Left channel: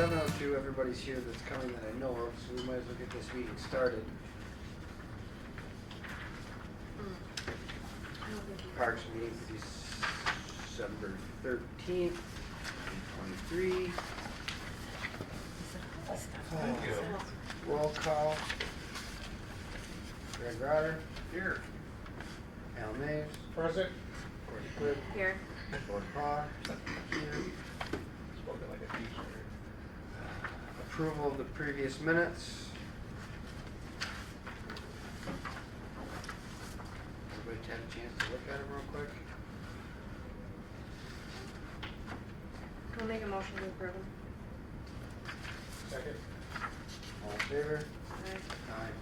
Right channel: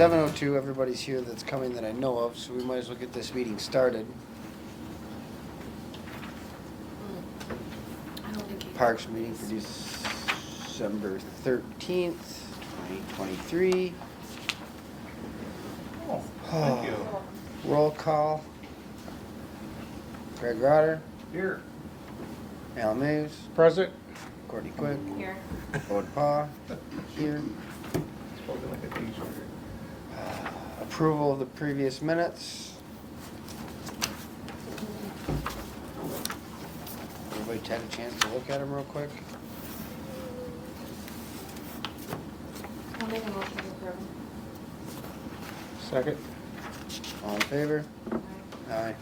7:02, everybody's here that's coming that I know of, so we might as well get this meeting started. Parks meeting for December 13th, 2023. Thank you. Roll call. Greg Rotter, Here. Al Mays, Present. Courtney Quick, Here. Bode Pa, here. Spoken like a teacher. Approval of the previous minutes. Everybody had a chance to look at them real quick? I'll make a motion to approve. Second. All in favor? Aye.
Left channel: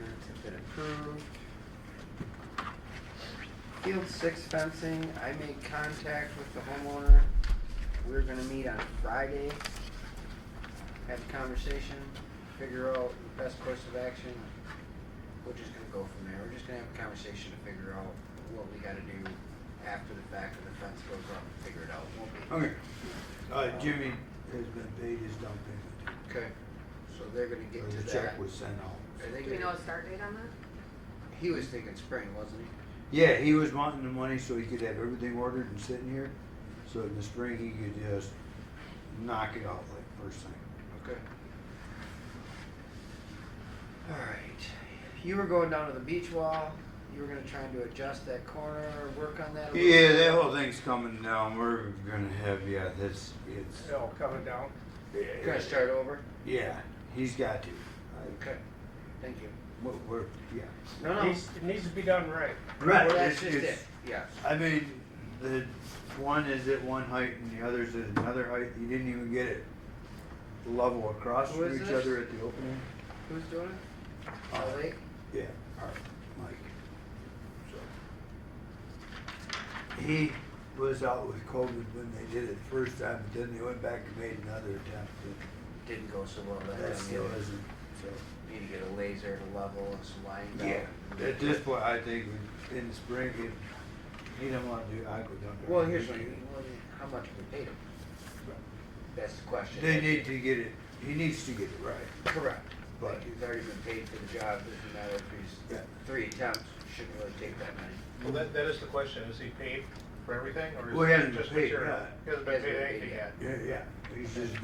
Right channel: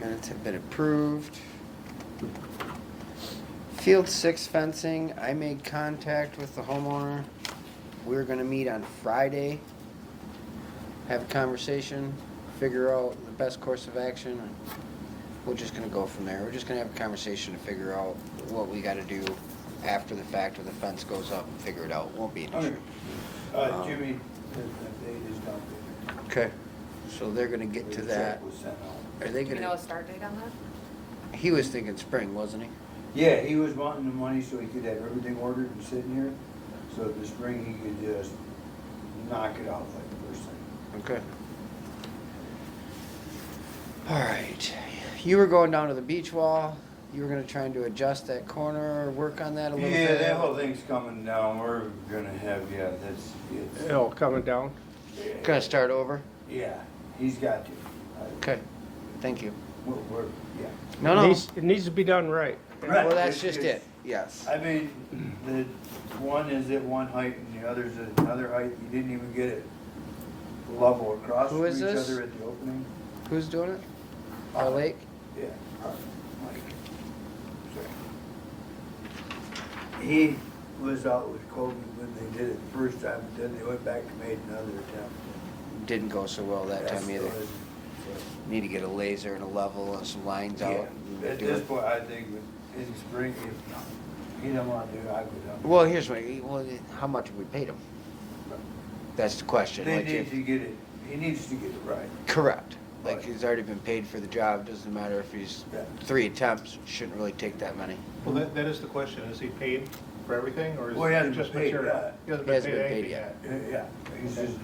Minutes have been approved. Field 6 fencing, I made contact with the homeowner. We're gonna meet on Friday, have a conversation, figure out the best course of action. We're just gonna go from there. We're just gonna have a conversation to figure out what we gotta do after the fact, or the fence goes up, and figure it out. Won't be an issue. Jimmy has been paid his down payment. Okay, so they're gonna get to The that. check was sent out. Are they Do you know gonna, a start date on that? he was thinking spring, wasn't he? Yeah, he was wanting the money so he could have everything ordered and sitting here, so in the spring he could just knock it off like the first thing. Okay. All right, you were going down to the beach wall, you were gonna try and to adjust that corner, work on that a little Yeah, bit? that whole thing's coming down, we're gonna have, it's, Oh, coming down. Gonna start over? yeah, he's got to. Okay, thank you. We're, yeah. No, It needs to be done right. Right, well, that's it's- just it, yes. I mean, the one is at one height and the other's at another height, you didn't even get it level across Who from is each this? other at the opening. Who's doing it? Our Lake? Yeah, Mike. So, he was out with COVID when they did it the first time, and then they went back and made another attempt. Didn't go so well that That's time either. still isn't, Need to get a laser and a level and some lines so. out. Yeah, at this point, I think in spring, if he don't want to do it, I go down. Well, here's what, how much have we paid him? That's the question. They Like, need to get it, he needs to get it right. correct. Like, Right. he's already been paid for the job, doesn't matter if he's Yeah. 3 attempts, shouldn't really take that money. Well, that is the question, is he paid for everything, or is Well, he it hasn't just been paid material? yet. He hasn't He been hasn't paid been paid anything yet. yet. Yeah, he's just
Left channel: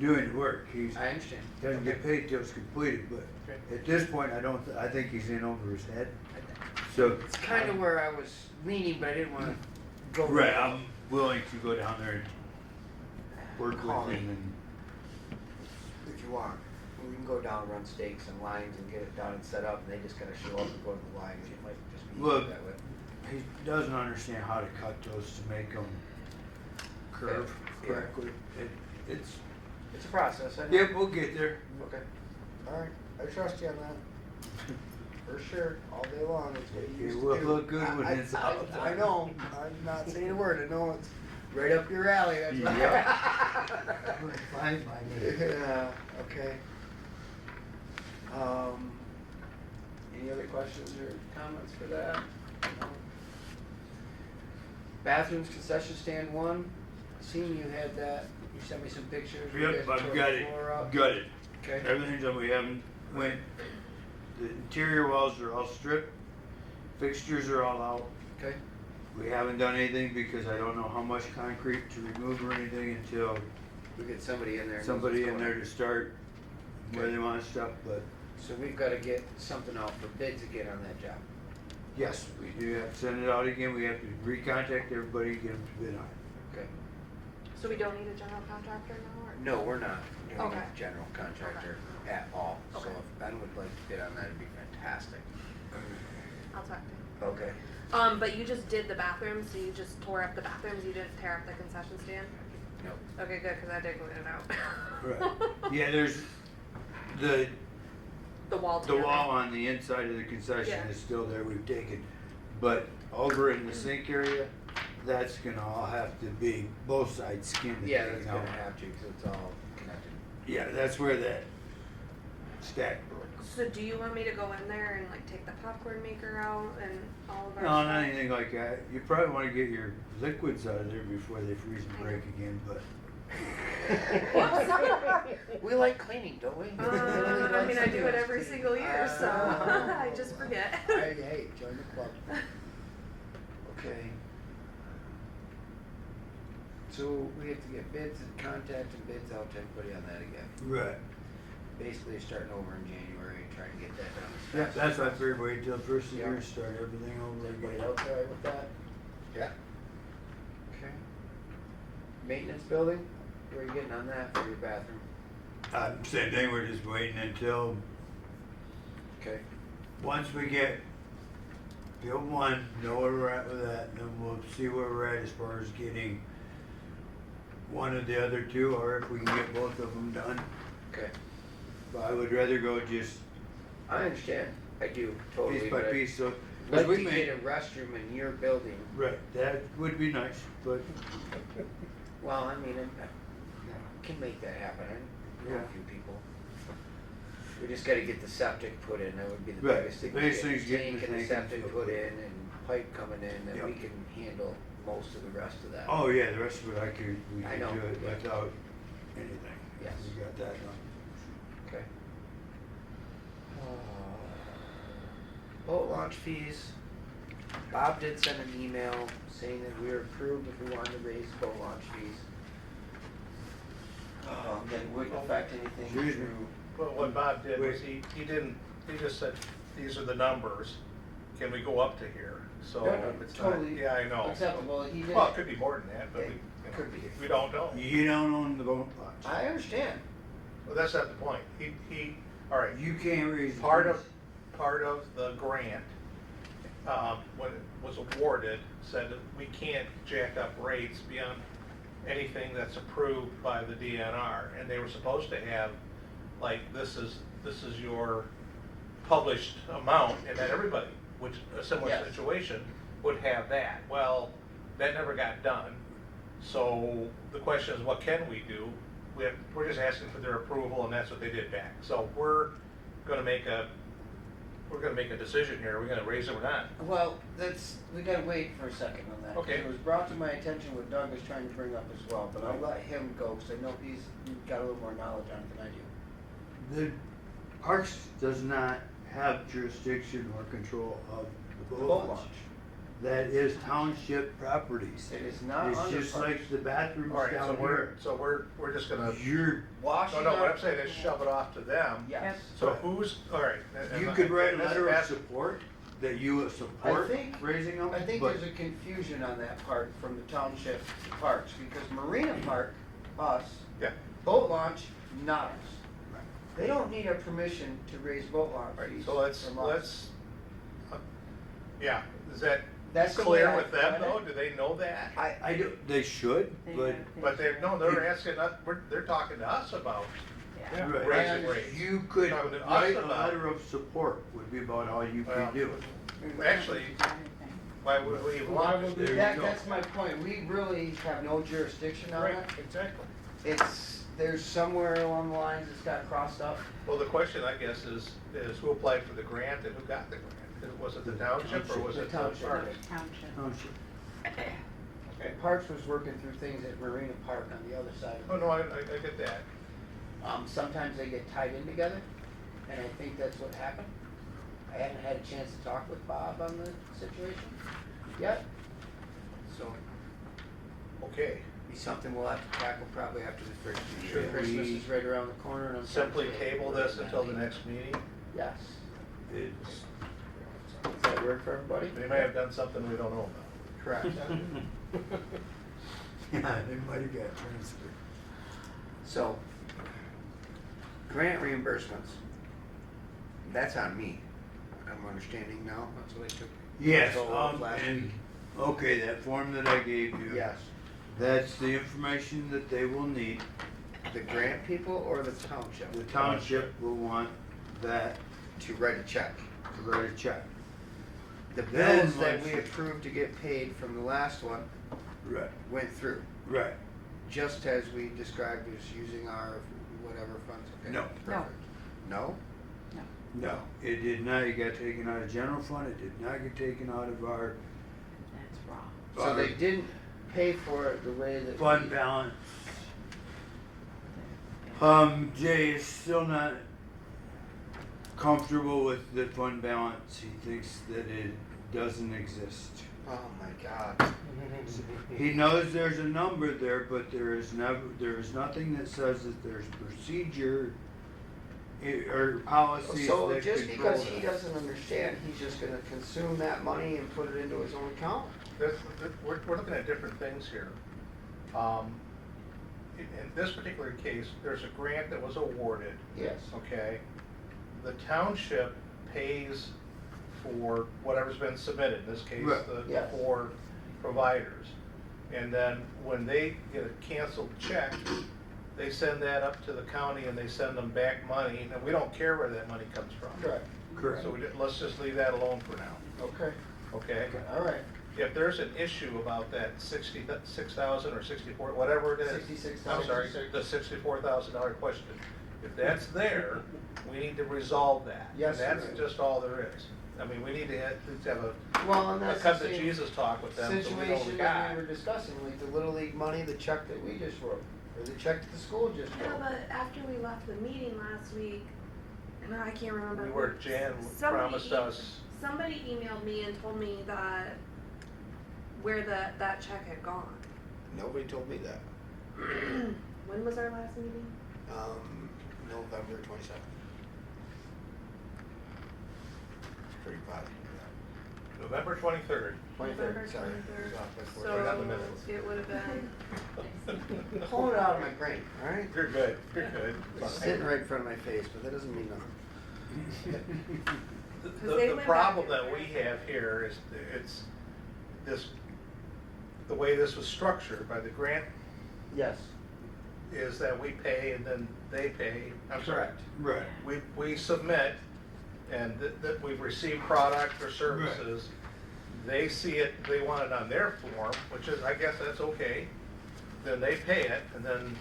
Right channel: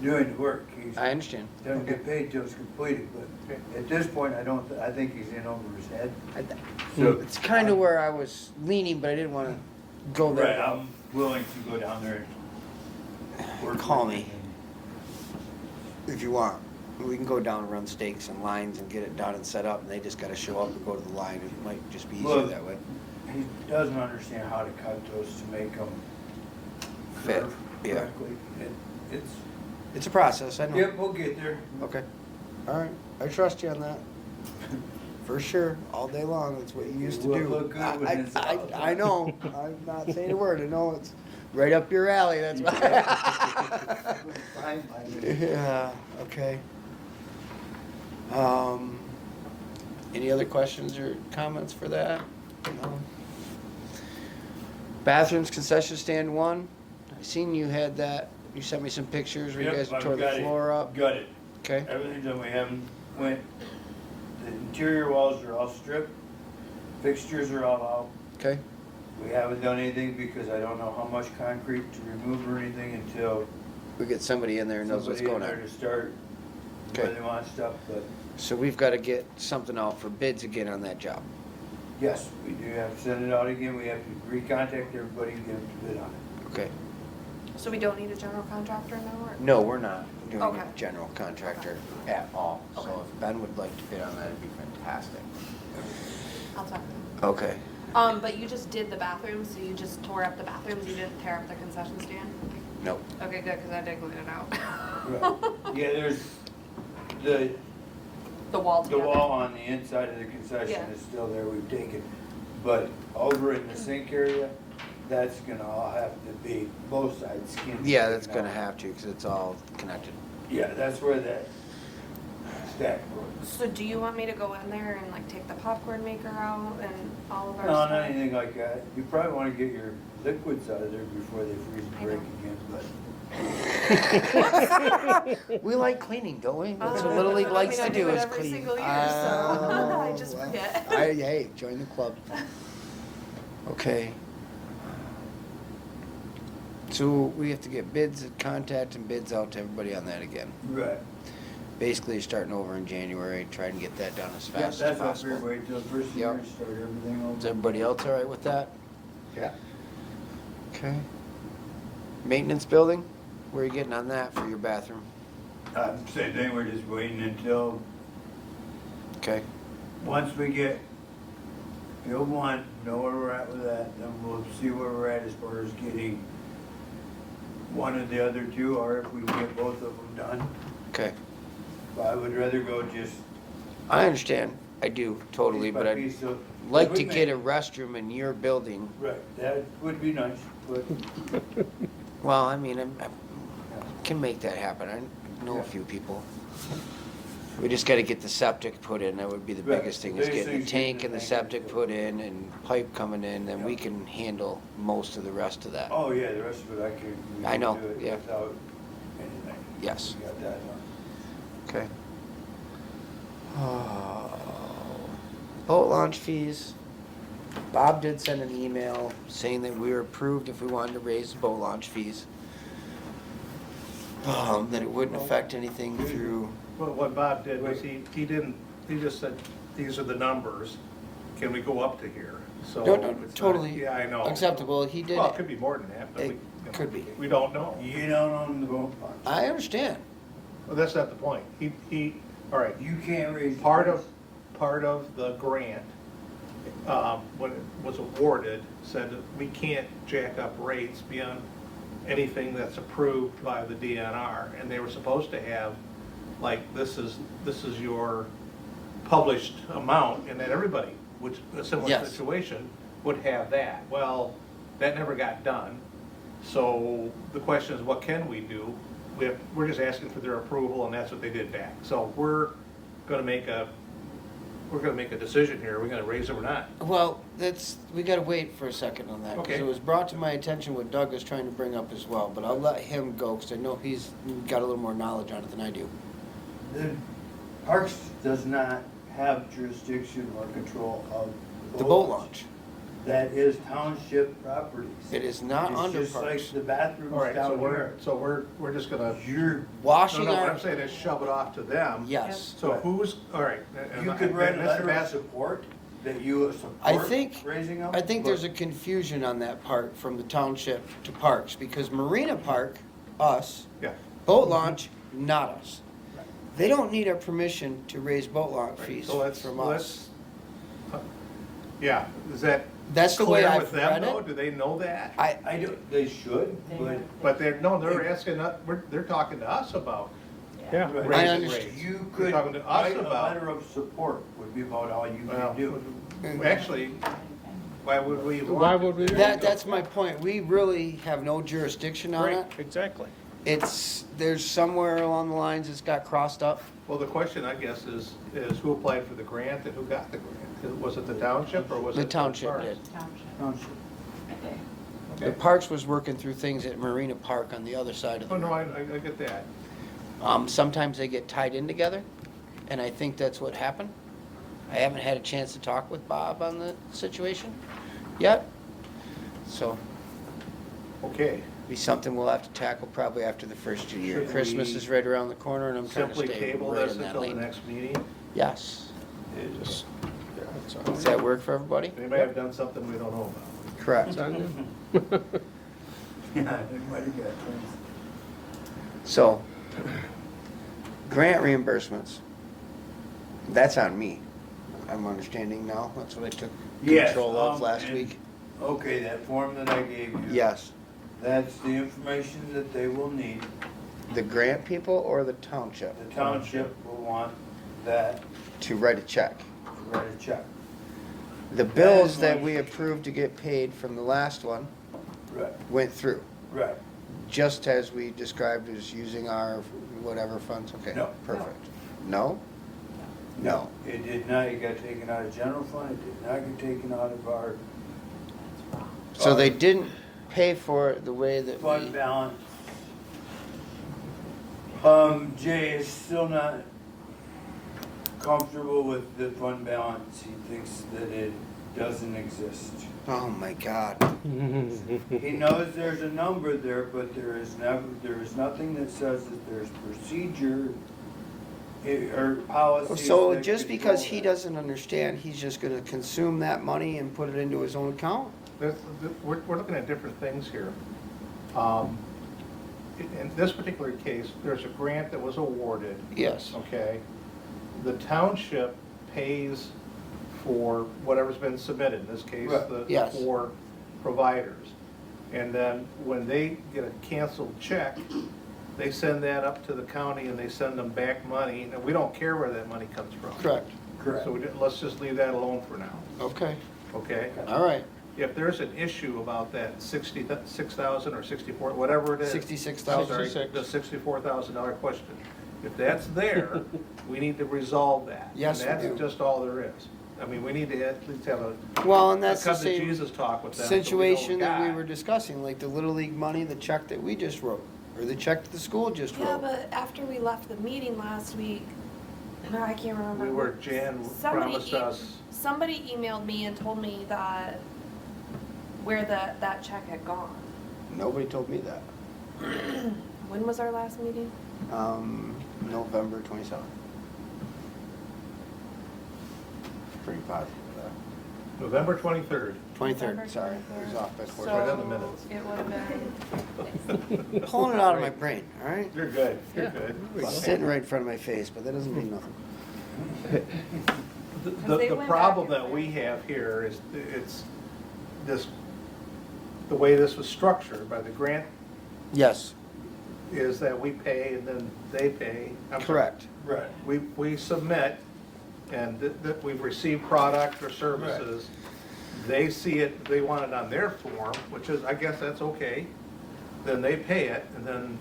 doing the work, he's, I understand. he doesn't get paid till it's completed, but at this point, I think he's in over his head. So It's kind of where I was leaning, but I didn't want to go Right, there. I'm willing to go down there and work Call with me. him If you want. We can go down and run stakes and lines and get it done and set up, and they just gotta show up and go to the line. It might just be easier Look. that way. and he doesn't understand how to cut those to make them Fit, curve yeah. correctly. It's, It's a process, I know. yeah, we'll get there. Okay, all right, I trust you on that. For sure, all day long, it's what you It used to will do. look good when it's out. I know, I'm not saying a word, I know it's right up your alley, that's Fine, Yeah, okay. Any other questions or comments for that? No. Bathrooms, concession stand 1, seen you had that, you sent me some pictures where you guys Yep, I've tore got the it. floor up. Got it. Okay, Everything that we haven't went, the interior walls are all stripped, fixtures are all out. okay, We haven't done anything because I don't know how much concrete to remove or anything until we get somebody in there who knows what's somebody in going there on. to start Okay. running on stuff, but So we've gotta get something out for bids again on that job. yes, we do have to send it out again, we have to recontact everybody and get them to bid on it. Okay, So we don't need a general contractor in that work? no, we're not doing Okay. a general contractor at all, so Okay. if Ben would like to bid on that, it'd be fantastic. I'll talk to him. Okay, But you just did the bathrooms, so you just tore up the bathrooms, you didn't tear up the concession stand? nope, Okay, good, because I did clean it out. Right. Yeah, there's, the The wall. The wall on the inside of the concession Yeah. is still there, we've taken, but over in the sink area, that's gonna all have to be both sides skinned. yeah, that's gonna have to, cause it's all connected. Yeah, that's where that stack. So do you want me to go in there and like take the popcorn maker out and all of our No, stuff? not anything like that. You probably wanna get your liquids out of there before they freeze breaking in, but. We like cleaning, don't we? That's what Little League likes to do I is every clean. single year, so Oh, I just well. forget. Hey, join the club. Okay. So we have to get bids, contact and bids out to everybody on that again. Right. Basically, starting over in January, try and get that done as Yeah, fast as that's what possible. we're waiting till first of the year, Yep. start everything over. Is everybody else all right with that? Yeah. Okay. Maintenance building, where are you getting on that for your bathroom? Same thing, we're just waiting until, Okay, once we get Field 1, know where we're at with that, then we'll see where we're at as far as getting one of the other two, or if we can get both of them done. okay. But I would rather go just I understand, I do, totally, piece by but I'd piece, so. like we to may- get a restroom in your building. Right, that would be nice, but Well, I mean, I can make that happen, I know a few people. We just gotta get the septic put in, that would be the Right, biggest thing, the was biggest getting the thing is getting tank and the the tank and septic stuff. put in and pipe coming in, then we Yeah. can handle most of the rest of that. oh yeah, the rest of it I could. we I could know, do it yeah. without anything. Yes. We got that one. Okay. Boat launch fees. Bob did send an email saying that we were approved if we wanted to raise boat launch fees. That it wouldn't affect anything through, Well, what Bob did was he just said, these are the numbers, can we go up to here? So No, it's not- totally Yeah, I know. acceptable, he did. Well, it could be more than that, but It we, you know, could be. we don't know. You don't own the boat launch. I understand. Well, that's not the point. All right, You can't raise. part of the grant, when it was awarded, said that we can't jack up rates beyond anything that's approved by the DNR, and they were supposed to have, like, this is your published amount, and that everybody, which, a similar Yes. situation, would have that. Well, that never got done, so the question is, what can we do? We're just asking for their approval, and that's what they did back. So we're gonna make a decision here, are we gonna raise them or not? Well, we gotta wait for a second on that, because Okay. it was brought to my attention what Doug is trying to bring up as well, but I'll let him go, because I know he's got a little more knowledge on it than I do. The Parks does not have jurisdiction or control of The boat launch, That is township properties. it is not under It's just like parks. the bathrooms All right, down here. we're just gonna, You're, Washing no, what our, I'm saying is shove it off to them. yes. So who's, all right. and you I- could write a and Mr. letter of Bassett- support that you I support think- raising them. I think but there's a confusion on that part from the township to parks, because Marina Park, us, Yeah, boat launch, not us. They don't need our permission to raise boat launch right, fees so let's, from us. yeah, is that That's the way clear I've with them read though? it. Do they know that? I do, they should, but. But they're asking, they're talking to us about Yeah. Right. raising understand. rates. You could They're talking to us write a about- letter of support would be about all you Well, could do. actually, why would we want? Why this? would we There you That, go. that's my point, we really have no jurisdiction on Right, it. exactly. There's somewhere along the lines it's got crossed up. Well, the question, I guess, is who applied for the grant and who got the grant? Was it the township or was it? The township Parks? did. Township. The Okay. Parks was working through things at Marina Park on the other side of the Oh, no, road. I get that. Sometimes they get tied in together, and I think that's what happened. I haven't had a chance to talk with Bob on the situation yet, so Okay. be something we'll have to tackle probably after the first 2 years. Should Christmas we is right around the corner, and I'm trying to Simply stay table right this in that until the lane. next meeting? Yes. Just- yeah, that's all. Does that work for everybody? They may have done something we don't know about. Correct. Yeah, everybody got things. So, grant reimbursements, that's on me. I'm understanding now, that's what I took Yes, control of last and- week. Okay, that form that I gave you. Yes. That's the information that they will need. The grant people or the township The township will want that to write a check? to write a check. The That bills is that my- we approved to get paid from the last one Right, went through, right. just as we described as using our whatever funds, okay? No. Perfect. No? No. It did not, it got taken out of general fund, it did not get taken out of our. That's wrong. So they didn't pay for it the way that Fund we, balance. Jay is still not comfortable with the fund balance. He thinks that it doesn't exist. oh my God. He knows there's a number there, but there is nothing that says that there's procedure or policy. So just because he doesn't understand, he's just gonna consume that money and put it into his own account? We're looking at different things here. In this particular case, there's a grant that was awarded, Yes. okay? The township pays for whatever's been submitted, in this case, Right. the Yes. 4 providers. And then when they get a canceled check, they send that up to the county and they send them back money, and we don't care where that money comes from. Correct. Correct. So let's just leave that alone for now, Okay, okay? all right. If there's an issue about that 6,000 or 64, whatever it is. 66,000. I'm sorry, the $64,000 question. If that's there, we need to resolve that. Yes, we And do. that's just all there is. I mean, we need to at least have a Well, and that's the come to same Jesus talk with them. so we know situation that we God. were discussing, like the Little League money, the check that we just wrote, or the check that the school just Yeah, wrote. but after we left the meeting last week, I can't remember. We were, Jan Somebody promised us, Somebody emailed me and told me that where that check had gone. Nobody told me that. When was our last meeting? November 27th. Pretty positive of November 23rd. that. 23rd, November sorry. It was 23rd. off this So- word. right on the minutes. It would have been, Pulling it out of my brain, all right? You're good, you're good. It's sitting right in front of my face, but that doesn't mean nothing. The problem that we have here is, it's this, the way this was structured by the grant Yes, is that we pay and then they pay. I'm sorry. correct. Right. We submit, and that we've received product or services. They see it, they want it on their form, which is, I guess that's okay. Then they pay it, and then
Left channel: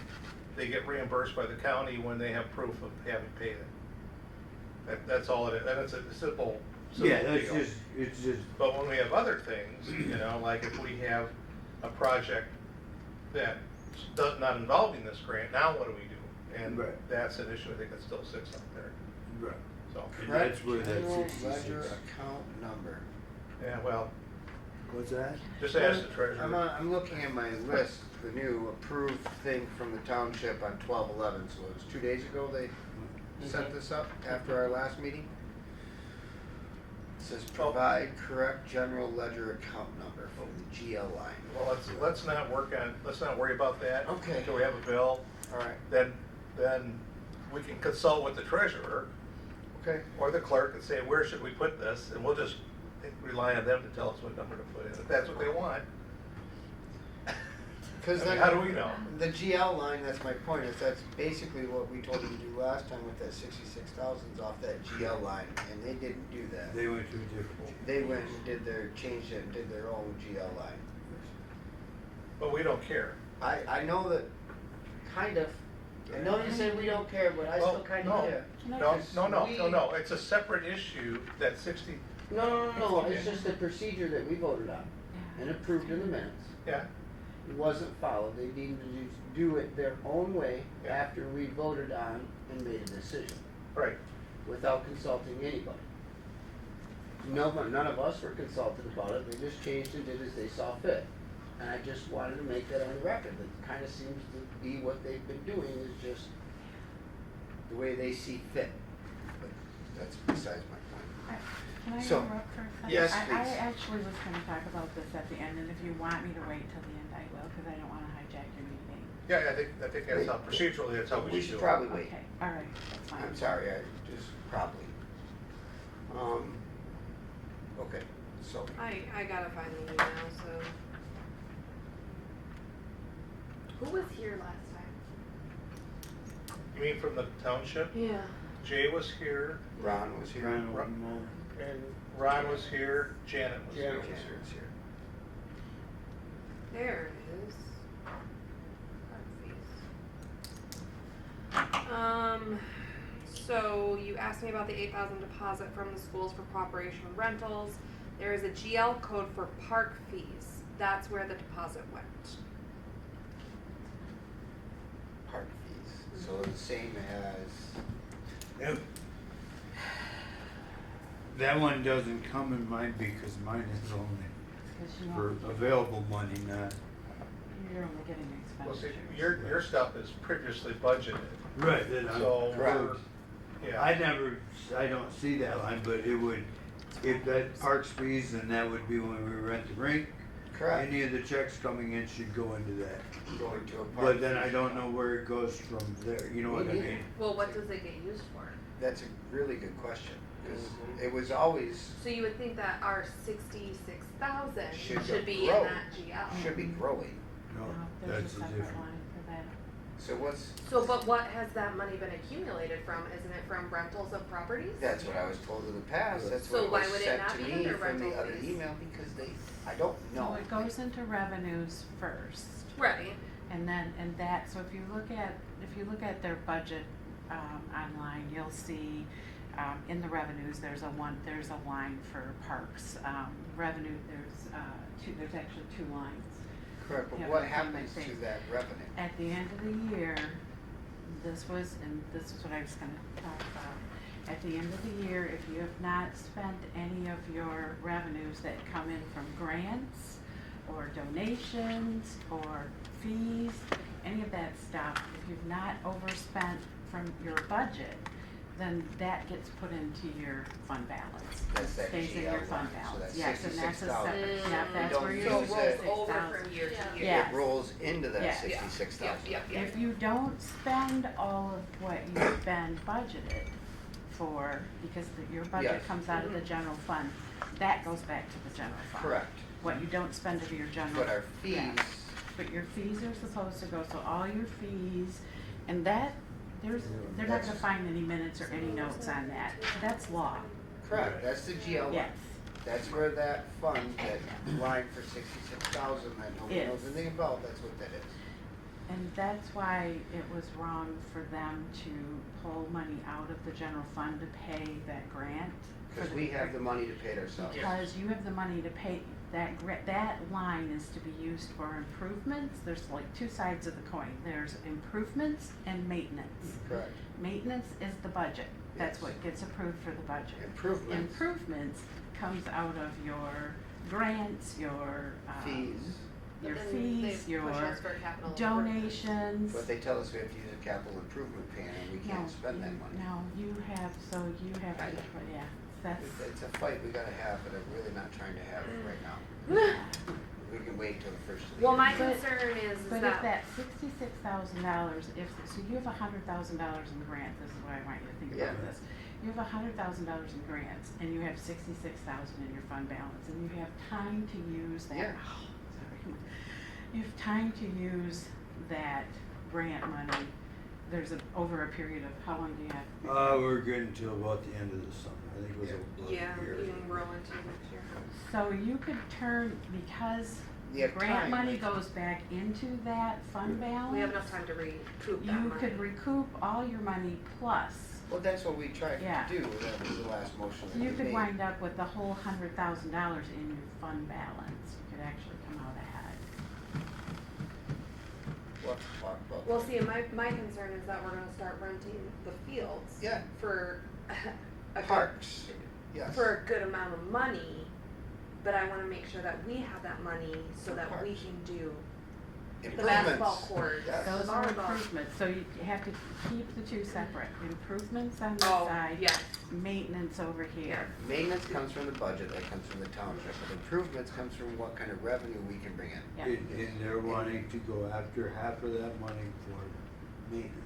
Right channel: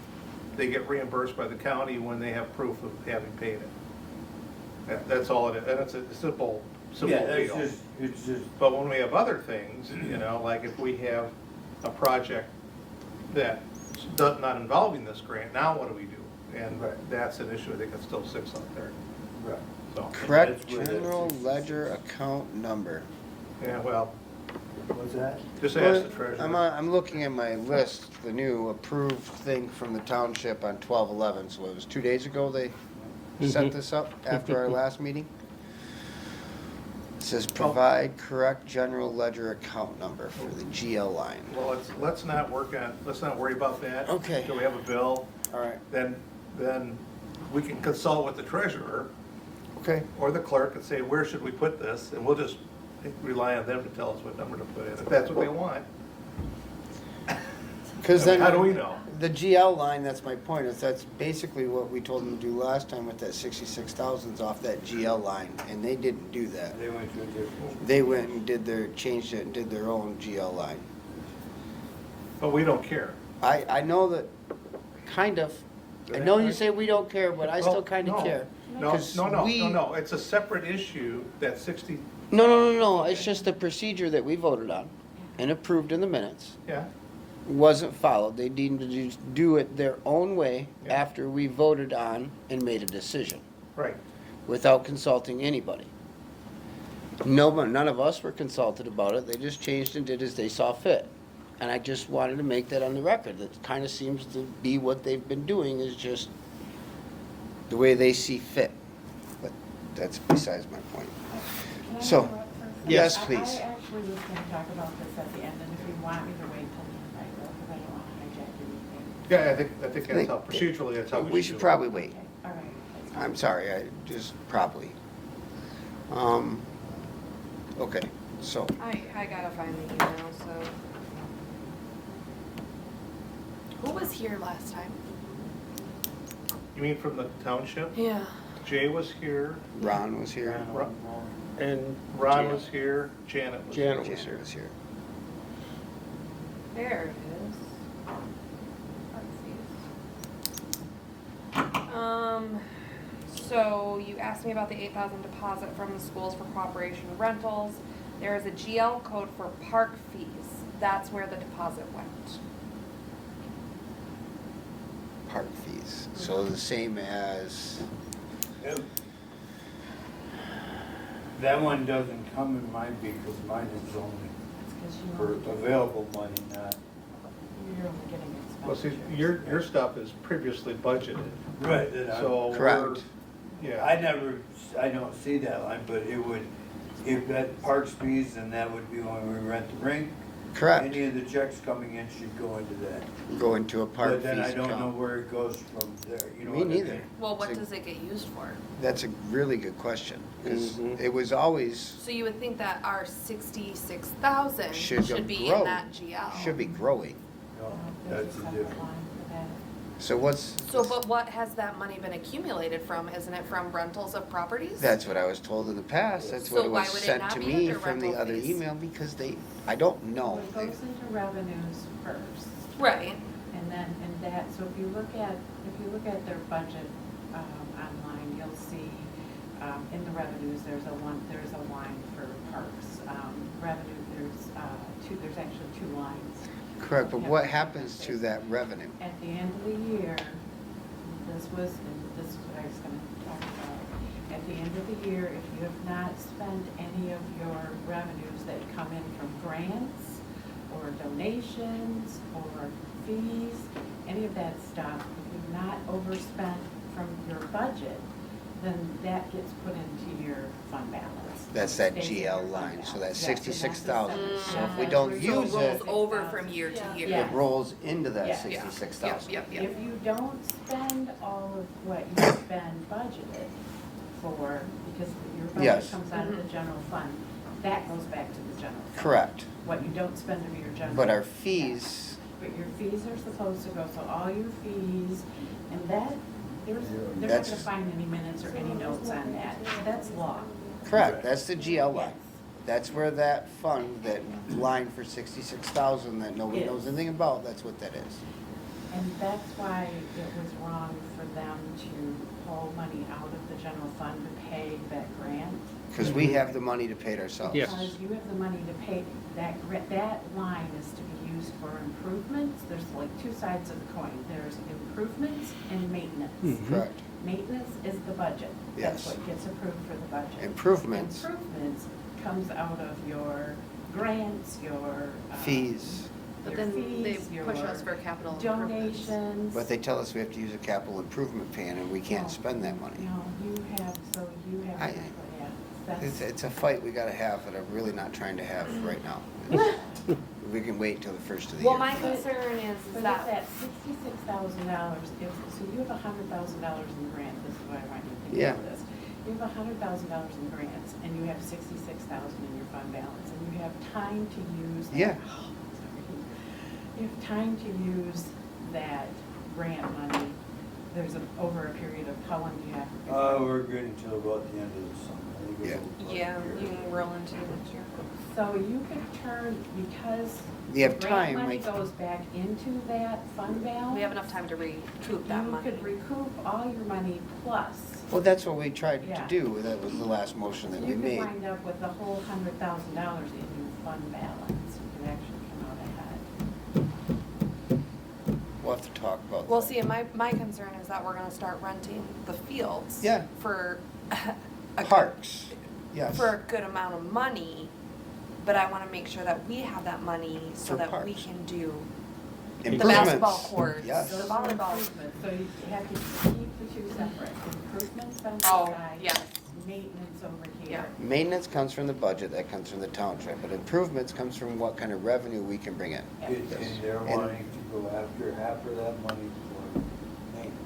they get reimbursed by the county when they have proof of having paid it. That's all it is, and it's a simple Yeah, deal. it's just, But when we have other things, you know, like if we have a project that does not involving this grant, now what do we do? And Right. that's an issue, I think it still sits out there, right. so. Correct that's where that general 66 ledger account number. Yeah, well, What's that? just ask the treasurer. I'm looking at my list, the new approved thing from the township on 12/11, so it was 2 days ago they set this up after our last meeting. It says provide correct general ledger account number for the GL line. Well, let's not worry about that. Okay. Until we have a bill, All right, then we can consult with the treasurer okay. or the clerk and say, where should we put this? And we'll just rely on them to tell us what number to put in, if that's what they want. Because I then. mean, how do we know? The GL line, that's my point, is that's basically what we told them to do last time with that 66,000's off that GL line, and they didn't do that. They went to a different. They went and changed it and did their own GL line. But we don't care. I know that, kind of. I know you say we don't care, but I still Well, kind of no. care. No, 'Cause no, we- it's a separate issue, that 60, No, it's Okay. just the procedure that we voted on and approved in the minutes yeah, wasn't followed. They needed to just do it their own way Yeah. after we voted on and made a decision, right. without consulting anybody. None of us were consulted about it. They just changed and did as they saw fit. And I just wanted to make that on the record. That kind of seems to be what they've been doing, is just the way they see fit. But that's besides my point. Can I So, interrupt for a second? yes, I please. actually was gonna talk about this at the end, and if you want me to wait till the end, I will, because I don't wanna hijack your meeting. Yeah, I think that's how, procedurally, that's how We should do it. probably wait. Okay, all right. that's fine. I'm sorry, I just probably. Okay, so, I gotta find the email, so. Who was here last time? You mean from the township? Yeah. Jay was here, Ron was here. And Ron was here, Janet was here. Janet was Janet was here. There it is. So you asked asked me about the 8,000 deposit from the schools for cooperation with rentals. There is a GL code for park fees. That's where the deposit went. Park fees, so the same as, If that one doesn't come in mine because mine is only Because you for know, available money, not. you're only getting Well, see, expenditures. your stuff is previously budgeted, Right, that so we're, Correct. yeah. I don't see that line, but it would, if that parks fees, then that would be when we rent the rink. correct, Any of the checks coming in should go into that. go into a park But fees then I don't know account. where it goes from there, you know Me what I neither. mean? Well, what So- does it get used for? That's a really good question, because Mhm. it was always, So you would think that our 66,000 Should should be grow. in that GL. should be growing. No, There's that's a a separate different. line for that. So what's, So, but what has that money been accumulated from? Isn't it from rentals of properties? that's what I was told in the past, that's So what it why was would it sent not to be me under from the rental other fees? email, because they, I don't know. It goes into revenues first, Right. and then, and that, so if you look at their budget, online, you'll see, in the revenues, there's a line for parks. Revenue, there's actually two lines. Correct, but Yeah, what on happens that to page. that revenue? At the end of the year, this is what I was gonna talk about. At the end of the year, if you have not spent any of your revenues that come in from grants or donations or fees, any of that stuff, if you've not overspent from your budget, then that gets put into your fund balance. That's that Stays in GL your fund line, balance. so that's Yes, and that's a 66,000. separate- So yeah, if we that's don't where use you So it it- rolls take over out- from year to year. Yeah. It rolls into that Yes. Yeah. 66,000. Yep, yep, If you don't spend all of what you've been budgeted for, because your budget Yes. comes out of the Mhm. general fund, that goes back to the general fund. Correct, What you don't spend of your general. but our yeah. fees, But your fees are supposed to go, so all your fees, and that, they're not That's- gonna find any minutes or any notes on that, that's law. correct, that's the GL line. Yes. That's where that fund, that line for 66,000 that nobody Yes. knows anything about, that's what that is. And that's why it was wrong for them to pull money out of the general fund to pay that grant. Because we have the money to pay it ourselves. Yes. Because you have the money to pay, that line is to be used for improvements. There's like two sides of the coin. There's improvements and maintenance. Mhm. Correct. Maintenance is the budget. That's Yes. what gets approved for the budget. Improvements. Improvements comes out of your grants, your. Fees, Your But then they fees, your push us for capital improvements. donations. but they tell us we have to use a capital improvement plan and we No. can't spend that money. No, you have, I- yeah, that's. It's a fight we gotta have, and I'm really not trying to have right now. We can wait till the first of the year. Well, my concern is But if that, that $66,000, so you have $100,000 in grant, this is what I might think Yeah. of this. You have $100,000 in grants, and you have 66,000 in your fund balance, and you have time to use that. Yeah. Sorry. You have time to use that grant money, over a period of, how long do you have? We're good until about the end of the summer, I think. Yeah. we'll- yeah, you can roll into next year. So you could turn, because You have grant time, money like- goes back into that fund balance. We have enough time to recoup that You money. could recoup all your money plus. Well, that's what we tried Yeah. to do, that was the last motion that You we could made. wind up with a whole $100,000 in your fund balance. You could actually come out ahead. We'll have to talk about Well, that. see, my concern is that we're gonna start renting the fields. Yeah. For a Parks, yes. for a good amount of money, but I wanna make sure that we have that money so For that we parks. can do the Improvements. basketball courts, Yes. the Those are volleyball. improvements, so you have to keep the two separate. Improvements on one Oh, side. yes. Maintenance over here. Maintenance comes from the budget, that comes from the township, but improvements comes from what kind of revenue we can bring in. Yeah. And they're wanting to go after half of that money for maintenance.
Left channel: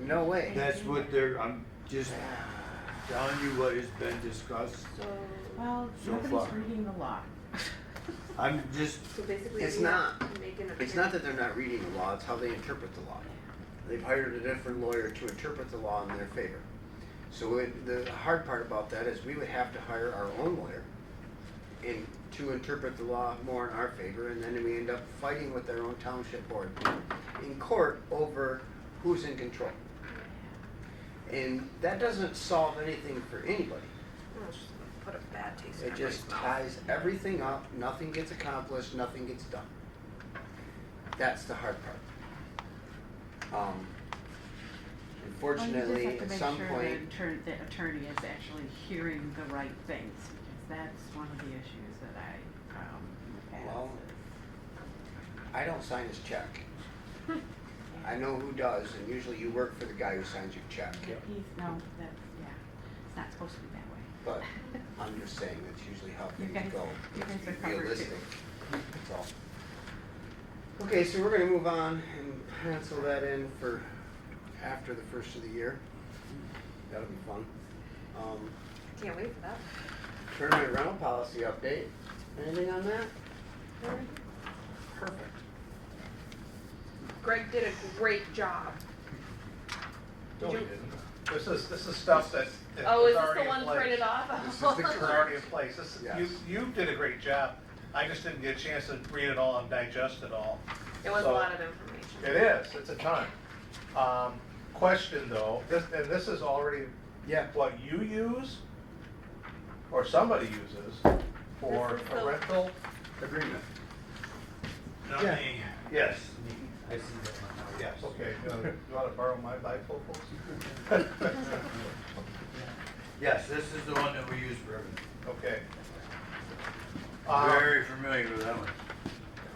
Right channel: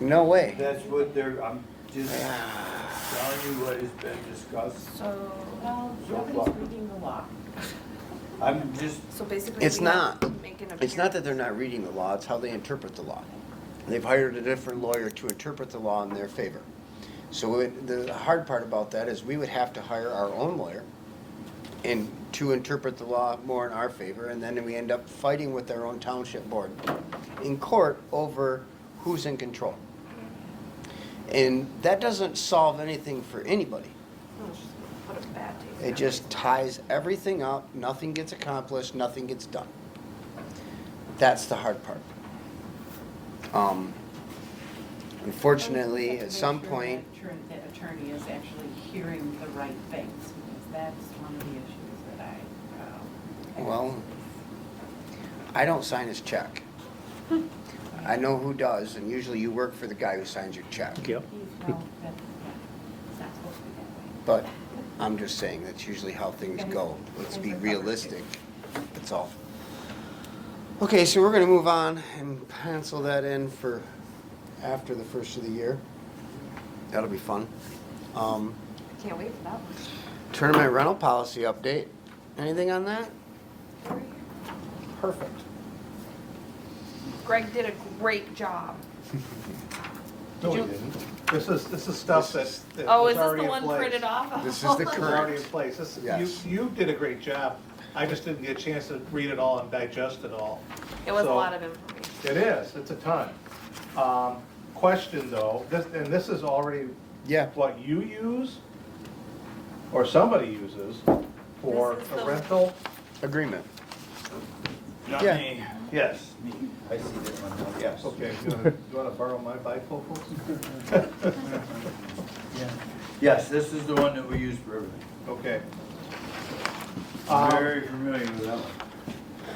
No way. That's what I'm just telling you what has been discussed. So, Well, So nobody's far. reading the law. I'm just, so basically. It's we have not. to make it a It's bigger- not that they're not reading the law, it's how they interpret the law. They've hired a different lawyer to interpret the law in their favor. So the hard part about that is we would have to hire our own lawyer and to interpret the law more in our favor, and then we end up fighting with our own township board in court over who's in control. And that doesn't solve anything for anybody. What a bad taste. It just ties everything up, nothing gets accomplished, nothing gets done. That's the hard part. Unfortunately, at some point, The attorney is actually hearing the right things, because that's one of the issues that I, have. well, I don't sign his check. I know who does, and usually you work for the guy who signs your check. Yep. No, that, yeah, it's not supposed to be But that way. I'm just saying that's usually how things go. Let's be realistic, that's all. Okay, so we're gonna move on and pencil that in for after the first of the year. That'll be fun. Can't wait for that one. Tournament rental policy update. Anything on that? Perfect. Greg did a great job. No, we Did you- didn't. This is stuff that Oh, is is this already the in one place. printed off? This is the It's already in place. This, Yes. you did a great job. I just didn't get a chance to read it all and digest it all. It was a So- lot of information. It is, it's a ton. Question though, this is already Yeah. what you use, or somebody uses, for This is a the- rental? Agreement. Not Yeah. me. Yes. I see that one. Yes. Okay, you wanna borrow my bifocals? Yes, this is the one that we use for everything. Okay. Very familiar with that one.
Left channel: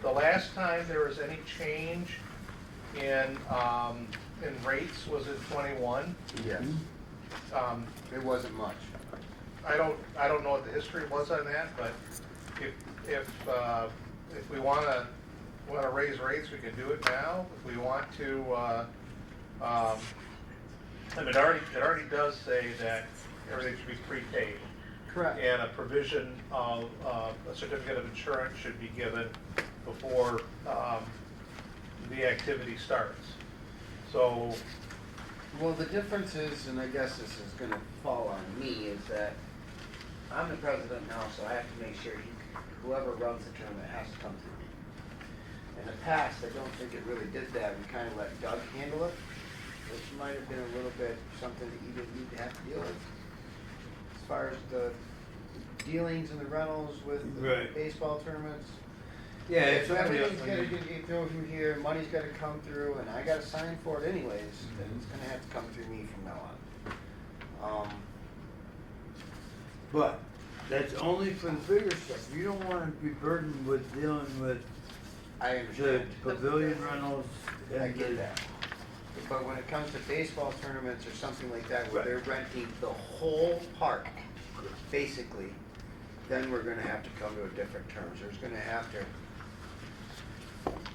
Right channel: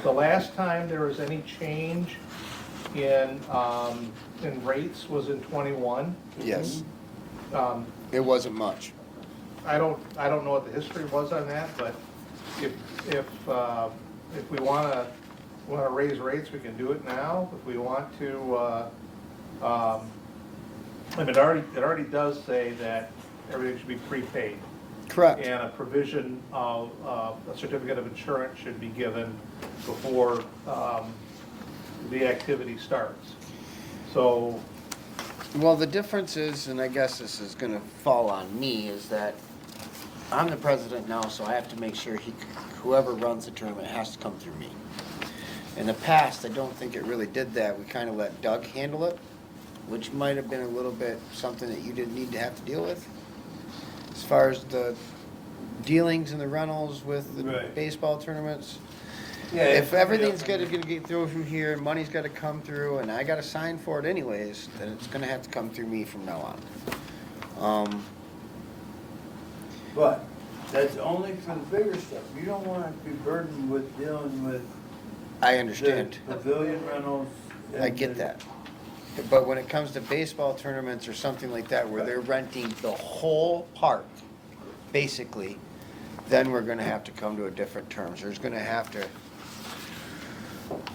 The last time there was any change in rates was in '21. Yes. Um, It wasn't much. I don't know what the history was on that, but if we wanna raise rates, we can do it now. If we want to, and it already does say that everything should be prepaid. Correct. And a provision of, a certificate of insurance should be given before, the activity starts. So, Well, the difference is, and I guess this is gonna fall on me, is that I'm the president now, so I have to make sure whoever runs the tournament has to come through me. In the past, I don't think it really did that. We kinda let Doug handle it, which might have been a little bit something that you didn't need to have to deal with. As far as the dealings and the rentals with the Right. baseball tournaments, Yeah. if everything's gonna get through here, and money's gotta come through, and I gotta sign for it anyways, then it's gonna have to come through me from now on. But that's only for the bigger stuff. You don't wanna be burdened with dealing with I the understand, pavilion rentals. I and get the- that. But when it comes to baseball tournaments or something like that, where they're renting the whole park, basically, then we're gonna have to come to a different terms. There's gonna have to,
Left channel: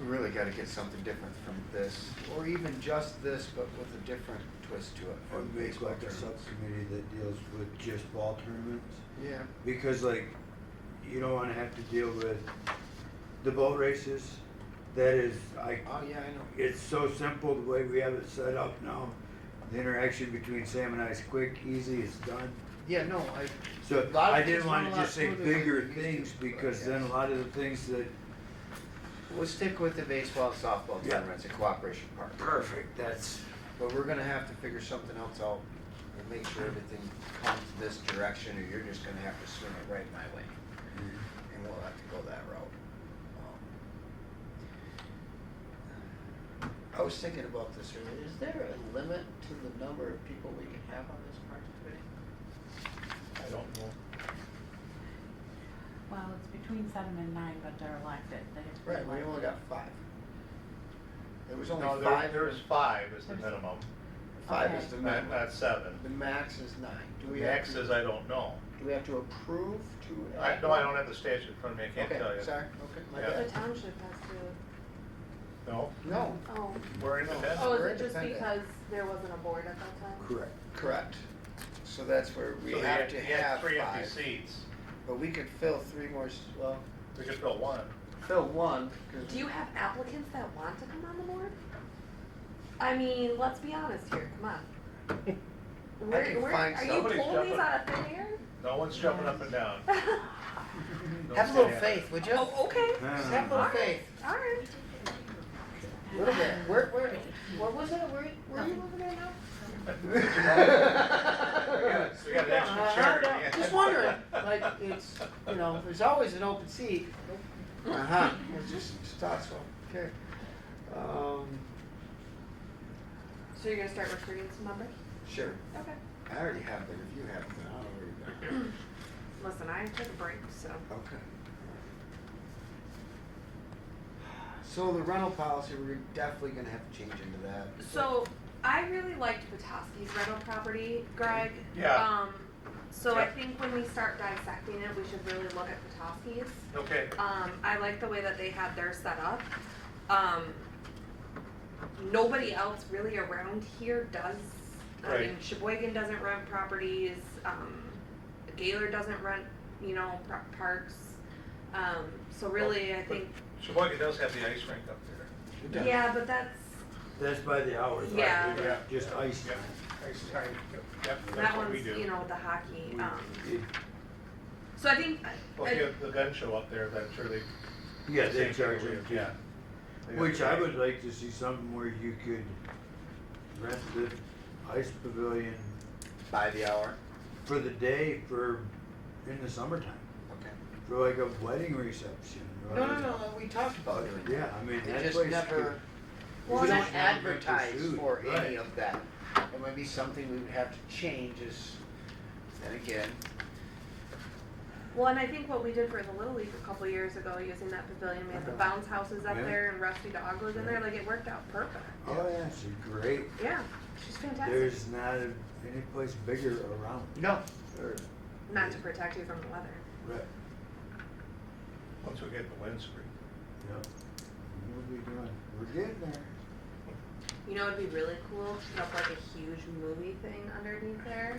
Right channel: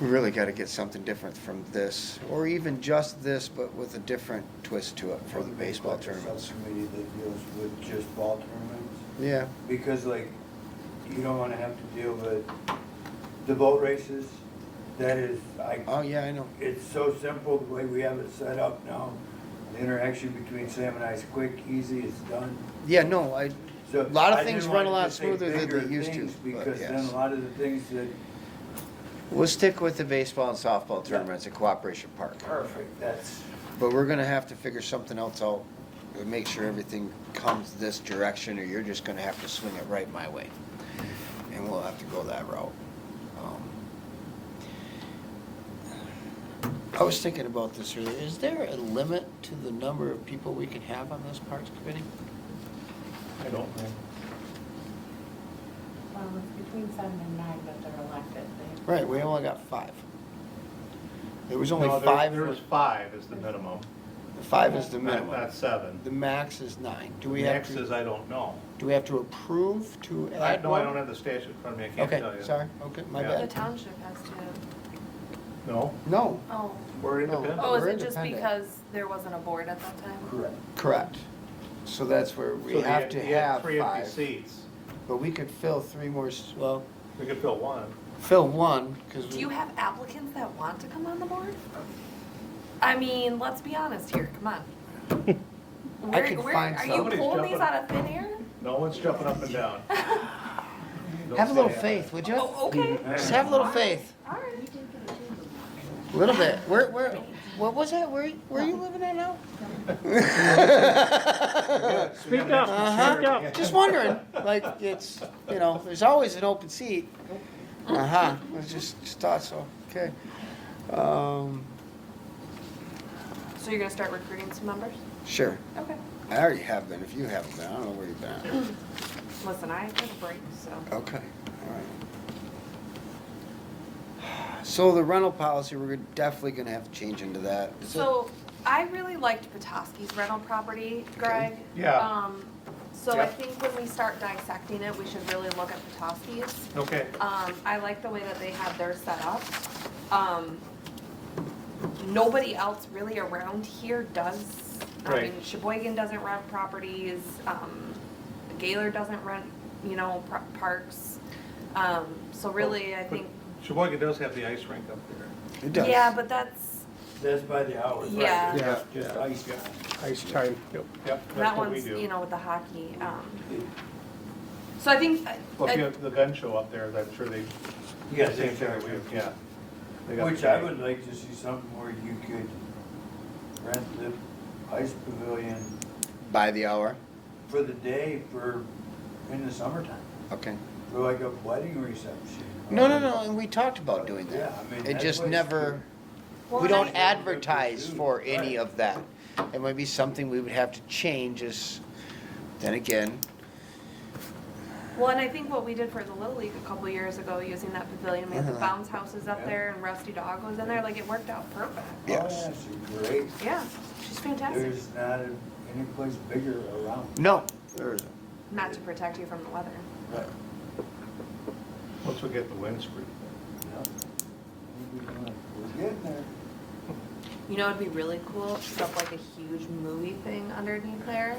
we really gotta get something different from this, or even just this, but with a different twist to it for the baseball Like a tournaments. subcommittee that deals with just ball tournaments. Yeah, Because like, you don't wanna have to deal with the boat races. That is, oh yeah, I know. it's so simple the way we have it set up now. The interaction between Sam and I is quick, easy, it's done. Yeah, no, So A lot of I things didn't run wanna a lot just say smoother than bigger they used to, things, but because then yes. a lot of the things that, we'll stick with the baseball and softball Yeah. tournaments at Cooperation Park. perfect, that's, But we're gonna have to figure something else out, and make sure everything comes this direction, or you're just gonna have to swing it right my way. And we'll have to go that route. I was thinking about this earlier, is there a limit to the number of people we can have on this parks committee? I don't know. Well, it's between 7 and 9, but they're elected. They have to Right, we be only got elected. 5. There was only No, 5. There is 5 is the minimum, 5 is the not minimum. 7. The max is 9. Do we have Max to, is, I don't know. do we have to approve to I add know I one? don't have the statute in front of me, I can't tell Okay, you. sorry, okay, my Yeah. The bad. township has to, No, No, oh, we're independent. oh, is We're it just independent. because there wasn't a board at that time? correct. correct. So that's where So we have to you had have 3 empty 5. seats. But we could fill 3 more, well, We could fill 1. fill 1, because Do you have applicants that want to come on the board? I mean, let's be honest here, come on. I can find Are you somebody. pulling these Somebody's out of thin air? No one's jumping up and down. have a little Don't say faith, would you? Oh, okay. Just have a little faith, All right. a little bit. What was that? Where you living at now? Speak up, speak up. Just wondering, like, it's, you know, there's always an open seat. It's just thought so, okay. So you're gonna start recruiting some members? Sure, Okay. I already have been, if you haven't been, I don't know where you've been. Listen, I took a break, so. Okay, alright. So the rental policy, we're definitely gonna have to change into that. So I really liked Petoskey's rental property, Greg. Yeah. So I Yeah. think when we start dissecting it, we should really look at Petoskey's. Okay, I like the way that they have theirs set up. Nobody else really around here does. I Right. mean, Sheboygan doesn't rent properties, Gaylor doesn't rent, you know, parks. So really, I think, Sheboygan does have the ice rink up there. It does. yeah, but that's, That's by the hour. right? Yeah. Yeah. Just ice time. Ice time. Yep, that that's what we one's, do. you know, with the hockey. So I think, Well, if you have the gun show up there, I'm sure they. Yeah, same they thing sure we do. Yeah. They got Which I training. would like to see something where you could rent the ice pavilion By the hour, for the day in the summertime, okay. for like a wedding reception. No, and we talked about doing Yeah, that. I mean. It that just place never, Well, we don't I- advertise for any Right. of that. It might be something we would have to change is, then again, well, and I think what we did for the Little League a couple years ago, using that pavilion, we had the bounce houses up Yeah. there and Rusty Dog was in there, like it worked out perfect. Oh, Yes. yeah, she's great. Yeah, she's fantastic. There's not any place bigger around. no, there isn't. Not to protect you from the weather. Right. Once we get the windscreen. Yep. We're getting there. You know, it'd be really cool, stuff like a huge movie thing underneath there.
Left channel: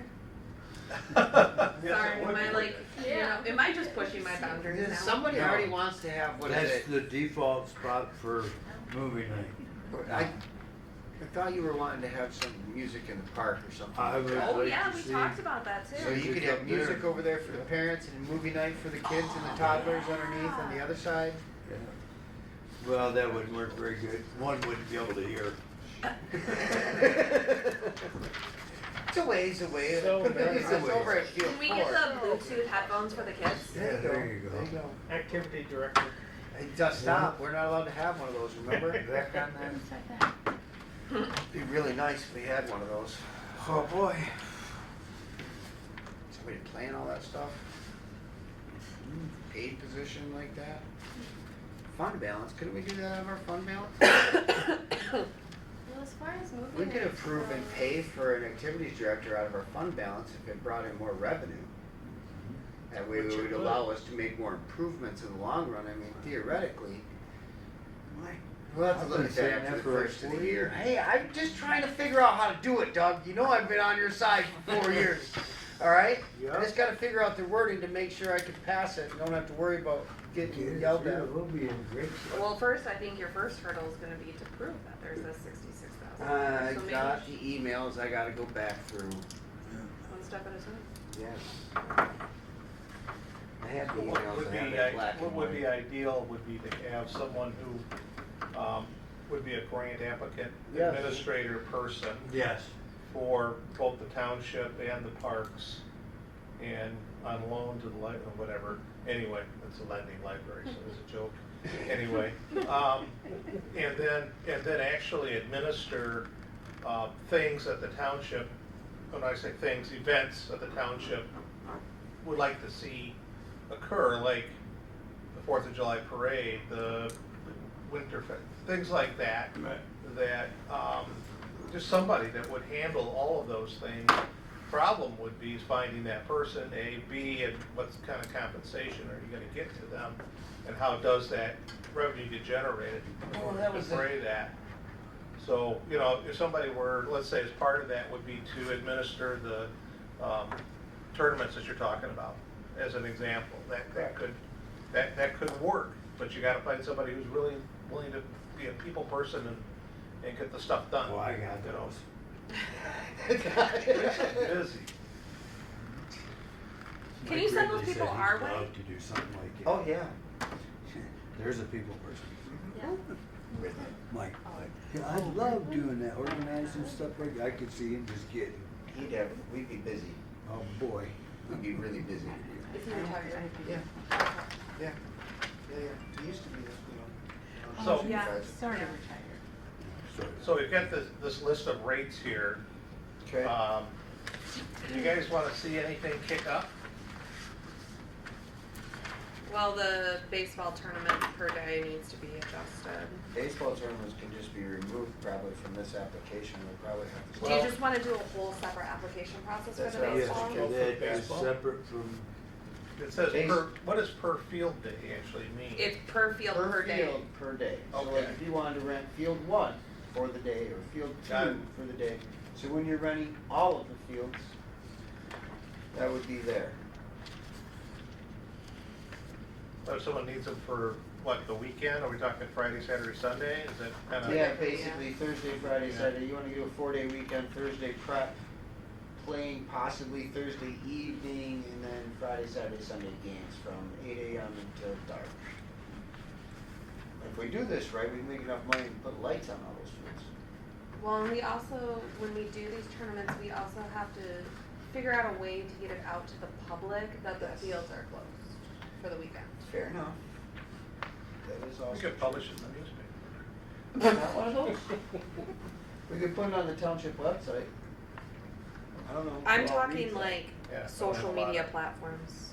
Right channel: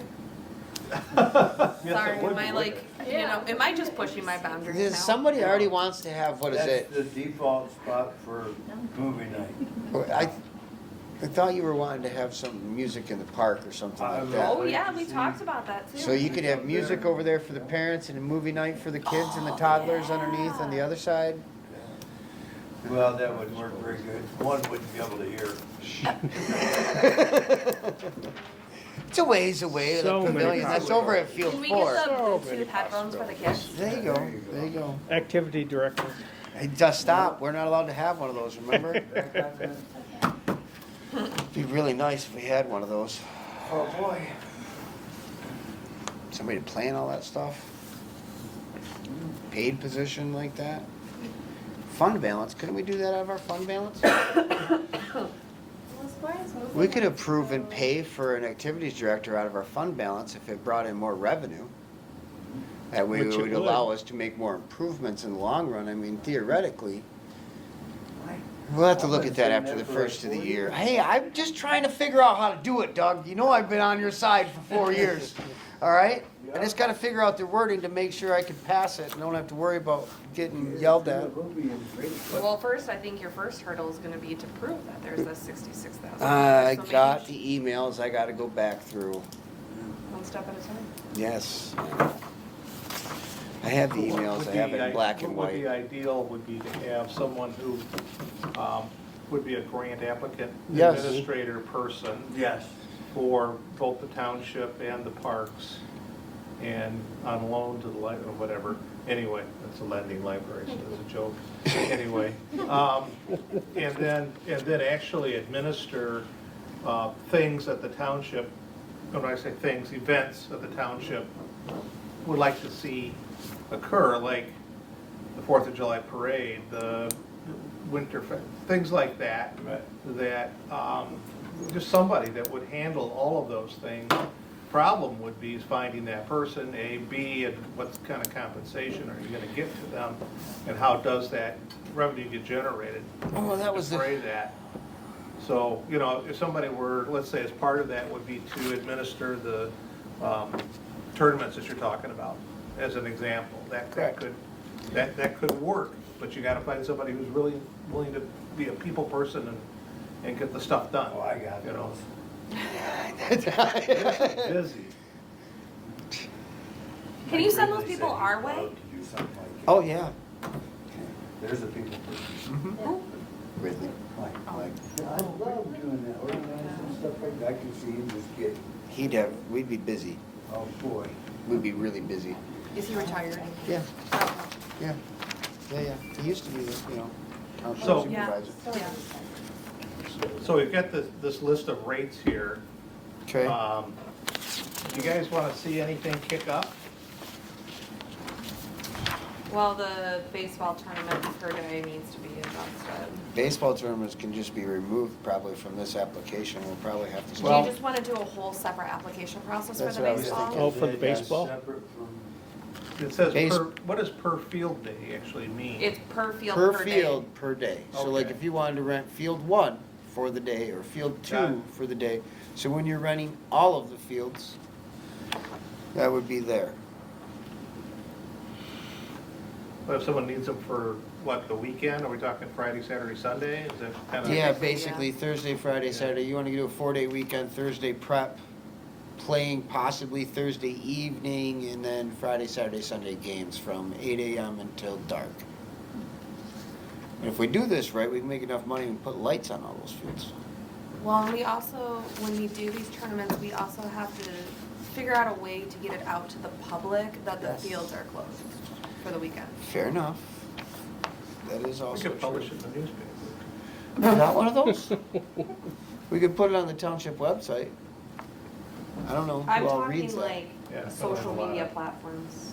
Yes, Sorry, it would am I be. like, you know, am I just pushing my boundaries now? Somebody already wants to have, what is That's it? the default spot for movie night. I thought you were wanting to have some music in the park or something I like would- that. Oh, yeah, we talked about that too. So you could have music over there for the parents and a movie night for the kids and the toddlers underneath on the other side. Yeah. Well, that wouldn't work very good. One wouldn't be able to hear. It's a ways away, the So many pavilion, that's over at Field Can we Four. get the Bluetooth headphones for the kids? There you go, there you go. Activity director. Hey, just stop, we're not allowed to have one of those, remember? It'd be really nice if we had one of those. Oh, boy. Somebody to plan all that stuff. Paid position like that. Fund balance, couldn't we do that out of our fund balance? We could approve and pay for an activities director out of our fund balance if it brought in more revenue. That way it Which it would would. allow us to make more improvements in the long run. I mean, theoretically, we'll have to look at that after the first of the year. Hey, I'm just trying to figure out how to do it, Doug. You know I've been on your side for 4 years, all right? I just gotta figure out the wording to make sure I can pass it and don't have to worry about getting yelled at. Well, first, I think your first hurdle is gonna be to prove that there's this 66,000. I got the emails I gotta go back through. One step at a time. Yes. I have the emails, I have it in black and What would be white. ideal would be to have someone who would be a grant applicant, Yes. administrator person Yes. for both the township and the parks, and on loan to the library, or whatever. Anyway, it's a lending library, so it's a joke. Anyway, and then actually administer things that the township, when I say things, events that the township would like to see occur, like the 4th of July parade, the winter, things like that. That, just somebody that would handle all of those things. Problem would be is finding that person, A, B, and what kind of compensation are you gonna get to them? And how does that revenue get generated? Oh, that was to defray that? So, you know, if somebody were, let's say as part of that would be to administer the tournaments that you're talking about, as an example, that could work. But you gotta find somebody who's really willing to be a people person and get the stuff done. Well, I got You know, those. busy. Can you send those people our way? To do something like that. Oh, yeah. There's a people person. Mhm. Really? Mike, I love doing that, organizing stuff like that. I can see him just getting, We'd be busy. oh boy. We'd be really busy. Is he retired? Yeah. Yeah. He used to be, township So- Yeah. supervisor. Sorry. Yeah. So we've got this list of rates here. Okay. Do you guys want to see anything kick up? Well, the baseball tournament per day needs to be adjusted. Baseball tournaments can just be removed probably from this application. We'll probably have to. Do you just wanna do a whole separate application process for That's the what I was baseball? thinking. Oh, for the That's baseball? Separate from, It says Base- what does per field day actually mean? It's per field Per per day. field per day. So like Okay. if you wanted to rent field 1 for the day or field Got it. 2 for the day. So when you're renting all of the fields, that would be there. But if someone needs them for, what, the weekend? Are we talking Friday, Saturday, Sunday? Is that kind of? Yeah, basically Thursday, Friday, Saturday. You want to do a 4-day weekend, Thursday prep, playing possibly Thursday evening, and then Friday, Saturday, Sunday games from 8 a.m. until dark. And if we do this right, we can make enough money and put lights on all those fields. Well, and we also, when we do these tournaments, we also have to figure out a way to get it out to the public that the Yes. fields are closed for the weekend. Fair enough. That is We also could publish true. it in the newspaper. No, not one of those. We could put it on the township website. I don't know I'm who all talking reads that. like Yeah, social a lot media of- platforms.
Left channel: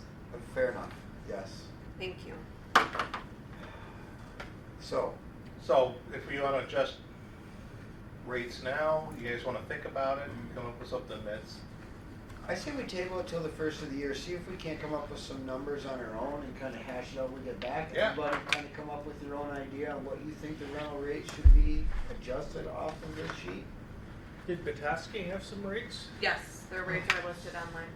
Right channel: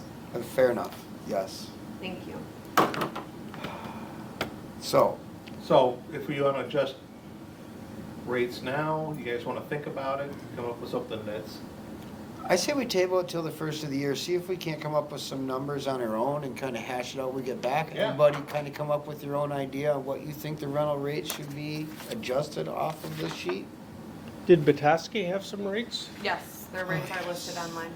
Fair enough, yes. Thank you. So, So if we want to adjust rates now, you guys want to think about it, come up with something that's, I say we table it till the first of the year, see if we can't come up with some numbers on our own and kind of hash it out when we get back. Yeah. Everybody kind of come up with your own idea on what you think the rental rate should be adjusted off of this sheet. Did Bataski have some rates? Yes, their rates are listed online.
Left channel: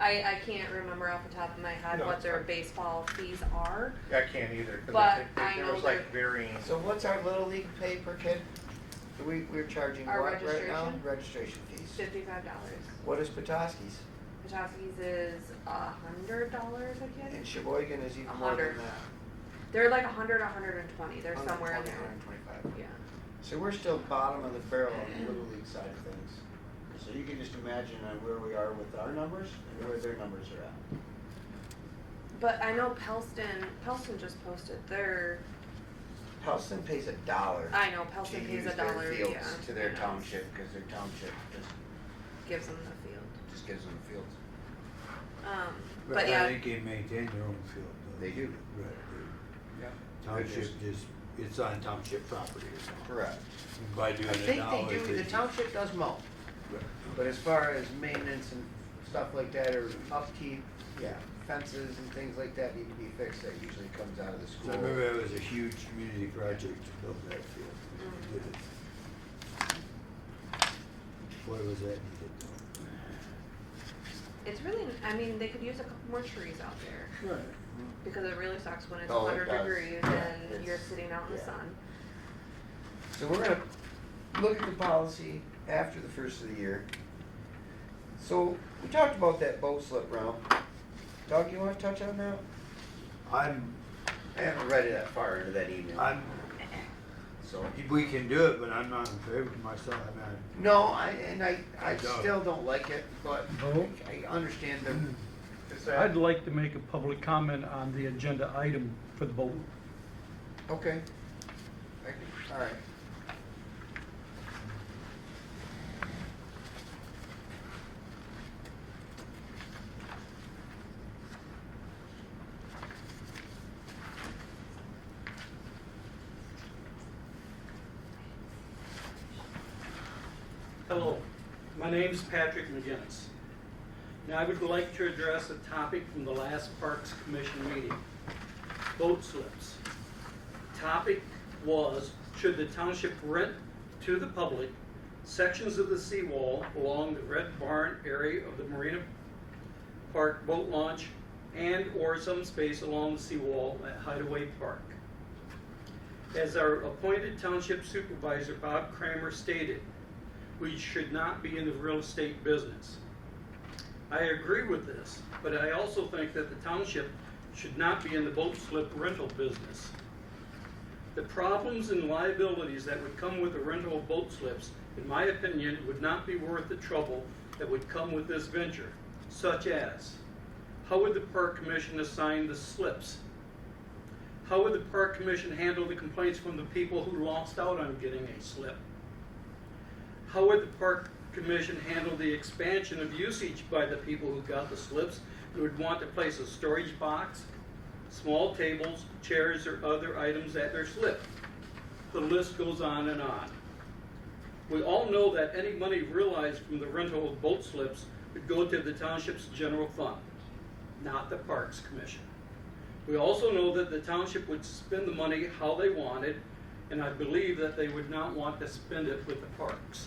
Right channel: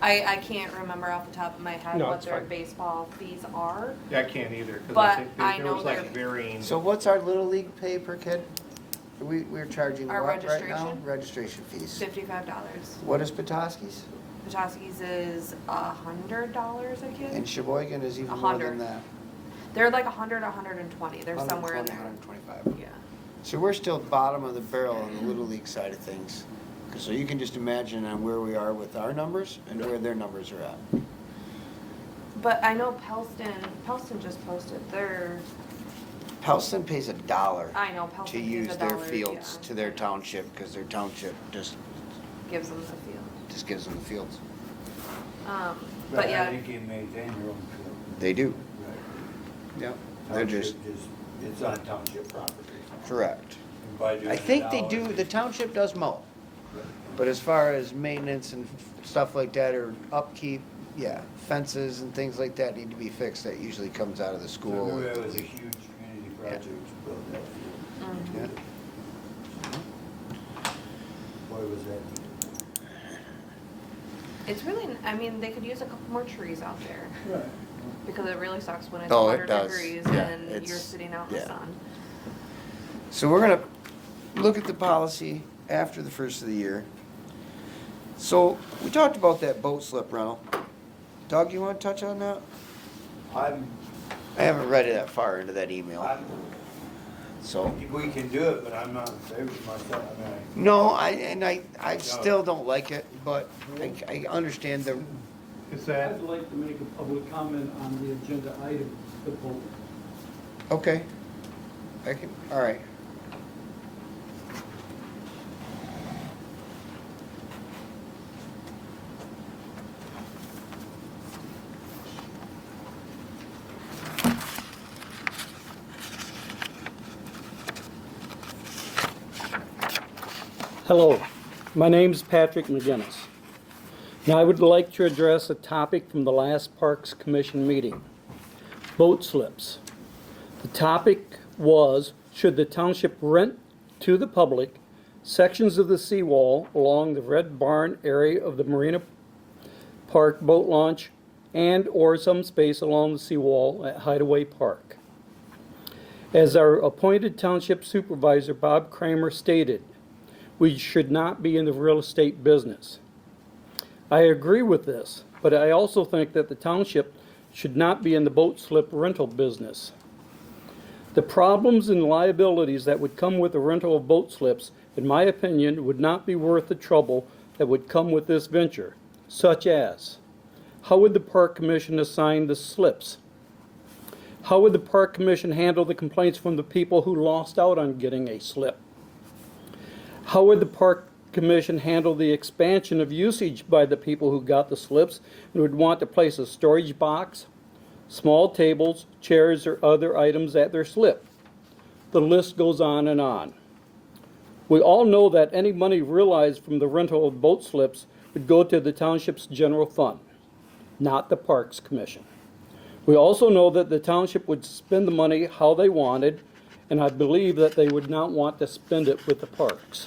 I can't remember off the top of my head No, what it's their fine. baseball fees are. I can't either. 'Cause But think I there know was like they're- varying. So what's our Little League pay per kid? We're charging Our what right now? registration? Registration fees. $55. What is Petoskey's? Petoskey's is $100 a kid. And Sheboygan is even more than 100. that. They're like 100, 120. They're somewhere in 120, there. 125. Yeah. So we're still bottom of the barrel on the Little League side of things. So you can just imagine on where we are with our numbers and where their numbers are at. But I know Pelston just posted their, Pelston pays $1 I know to Pelston use pays their $1, fields yeah. to their township, because their township just Gives them the field. gives them the fields. But but I yeah, think you maintain your own field. They do. Right. Yep. They're just, Township it's on township property. correct. By doing I think they $1, do, the township does mow. Right. But as far as maintenance and stuff like that, or upkeep, yeah, fences and things like that need to be fixed, that usually comes out of the I school. remember that was a huge community project to build that field. mhm. Yeah. Why was that? It's really, I mean, they could use a couple more trees out there. Right. Because it really sucks when it's Oh, it 100 does. degrees Yeah, and you're it's- sitting out in the yeah. sun. So we're gonna look at the policy after the first of the year. So, we talked about that boat slip rental. Doug, you wanna touch on that? I haven't read it that far into that email, so. we can do it, but I'm not in favor myself. No, I still don't like it, but I understand the, Is I'd that, like to make a public comment on the agenda item for the vote. okay. All right. Hello, my name's Patrick McGinnis. Now I would like to address a topic from the last Parks Commission meeting, boat slips. The topic was, should the township rent to the public sections of the seawall along the Red Barn area of the Marina Park boat launch and or some space along the seawall at Hideaway Park? As our appointed township supervisor, Bob Kramer, stated, we should not be in the real estate business. I agree with this, but I also think that the township should not be in the boat slip rental business. The problems and liabilities that would come with the rental of boat slips, in my opinion, would not be worth the trouble that would come with this venture, such as, how would the Park Commission assign the slips? How would the Park Commission handle the complaints from the people who lost out on getting a slip? How would the Park Commission handle the expansion of usage by the people who got the slips and would want to place a storage box, small tables, chairs, or other items at their slip? The list goes on and on. We all know that any money realized from the rental of boat slips would go to the township's general fund, not the Parks Commission. We also know that the township would spend the money how they wanted, and I believe that they would not want to spend it with the parks.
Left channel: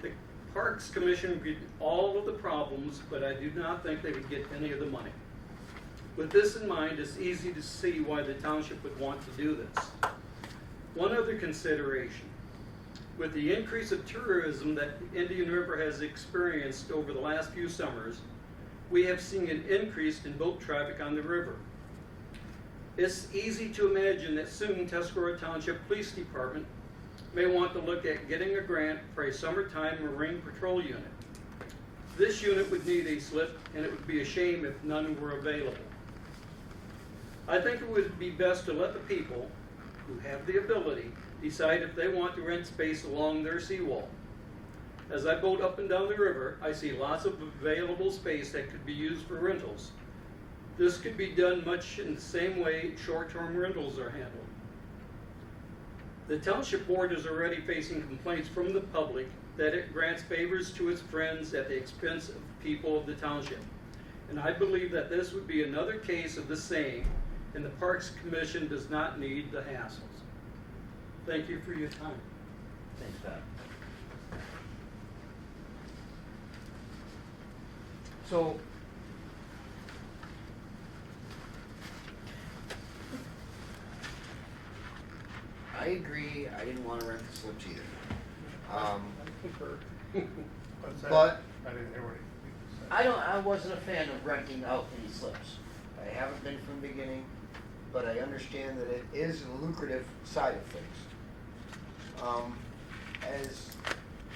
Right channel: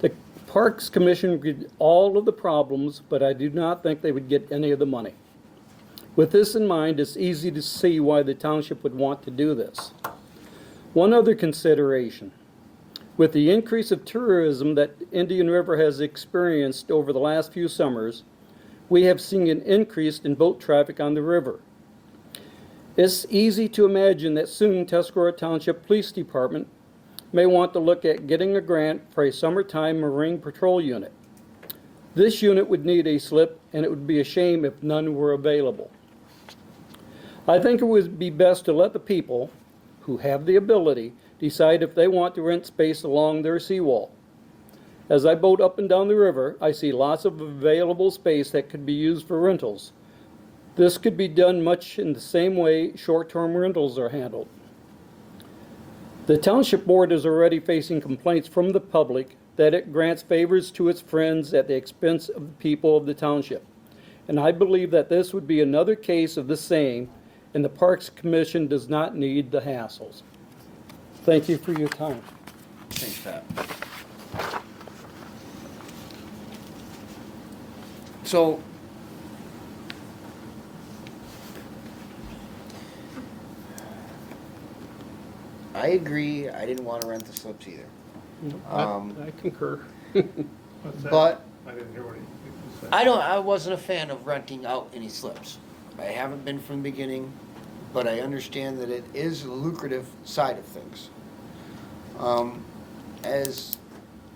The Parks Commission would get all of the problems, but I do not think they would get any of the money. With this in mind, it's easy to see why the township would want to do this. One other consideration. With the increase of tourism that Indian River has experienced over the last few summers, we have seen an increase in boat traffic on the river. It's easy to imagine that soon Tuscarora Township Police Department may want to look at getting a grant for a summertime marine patrol unit. This unit would need a slip, and it would be a shame if none were available. I think it would be best to let the people who have the ability decide if they want to rent space along their seawall. As I boat up and down the river, I see lots of available space that could be used for rentals. This could be done much in the same way short-term rentals are handled. The Township Board is already facing complaints from the public that it grants favors to its friends at the expense of the people of the township. And I believe that this would be another case of the same, and the Parks Commission does not need the hassles. Thank you for your time. Thanks, Pat. So, I agree, I didn't want to rent the slips either. I concur. What's that? But I didn't hear what you said. I wasn't a fan of renting out any slips. I haven't been from the beginning, but I understand that it is a lucrative side of things. As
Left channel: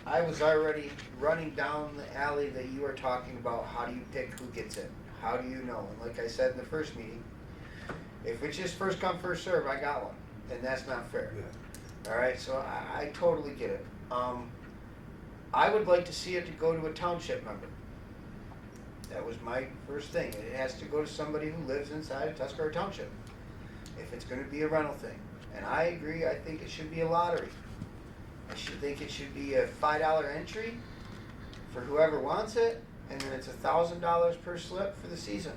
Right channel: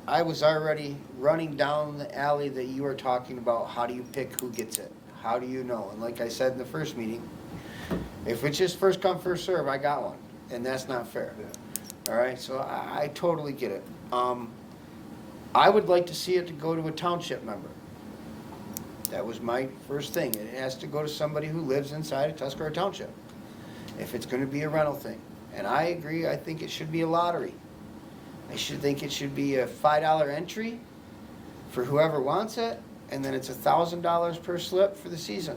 I was already running down the alley that you were talking about, how do you pick who gets it? How do you know? And like I said in the first meeting, if it's just first come, first serve, I got one, and that's not fair. All right, so I totally get it. I would like to see it to go to a township member. That was my first thing. It has to go to somebody who lives inside of Tuscarora Township, if it's gonna be a rental thing. And I agree, I think it should be a lottery. I should think it should be a $5 entry for whoever wants it, and then it's $1,000 per slip for the season.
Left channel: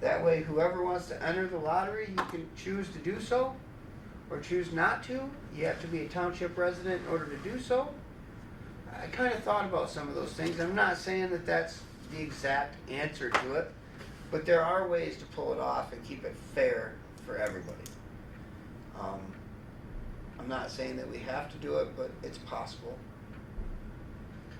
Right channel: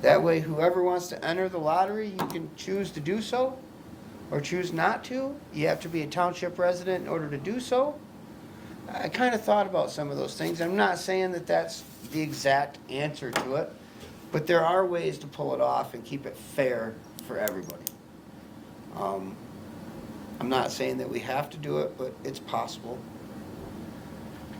That way, whoever wants to enter the lottery, you can choose to do so, or choose not to. You have to be a township resident in order to do so. I kind of thought about some of those things. I'm not saying that that's the exact answer to it, but there are ways to pull it off and keep it fair for everybody. I'm not saying that we have to do it, but it's possible.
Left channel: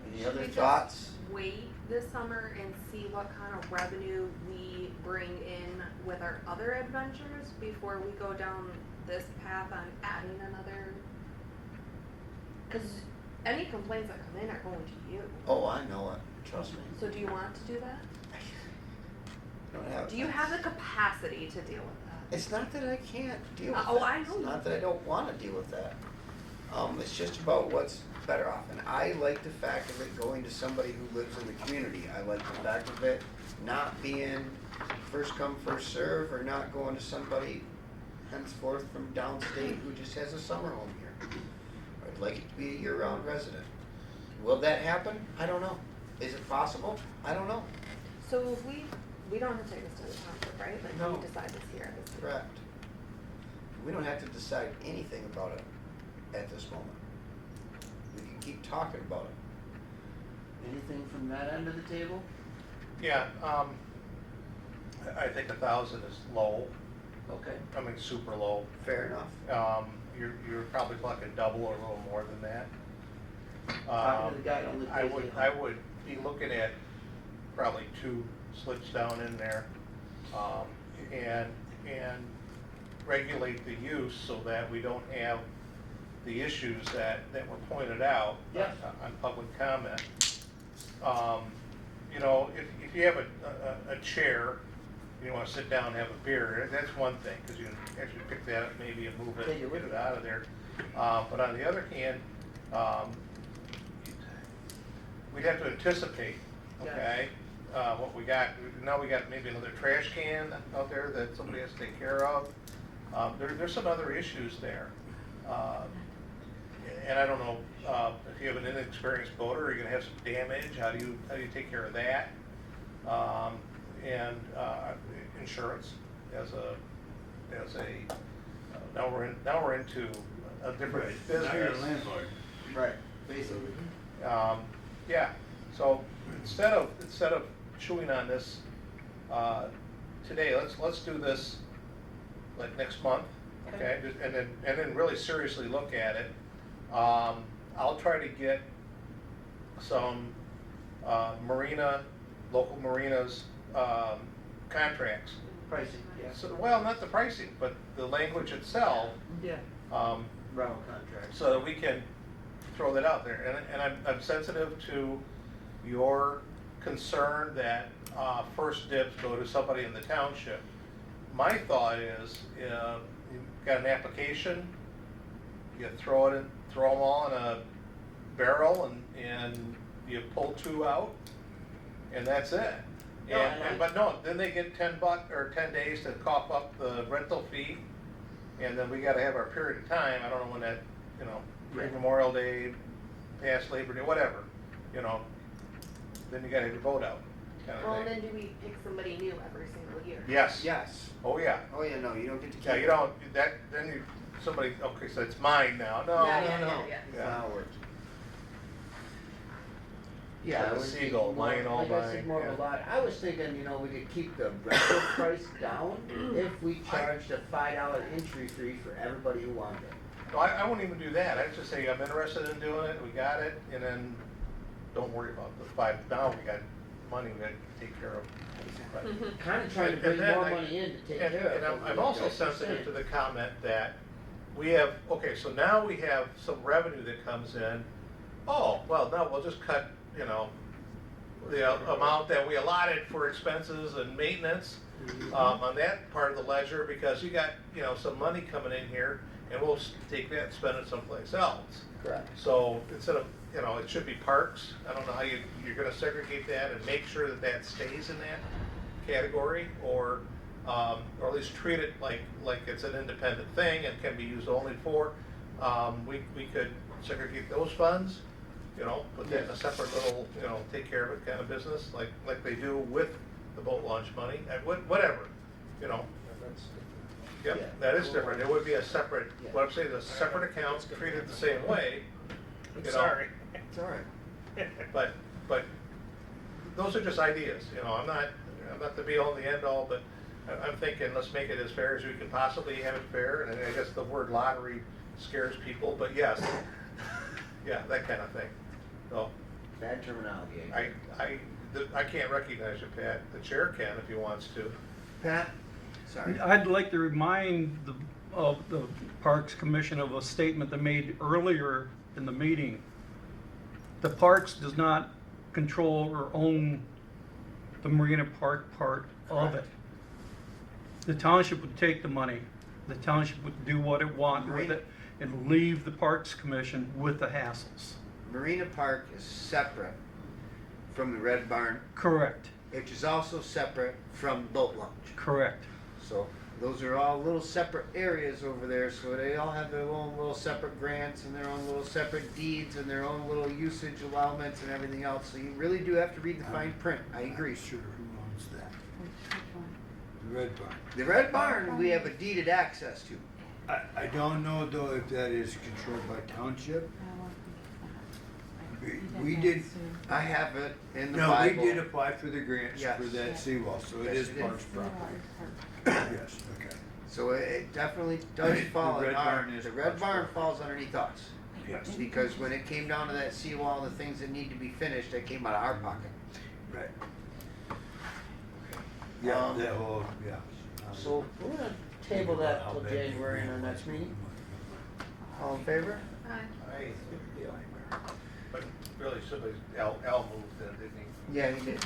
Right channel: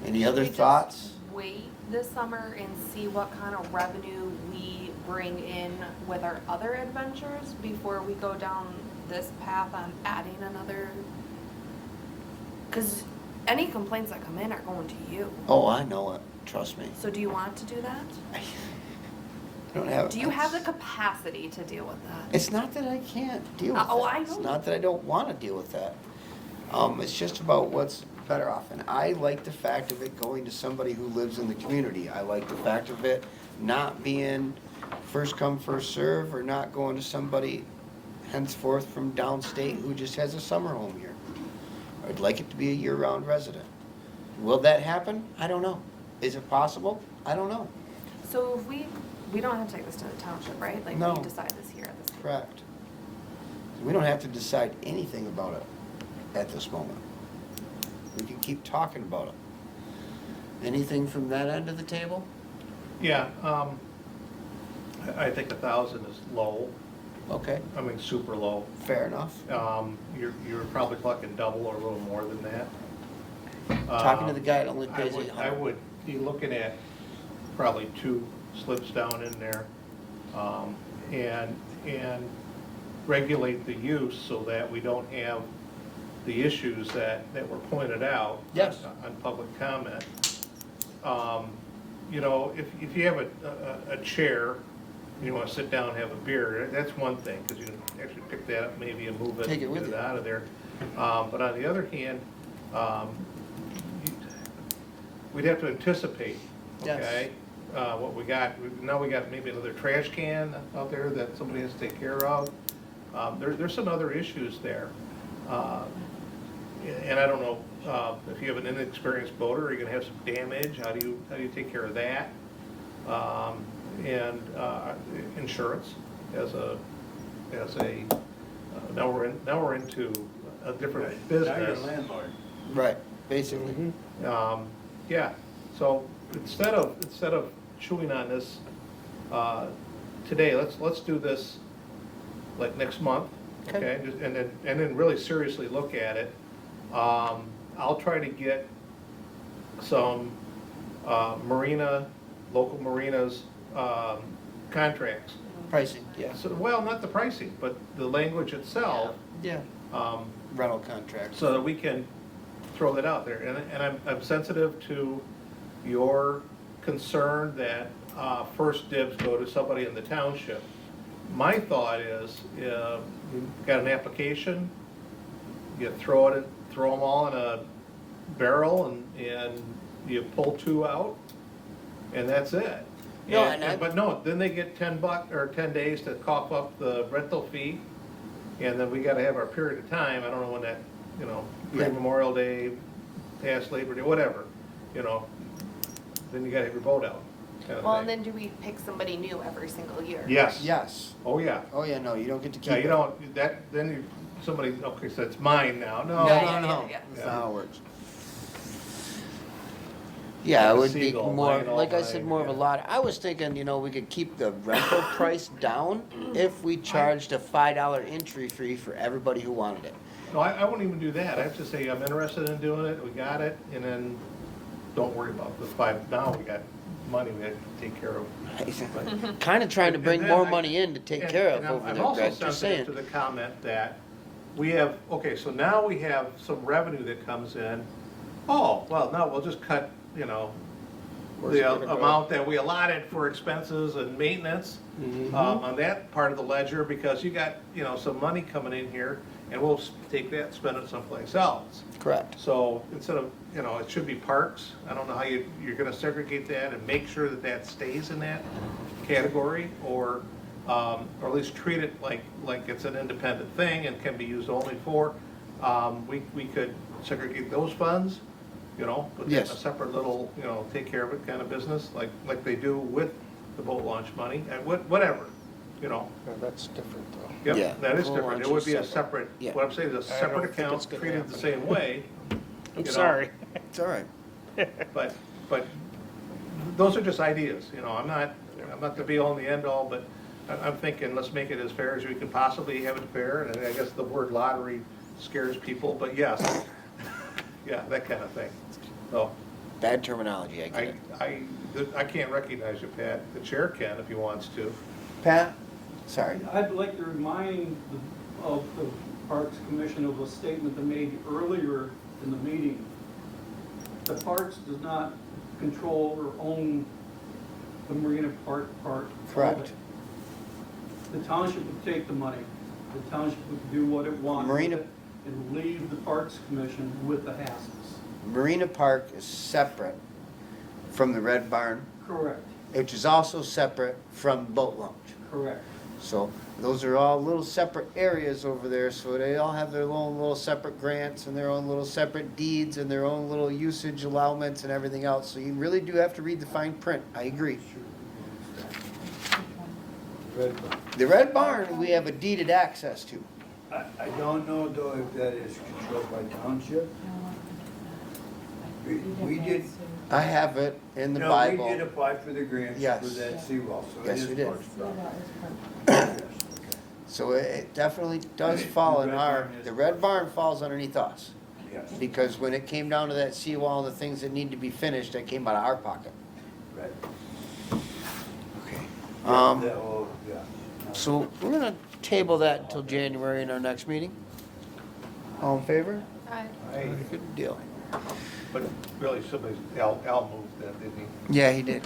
Any other Should we just thoughts? Wait this summer and see what kind of revenue we bring in with our other adventures before we go down this path on adding another? Because any complaints that come in are going to you. Oh, I know it. Trust me. So do you want to do that? I don't have. Do you have the capacity to deal with that? It's not that I can't deal with Oh, that. I know It's you not that I don't want to deal with that. It's just about what's better off. And I like the fact of it going to somebody who lives in the community. I like the fact of it not being first come, first serve, or not going to somebody henceforth from downstate who just has a summer home here. I'd like it to be a year-round resident. Will that happen? I don't know. Is it possible? I don't know. So if we don't have to take this to the township, right? Like No. we decide this here at this meeting. Correct. We don't have to decide anything about it at this moment. We can keep talking about it. Anything from that end of the table? Yeah, I think 1,000 is low, Okay, I mean, super low. fair enough. You're probably talking double or a little more than that. Talking to the guy that only I pays would, 800. I would be looking at probably 2 slips down in there. And regulate the use so that we don't have the issues that were pointed out Yes. on public comment. You know, if you have a chair, and you wanna sit down and have a beer, that's one thing, because you can actually pick that up maybe and move it, Take it with get you. it out of there. But on the other hand, we'd have to anticipate, Yes. okay? What we got, now we got maybe another trash can out there that somebody has to take care of. There's some other issues there. And I don't know, if you have an inexperienced boater, you're gonna have some damage, how do you take care of that? And insurance now we're into a different Now business. you're a landlord. Right, basically. Yeah, so instead of chewing on this, today, let's do this like next month, okay? And then really seriously look at it. I'll try to get some local marinas, contracts. Pricing, yes. So, well, not the pricing, but the language itself, Yeah. Rental contracts. so that we can throw that out there. And I'm sensitive to your concern that first dibs go to somebody in the township. My thought is, you've got an application, you throw them all in a barrel and you pull 2 out, and that's it. No, and But no, then they get $10 or 10 days to cough up the rental fee, and then we gotta have our period of time, I don't know when that, Yeah. Memorial Day, past Labor Day, whatever, then you gotta have your boat out, kind of Well, and thing. then do we pick somebody new every single year? Yes. Yes. Oh, yeah. Oh, yeah, no, you don't get to keep Yeah, it. you don't, then somebody, okay, so it's mine now, no. No, Yeah, no, no. yeah. That's not how it works. Yeah, it Like a would be seagull, more, mine, all like I mine, said, more of a yeah. lot. I was thinking, we could keep the rental price down if we charged a $5 entry fee for everybody who wanted it. No, I wouldn't even do that, I'd just say, I'm interested in doing it, we got it, and then don't worry about the 5, now we got money we gotta take care of. Kinda trying to And bring then more I- money in to take And- care of and over I'm there, also guys, just saying. sensitive to the comment that we have, okay, so now we have some revenue that comes in. Oh, well, no, we'll just cut, the amount that we allotted for expenses and maintenance Mhm. on that part of the ledger, because you got, some money coming in here, and we'll take that, and spend it someplace else. Correct. So instead of, it should be parks, I don't know how you're gonna segregate that and make sure that that stays in that category, or at least treat it like it's an independent thing and can be used only for, we could segregate those funds, put that in a Yes. separate little, take care of it kind of business, like they do with the boat launch money, and whatever, That's different though. Yep, Yeah, that is boat different, it launch would is be a separate. separate, Yeah. what I'm saying, is a I separate don't think account it's gonna treated the happen. same way. I'm know. sorry. It's all right. But those are just ideas, I'm not the be all and the end all, but I'm thinking, let's make it as fair as we can possibly have it fair, and I guess the word lottery scares people, but yes, yeah, that kind of thing. So, Bad terminology, I get it. I can't recognize you, Pat, the chair can if he wants to. Pat? Sorry. I'd like to remind the Parks Commission of a statement they made earlier in the meeting. The Parks does not control or own the Marina Park part of Correct. it. The township would take the money, the township would do what it wanted with Marina- it, and leave the Parks Commission with the hassles. Marina Park is separate from the Red Barn, Correct, which is also separate from Boat Launch. correct. So those are all little separate areas over there, so they all have their own little separate grants and their own little separate deeds and their own little usage allowments and everything else. So you really do have to read the fine print. I agree. Red one. The Red Barn, we have a deeded access to. I don't know though if that is controlled by township. We did, I have it in the no, we Bible. did apply for the grants Yes. for that seawall, so it Yes, is we did. parks property. Yes, okay. So it definitely does fall in our, the Red Barn falls underneath us. Yes, Because when it came down to that seawall and the things that need to be finished, that came out of our pocket. right. Okay. Yeah, that whole, yeah. So we're gonna table that till January in our next meeting. All in favor? Aye. Good deal. But really, Al moved that, didn't he? Yeah, he did.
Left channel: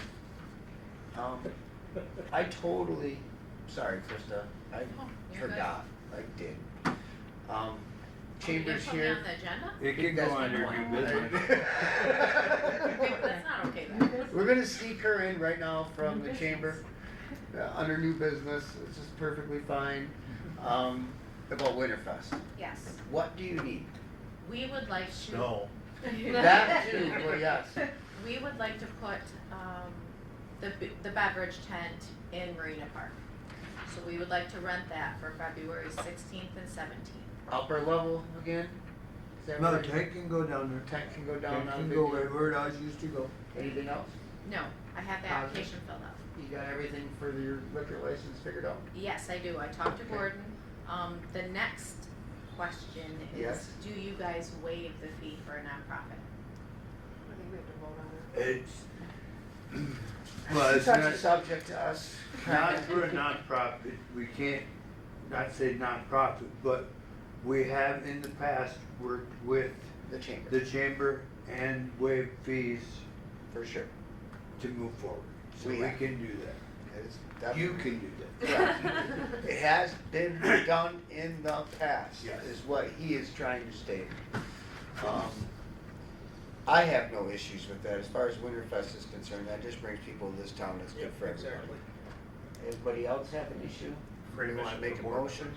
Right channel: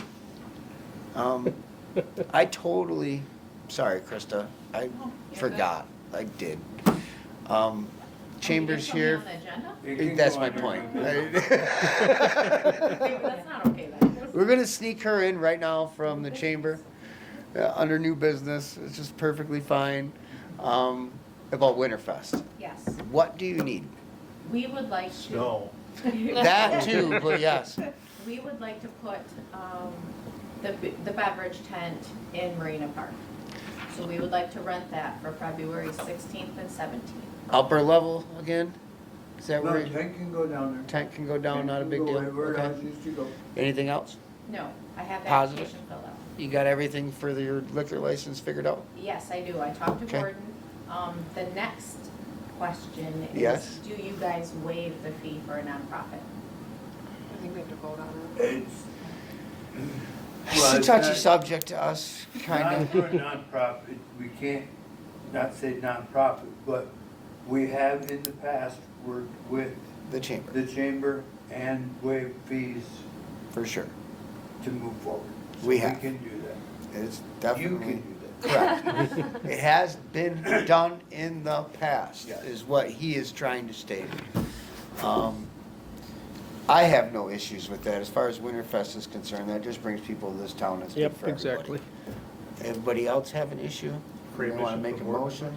I totally, sorry, Krista, I forgot, I did. Chambers here, It can that's go my under point. new business. Wait, that's not okay then. We're gonna sneak her in right now from the chamber, under new business, it's just perfectly fine, about Winterfest. Yes, What do you need? we would like to. No. That too, but yes, We would like to put, the beverage tent in Marina Park. So we would like to rent that for February 16th and 17th. upper level again? Is that No, where, tank can go down there. tank can go down, Tank not a can big go deal? wherever it Okay. used to go. Anything else? No, I have the Positive? application filled out. You got everything for your liquor license figured out? Yes, I do. I talked to Okay. Gordon. The next question Yes. is, do you guys waive the fee for a nonprofit? I think we have to vote on it. It's. It's a it's touchy not- subject to us, Not kinda. for a nonprofit, we can't, not say nonprofit, but we have in the past worked with The chamber, the chamber and waived fees for sure. to move forward. So We have. can do that. It's You definitely can do correct. It has been done in the past, Yes. is what he is trying to state. I have no issues with that. As far as Winterfest is concerned, that just brings people to this town. That's good Yep, for everybody. exactly. Everybody else have an issue? Free You wanna admission make a for board motion?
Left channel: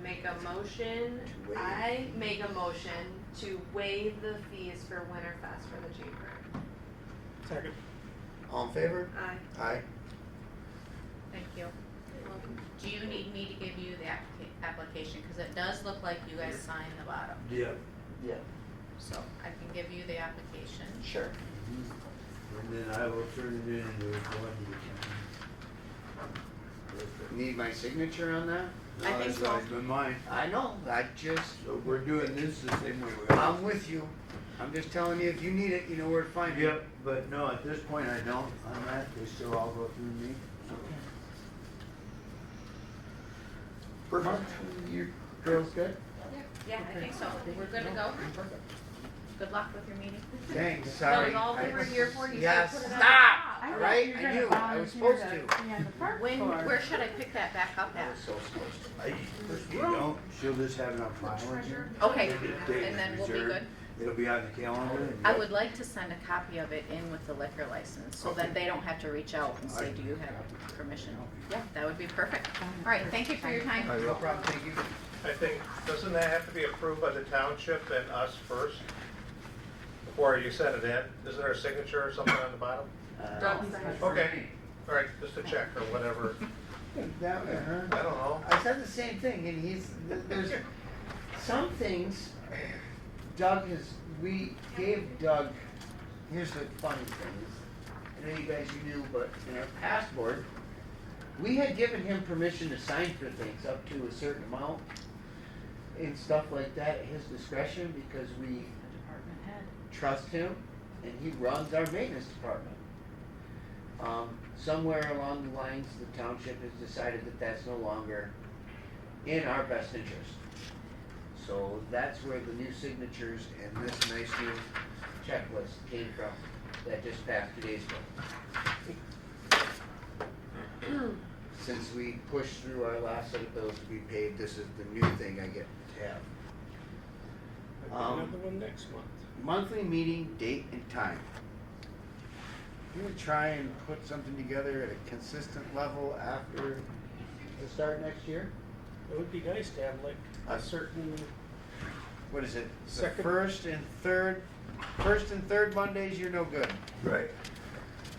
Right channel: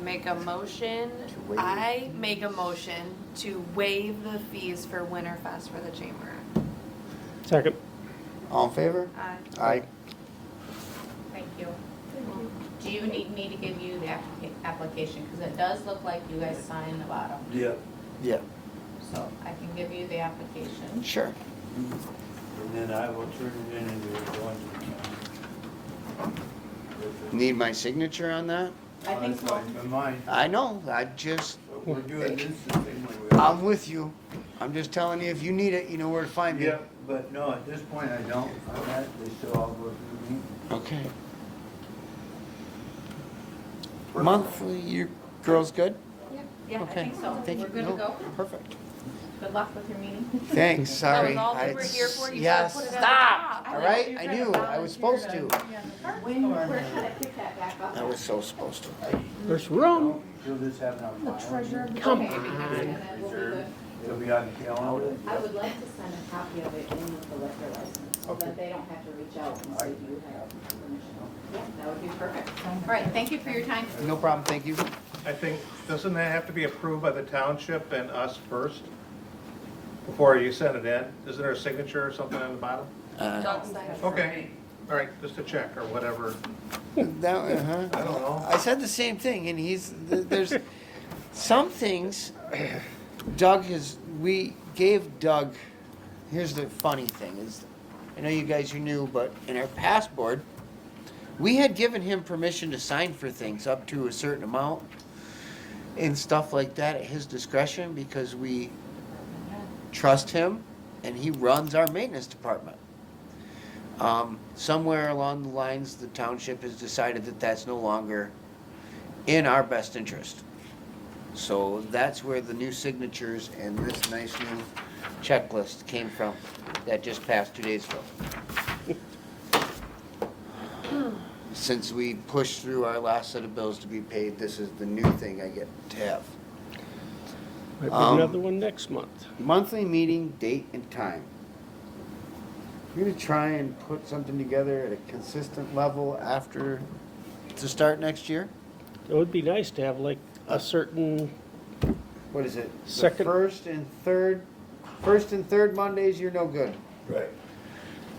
Make a motion, To waive. I make a motion to waive the fees for Winterfest for the chamber. Second. All in favor? Aye. Aye. Thank you. Do you need me to give you the application? Because it does look like you guys sign the bottom. that. Yeah. Yeah, So I can give you the application. sure. And then I will turn it in and we'll Need my signature on that? I think so. In mine. I know, I just, So we're doing this the same way we I'm with you. I'm just telling you, if you need it, you know where to find me. Yep, but no, at this point I don't. I'm actually still all go through me. Okay. Monthly, you girls good? Yeah, I Okay. think so. Thank We're you. good to No, go. Perfect. Good luck with your meeting. Thanks, sorry. all I- we were here for, you Yes, gotta put it stop, on. all right? I knew, I was supposed to. Where should I pick that back up I at? was so supposed to. There's You room. know, she'll just have it on file. Okay, and then we'll be good. It'll be on the calendar. I would like to send a copy of it in with the liquor license, so that they don't have to reach out and say, do you have permission? Yeah, that would be perfect. All right, thank you for your time. No problem, thank you. I think, doesn't that have to be approved by the township and us first? Before you send it in? Isn't there a signature or something on the bottom? Don't sign it. Okay, all right, just a check or whatever. That, uh-huh. I don't know. I said the same thing, and there's some things, we gave Doug, here's the funny thing, is, I know you guys, you knew, but in our past board, we had given him permission to sign for things up to a certain amount and stuff like that at his discretion, because we trust him, and he runs our maintenance department. Somewhere along the lines, the township has decided that that's no longer in our best interest. So that's where the new signatures and this nice new checklist came from, that just passed 2 days ago. Since we pushed through our last set of bills to be paid, this is the new thing I get to have. Might be Um, another one next month. Monthly meeting, date and time. You're gonna try and put something together at a consistent level after, to start next year? It would be nice to have like a certain, What is it? Second- The first and third Mondays, you're no good. Right.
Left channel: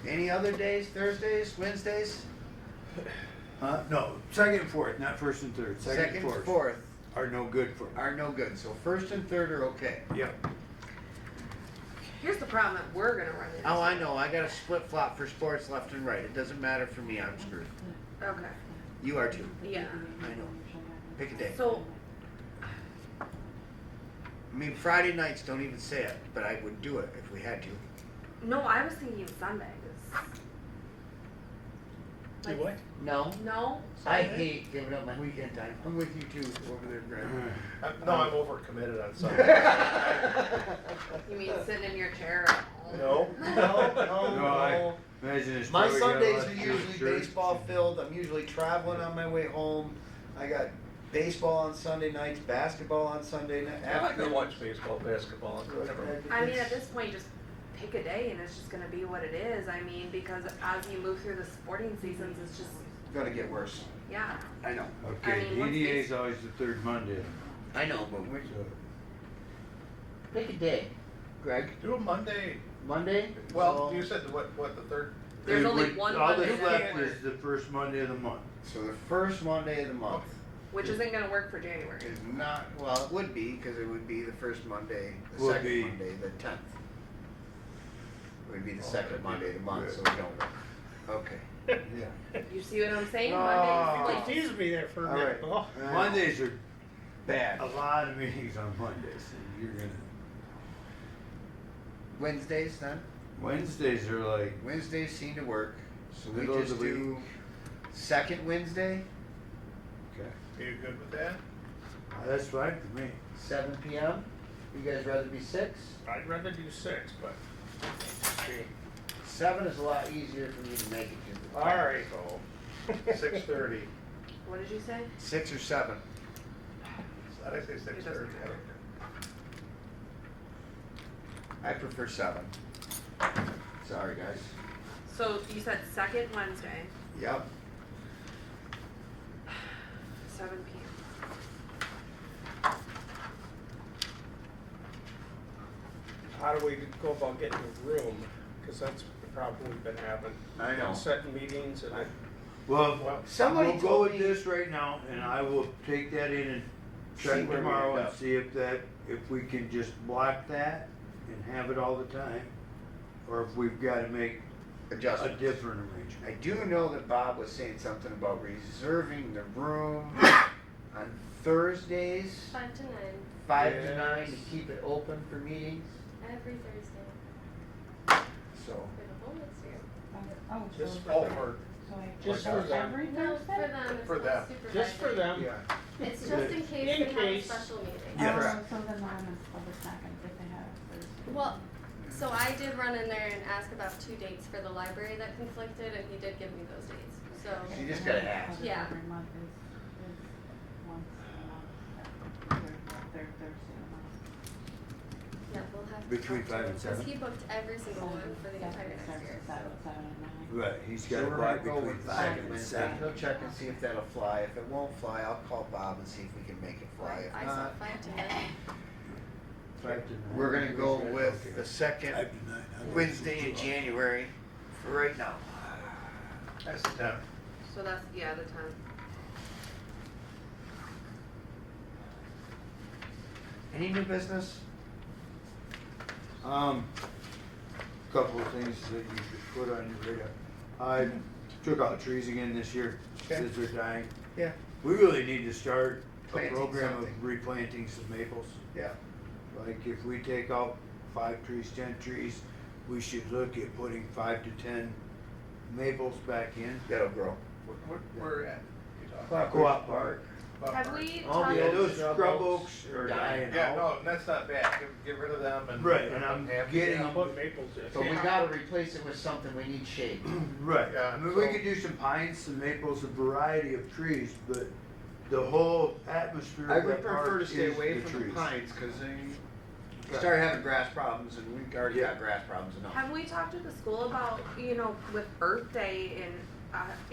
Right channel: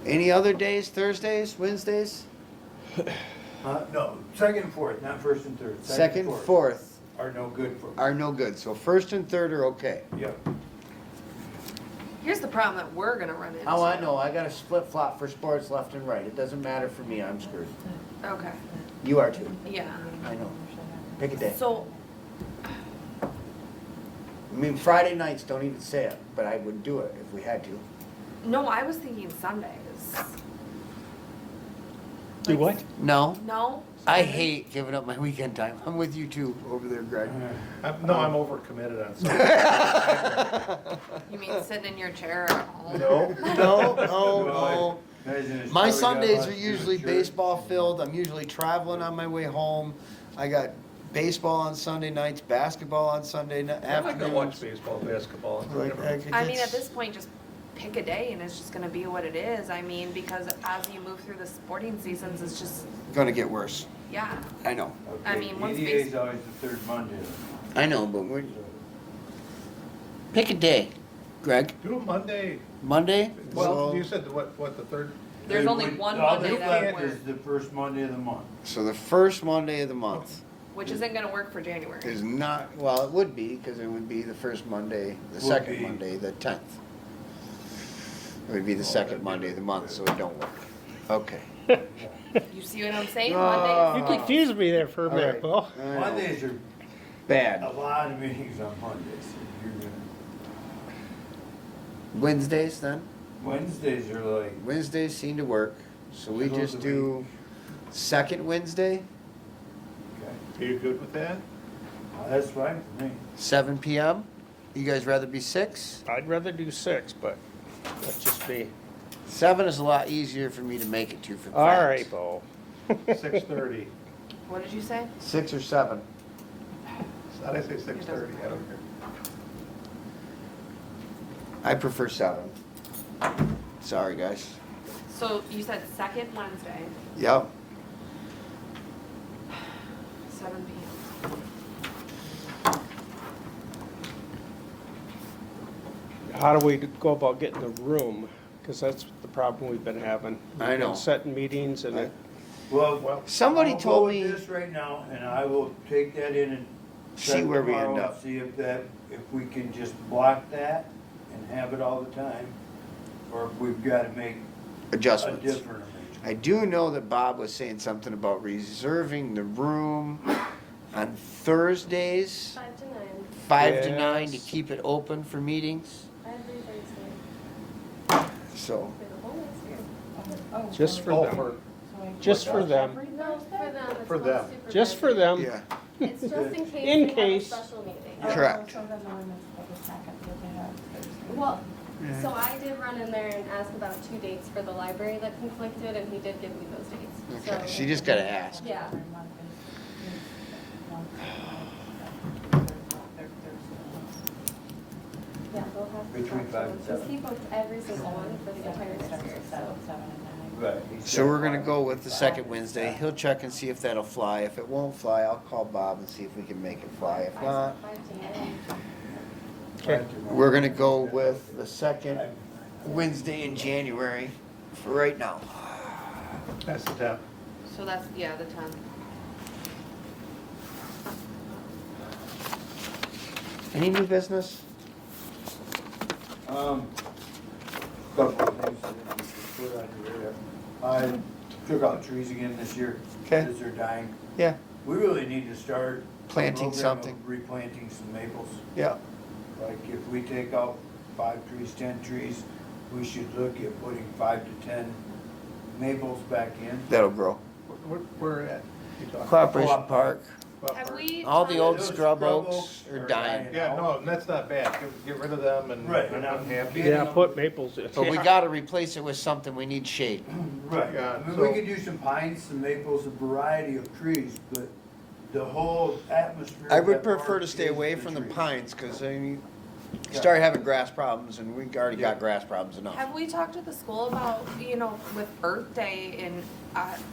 Any other days, Thursdays, Wednesdays? No, second and fourth, not first and third. Second, and fourth are no good for me. are no good, so first and third are okay. Yep. Here's the problem that we're gonna run into. Oh, I know, I got a split flop for sports left and right, it doesn't matter for me, I'm screwed. Okay, You are too, yeah. I know. Pick a day. So, I mean, Friday nights, don't even say it, but I would do it if we had to. no, I was thinking Sundays. do what? No, No? I hate giving up my weekend time. I'm with you too over there, Greg. No, I'm overcommitted on Sunday. You mean sit in your chair at home? No. No. Imagine it's My probably got Sundays lots are of usually church. baseball filled. I'm usually traveling on my way home. I got baseball on Sunday nights, basketball on Sunday I'm not gonna afternoons. watch baseball, basketball. I mean, at this point, just pick a day and it's just gonna be what it is. I mean, because as you move through the sporting seasons, it's just, Gonna get worse. yeah. I know. I Okay, mean, once EDA is base- always the third Monday. I know, but we're, So, pick a day. Greg, Do a Monday. Monday? Well, So- you said what, the third? There's they only would- one all Monday that's that left works. is the first Monday of the month. So the first Monday of the month Which isn't gonna work for January. is not, well, it would be, because it would be the first Monday, the Would second be. Monday, the 10th. It would be the second that'd be Monday of the month, so good. it don't work. Okay. Yeah. You see what I'm saying? Oh. Mondays. You confused me there for a All minute, right. Paul. Mondays are Bad. a lot of meetings on Mondays. You're gonna- Wednesdays then? Wednesdays are like, Wednesdays seem to work, so we Middle of just the do second Wednesday, Are you good with that? that's fine for me. 7 PM. You guys rather be 6? I'd rather do 6, but that's just me. 7 is a lot easier for me to make it to for All class. right, Paul. 6:30. What did you say? 6 or 7. How did I say 6:30? I don't care. I prefer 7. Sorry, guys. So you said second Wednesday, Yep. 7 p.m. How do we go about getting a room? Because that's the problem we've been having. I know. Setting meetings and, Well, Somebody I'll told go me- with this right now, and I will take that in and See check where we tomorrow end and up. see if we can just block that and have it all the time, or if we've gotta make a Adjustments. different arrangement. I do know that Bob was saying something about reserving the room on Thursdays, 5 to 9, 5 to 9, to Yes. keep it open for meetings. every Thursday, So, for the whole next year. just for Oh, them. Just for them. Every No, Thursday? it's For called them. Just for supervisor. them. yeah. It's just in case In they have a case. special meeting. Yeah. Correct. So then when it's for the second, did they have Thursday? Well, so I did run in there and ask about 2 dates for the library that conflicted, and he did give me those dates. Okay, So- so you just gotta ask. Yeah. Yeah, we'll have. Between 5 and 7. Because he booked every single one for the entire next year, so. Right. he's So got we're gonna block go between with the 5 second and Wednesday. 7. He'll check and see if that'll fly. If it won't fly, I'll call Bob and see if we can make it fly. If not, 5 to 9. Okay. we're gonna go with the second Wednesday in January for right now. That's the time. So that's, yeah, the 10th. Any new business? Couple of things that you put on your radar. I took out trees again this year, Okay. since they're dying. Yeah. We really need to start a Planting program of something. replanting some maples. Yeah. Like if we take out 5 trees, 10 trees, we should look at putting 5 to 10 maples back in. That'll grow. Where at? You talking? Cooperation Park. Have we? All the tried- old Those scrub scrub oaks oaks are are dying. dying. Yeah, no, that's not bad. Get rid of them and. Right, and and I'm happy. getting- Yeah, put maples in. But we gotta replace it with something. We need shade. Right, Yeah, I mean, so- we could do some pines, some maples, a variety of trees, but the whole atmosphere. I of would that prefer park to stay is away from the trees. pines, cause then you start having grass problems, and we've already got Yeah. grass problems enough. Have we talked to the school about, with Earth Day in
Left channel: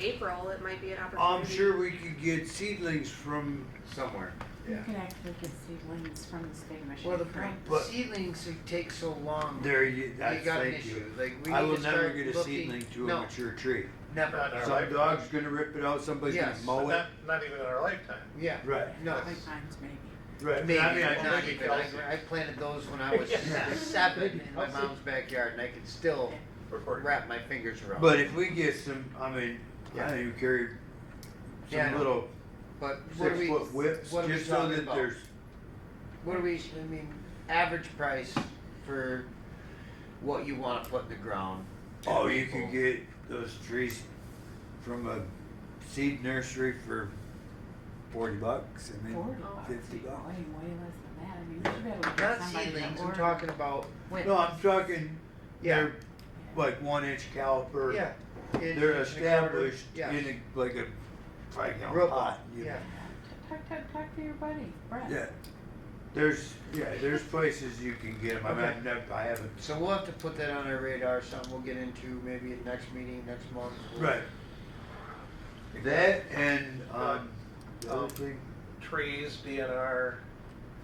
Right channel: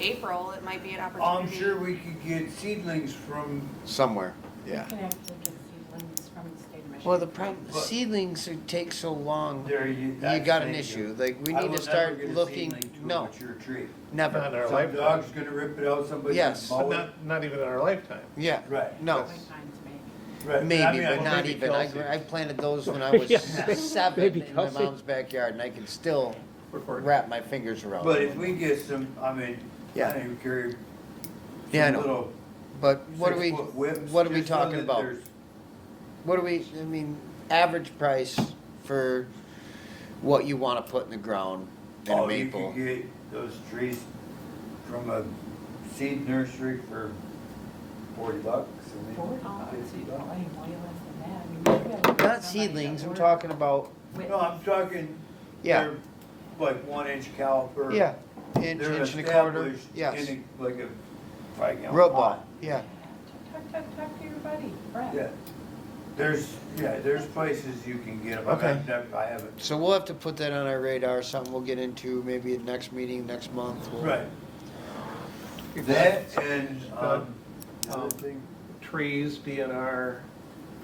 April, it might be an opportunity? I'm sure we could get seedlings from, Somewhere. You Yeah. can actually get seedlings from the state mission. Well, the problem, But- seedlings take so long. there you. You that's got an the issue. Like, we I need will to never start get a looking. seedling to a No, mature tree. never. Not in our Some lifetime. dog's gonna rip it out, somebody's Yes. gonna mow it. Not even in our lifetime. Yeah. Right, No. Sometimes maybe. right. Maybe, I mean, but I not think even. I planted those when I was Yeah. 7 Maybe in my Kelsey. mom's backyard, and I can still wrap my fingers around. But it. if we get some, I mean, Yeah. I don't carry Yeah, I some know. little But what are we? 6-foot whips. What are we just so talking that about? there's- What do we? I mean, average price for what you want to put in the ground in a Oh, you maple. could get those trees from a seed nursery for $40, and then $40. $50. Probably way less than that. I mean, we've got Not somebody seedlings, that we're ordered- talking about, No, I'm talking, yeah, they're like 1-inch caliper. yeah. Inch, They're inch and a quarter, established yes. in a, like a 5-gallon Robot, pot. yeah. Talk to your buddy, Brett. Yeah. There's places you can get them. Okay. I haven't. So we'll have to put that on our radar, something we'll get into maybe at next meeting, next month. We'll- Right. That and, the other Um, thing, Trees, DNR,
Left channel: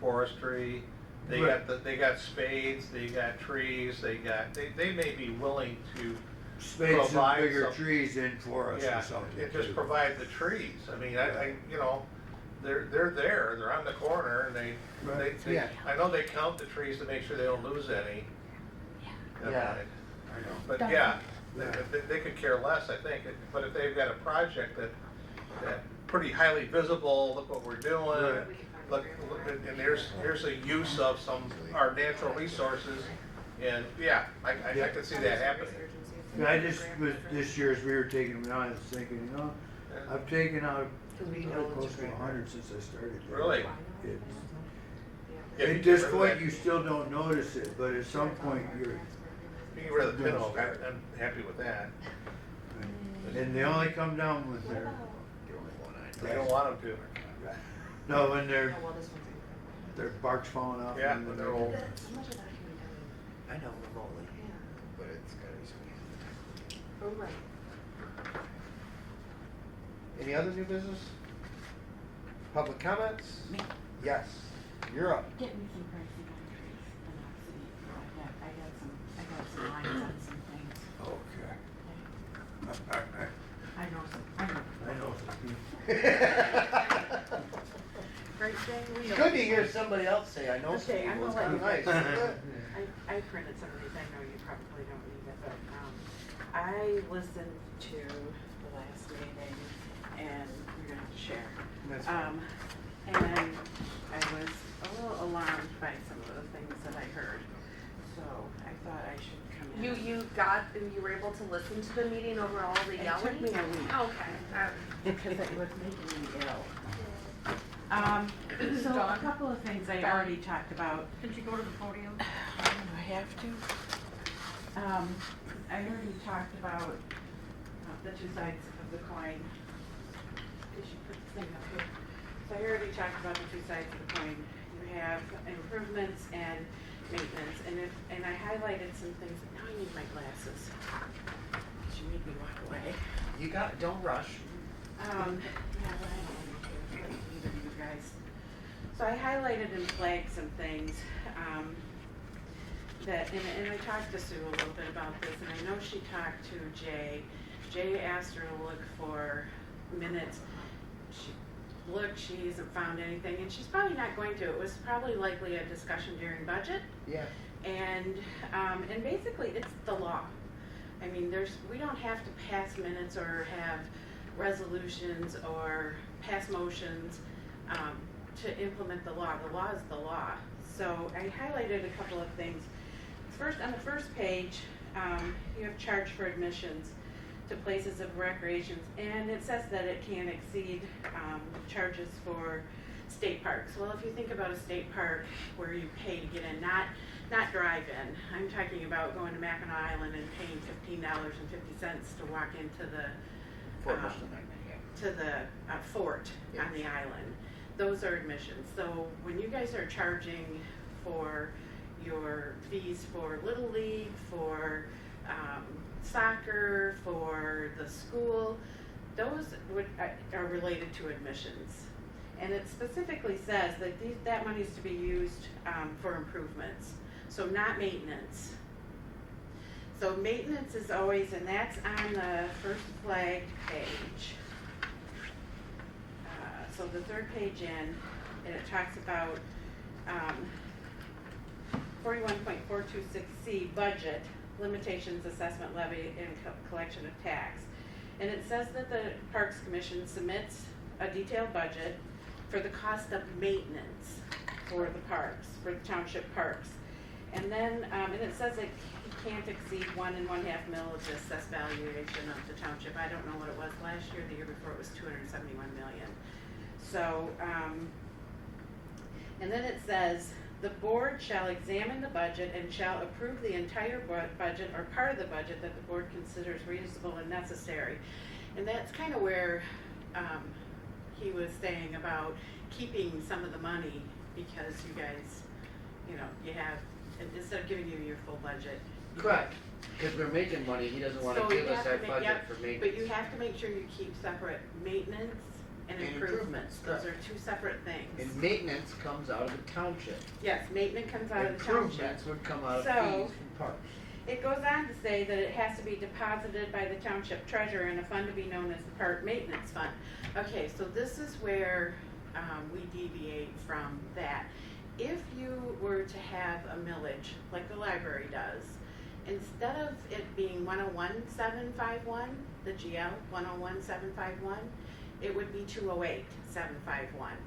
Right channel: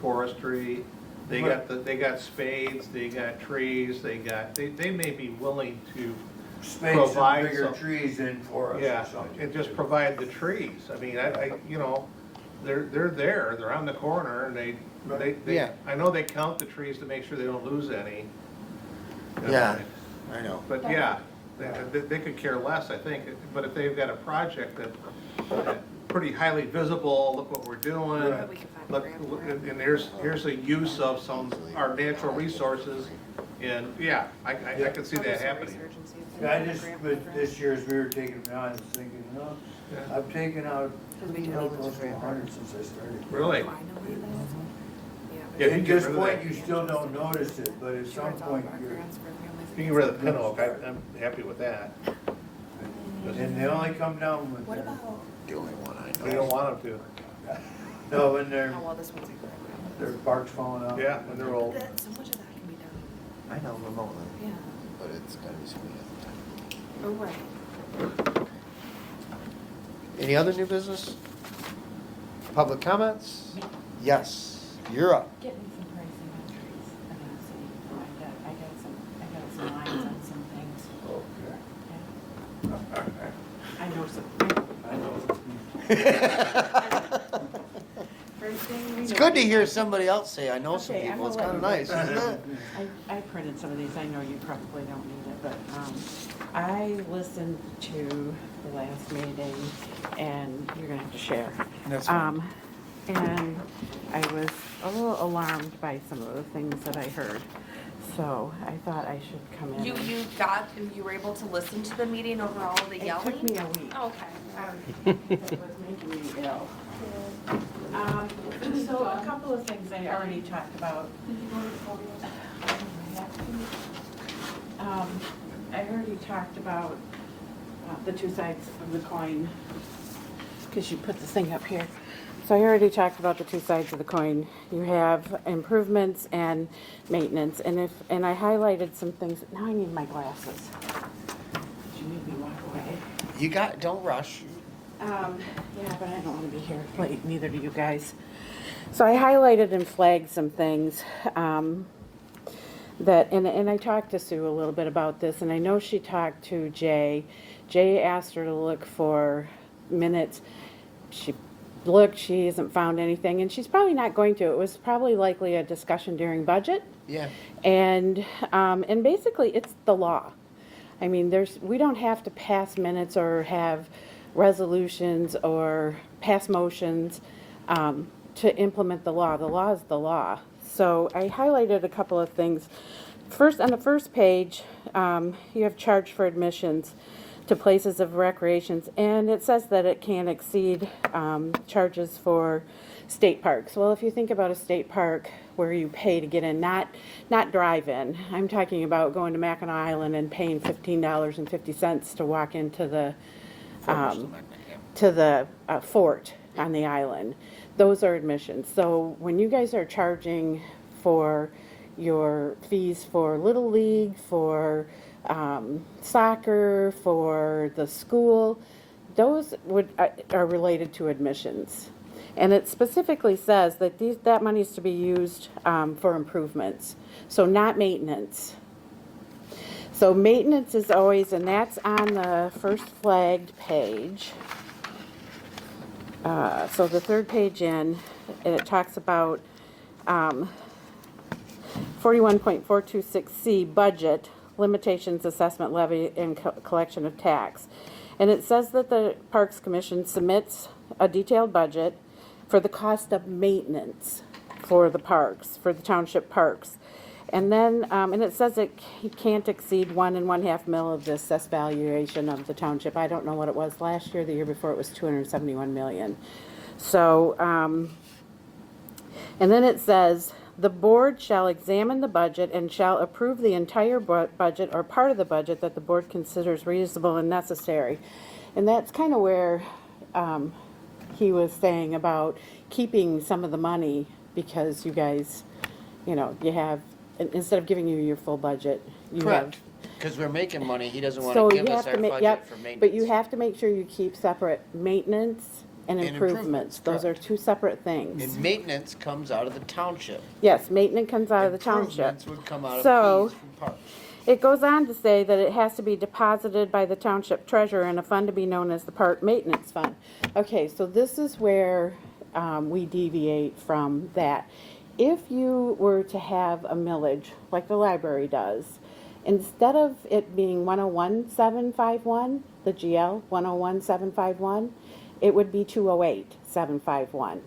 forestry, they Right. got they got spades, they got trees, they may be willing to, spade some Provide bigger some- trees in for us or yeah, something. and just provide the trees. I mean, they're there, they're on the corner, and they, Yeah. I know they count the trees to make sure they don't lose any. Yeah, I know. But yeah, they could care less, I think, but if they've got a project that pretty highly visible, look what we're doing, Right. We can find look, a look, grant for it. and here's a use of our natural resources, and yeah, I could see that happening. I just, with this year's, we were taking it on, I was thinking, Yeah. I've taken out Because we can hell build close a to grant. 100 since I started. Really? Finally, Yeah, At you this get rid of point, that. you still don't notice it, but at some point, you're, You can rid of the pin oak, I'm happy with that. and they only come down when What they're, about, The only one I We don't want them no, when they're, oh, well, this one's. their bark's falling to. off. Yeah, when they're old. So much of that can be done. I know remotely, Yeah. but it's gotta be something else. Oh, right. Any other new business? Public comments? Yes, you're up. Get me some pricing on trees, and I'll see. I got some lines on some things. Okay. Okay. I know some. I know. It's good to hear somebody else say, I know some Okay, I'm people, it's gonna kinda let nice. I printed some of these, I know you probably don't need it, but, I listened to the last meeting, and you're gonna have to share. That's fine. And I was a little alarmed by some of the things that I heard, so I thought I should come in. and- You were able to listen to the meeting over all the It yelling? took me a week. Oh, okay. Because it was making me ill. So a couple of things I already talked about. I have to. I already talked about the two sides of the coin, because you put this thing up here. So I already talked about the two sides of the coin. You have improvements and maintenance, and I highlighted some things. Now I need my glasses. You made me walk away. Don't rush. Yeah, but I don't want to be here late, neither do you guys. So I highlighted and flagged some things, and I talked to Sue a little bit about this, and I know she talked to Jay. Jay asked her to look for minutes. She looked, she hasn't found anything, and she's probably not going to. It was probably likely a discussion during budget. Yeah. And basically, it's the law. I mean, we don't have to pass minutes or have resolutions or pass motions to implement the law. The law is the law. So I highlighted a couple of things. First, on the first page, you have charge for admissions to places of recreations, and it says that it can exceed charges for state parks. Well, if you think about a state park where you pay to get in, not drive-in. I'm talking about going to Mackinac Island and paying $15.50 to walk into the fort on the island. Those are admissions. So when you guys are charging for your fees for Little League, for soccer, for the school, those are related to admissions. And it specifically says that that money is to be used for improvements, so not maintenance. So maintenance is always, and that's on the first flagged page. So the third page in, it talks about 41.426C budget, limitations, assessment levy, and collection of tax. And it says that the Parks Commission submits a detailed budget for the cost of maintenance for the parks, for the township parks. And then, and it says it can't exceed 1 1/2 mil of the assessed valuation of the township. I don't know what it was last year. The year before it was 271 million. So, and then it says, the board shall examine the budget and shall approve the entire budget or part of the budget that the board considers reasonable and necessary. And that's kind of where he was saying about keeping some of the money because you guys, you know, you have, instead of giving you your full budget, you Correct. Because we're making money, he doesn't want So to you give us have to our ma- budget yep, for maintenance. but you have to make sure you keep separate maintenance and And improvements. improvements, Those are correct. two separate things. And maintenance comes out of the township. Yes, maintenance comes out of the township. Improvements would come out of So- fees from parks. It goes on to say that it has to be deposited by the township treasurer in a fund to be known as the park maintenance fund. Okay, so this is where we deviate from that. If you were to have a millage, like the library does, instead of it being 101,751, the GL 101,751, it would be 208,751.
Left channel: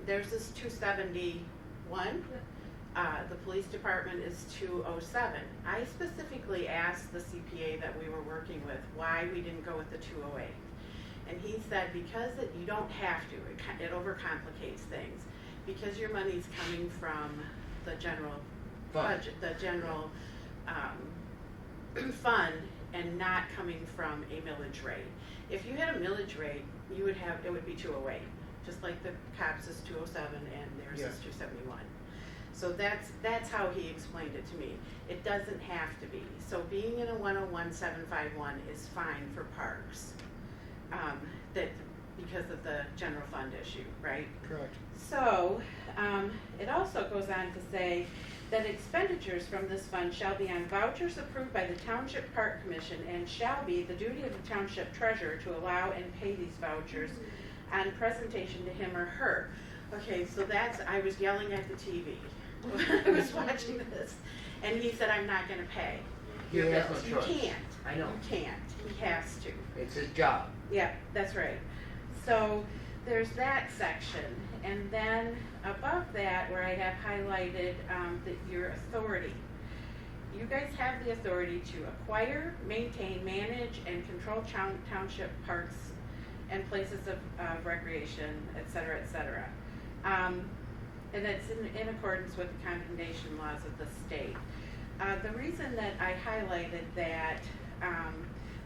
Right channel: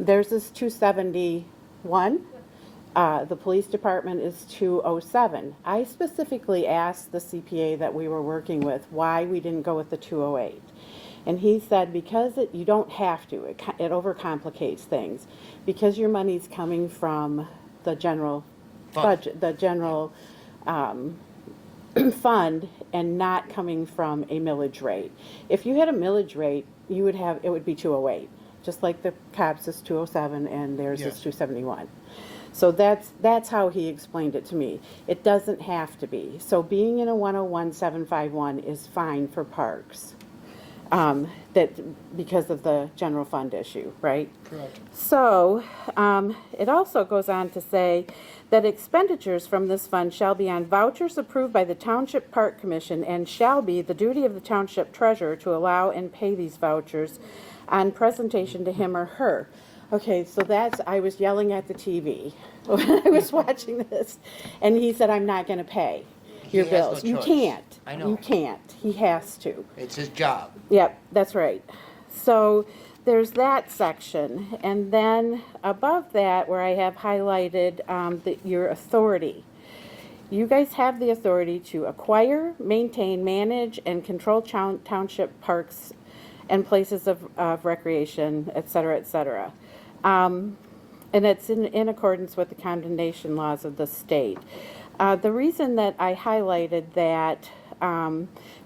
Theirs is 271. The police department is 207. I specifically asked the CPA that we were working with why we didn't go with the 208. And he said because you don't have to. It overcomplicates things. Because your money's coming from the general budget, the general fund, and not coming from a millage rate. If you had a millage rate, it would be 208. Just like the cops is 207 and theirs is Yes. 271. So that's how he explained it to me. It doesn't have to be. So being in a 101,751 is fine for parks. That because of the general fund issue, right? Correct. So it also goes on to say that expenditures from this fund shall be on vouchers approved by the Township Park Commission and shall be the duty of the township treasurer to allow and pay these vouchers on presentation to him or her. Okay, so I was yelling at the TV when I was watching this, and he said, I'm not going to pay your He has no bills. You choice. can't. I know. You can't. He has to. It's his job. Yep, that's right. So there's that section. And then above that, where I have highlighted your authority. You guys have the authority to acquire, maintain, manage, and control township parks and places of recreation, et cetera, et cetera. And it's in accordance with the condemnation laws of the state. The reason that I highlighted that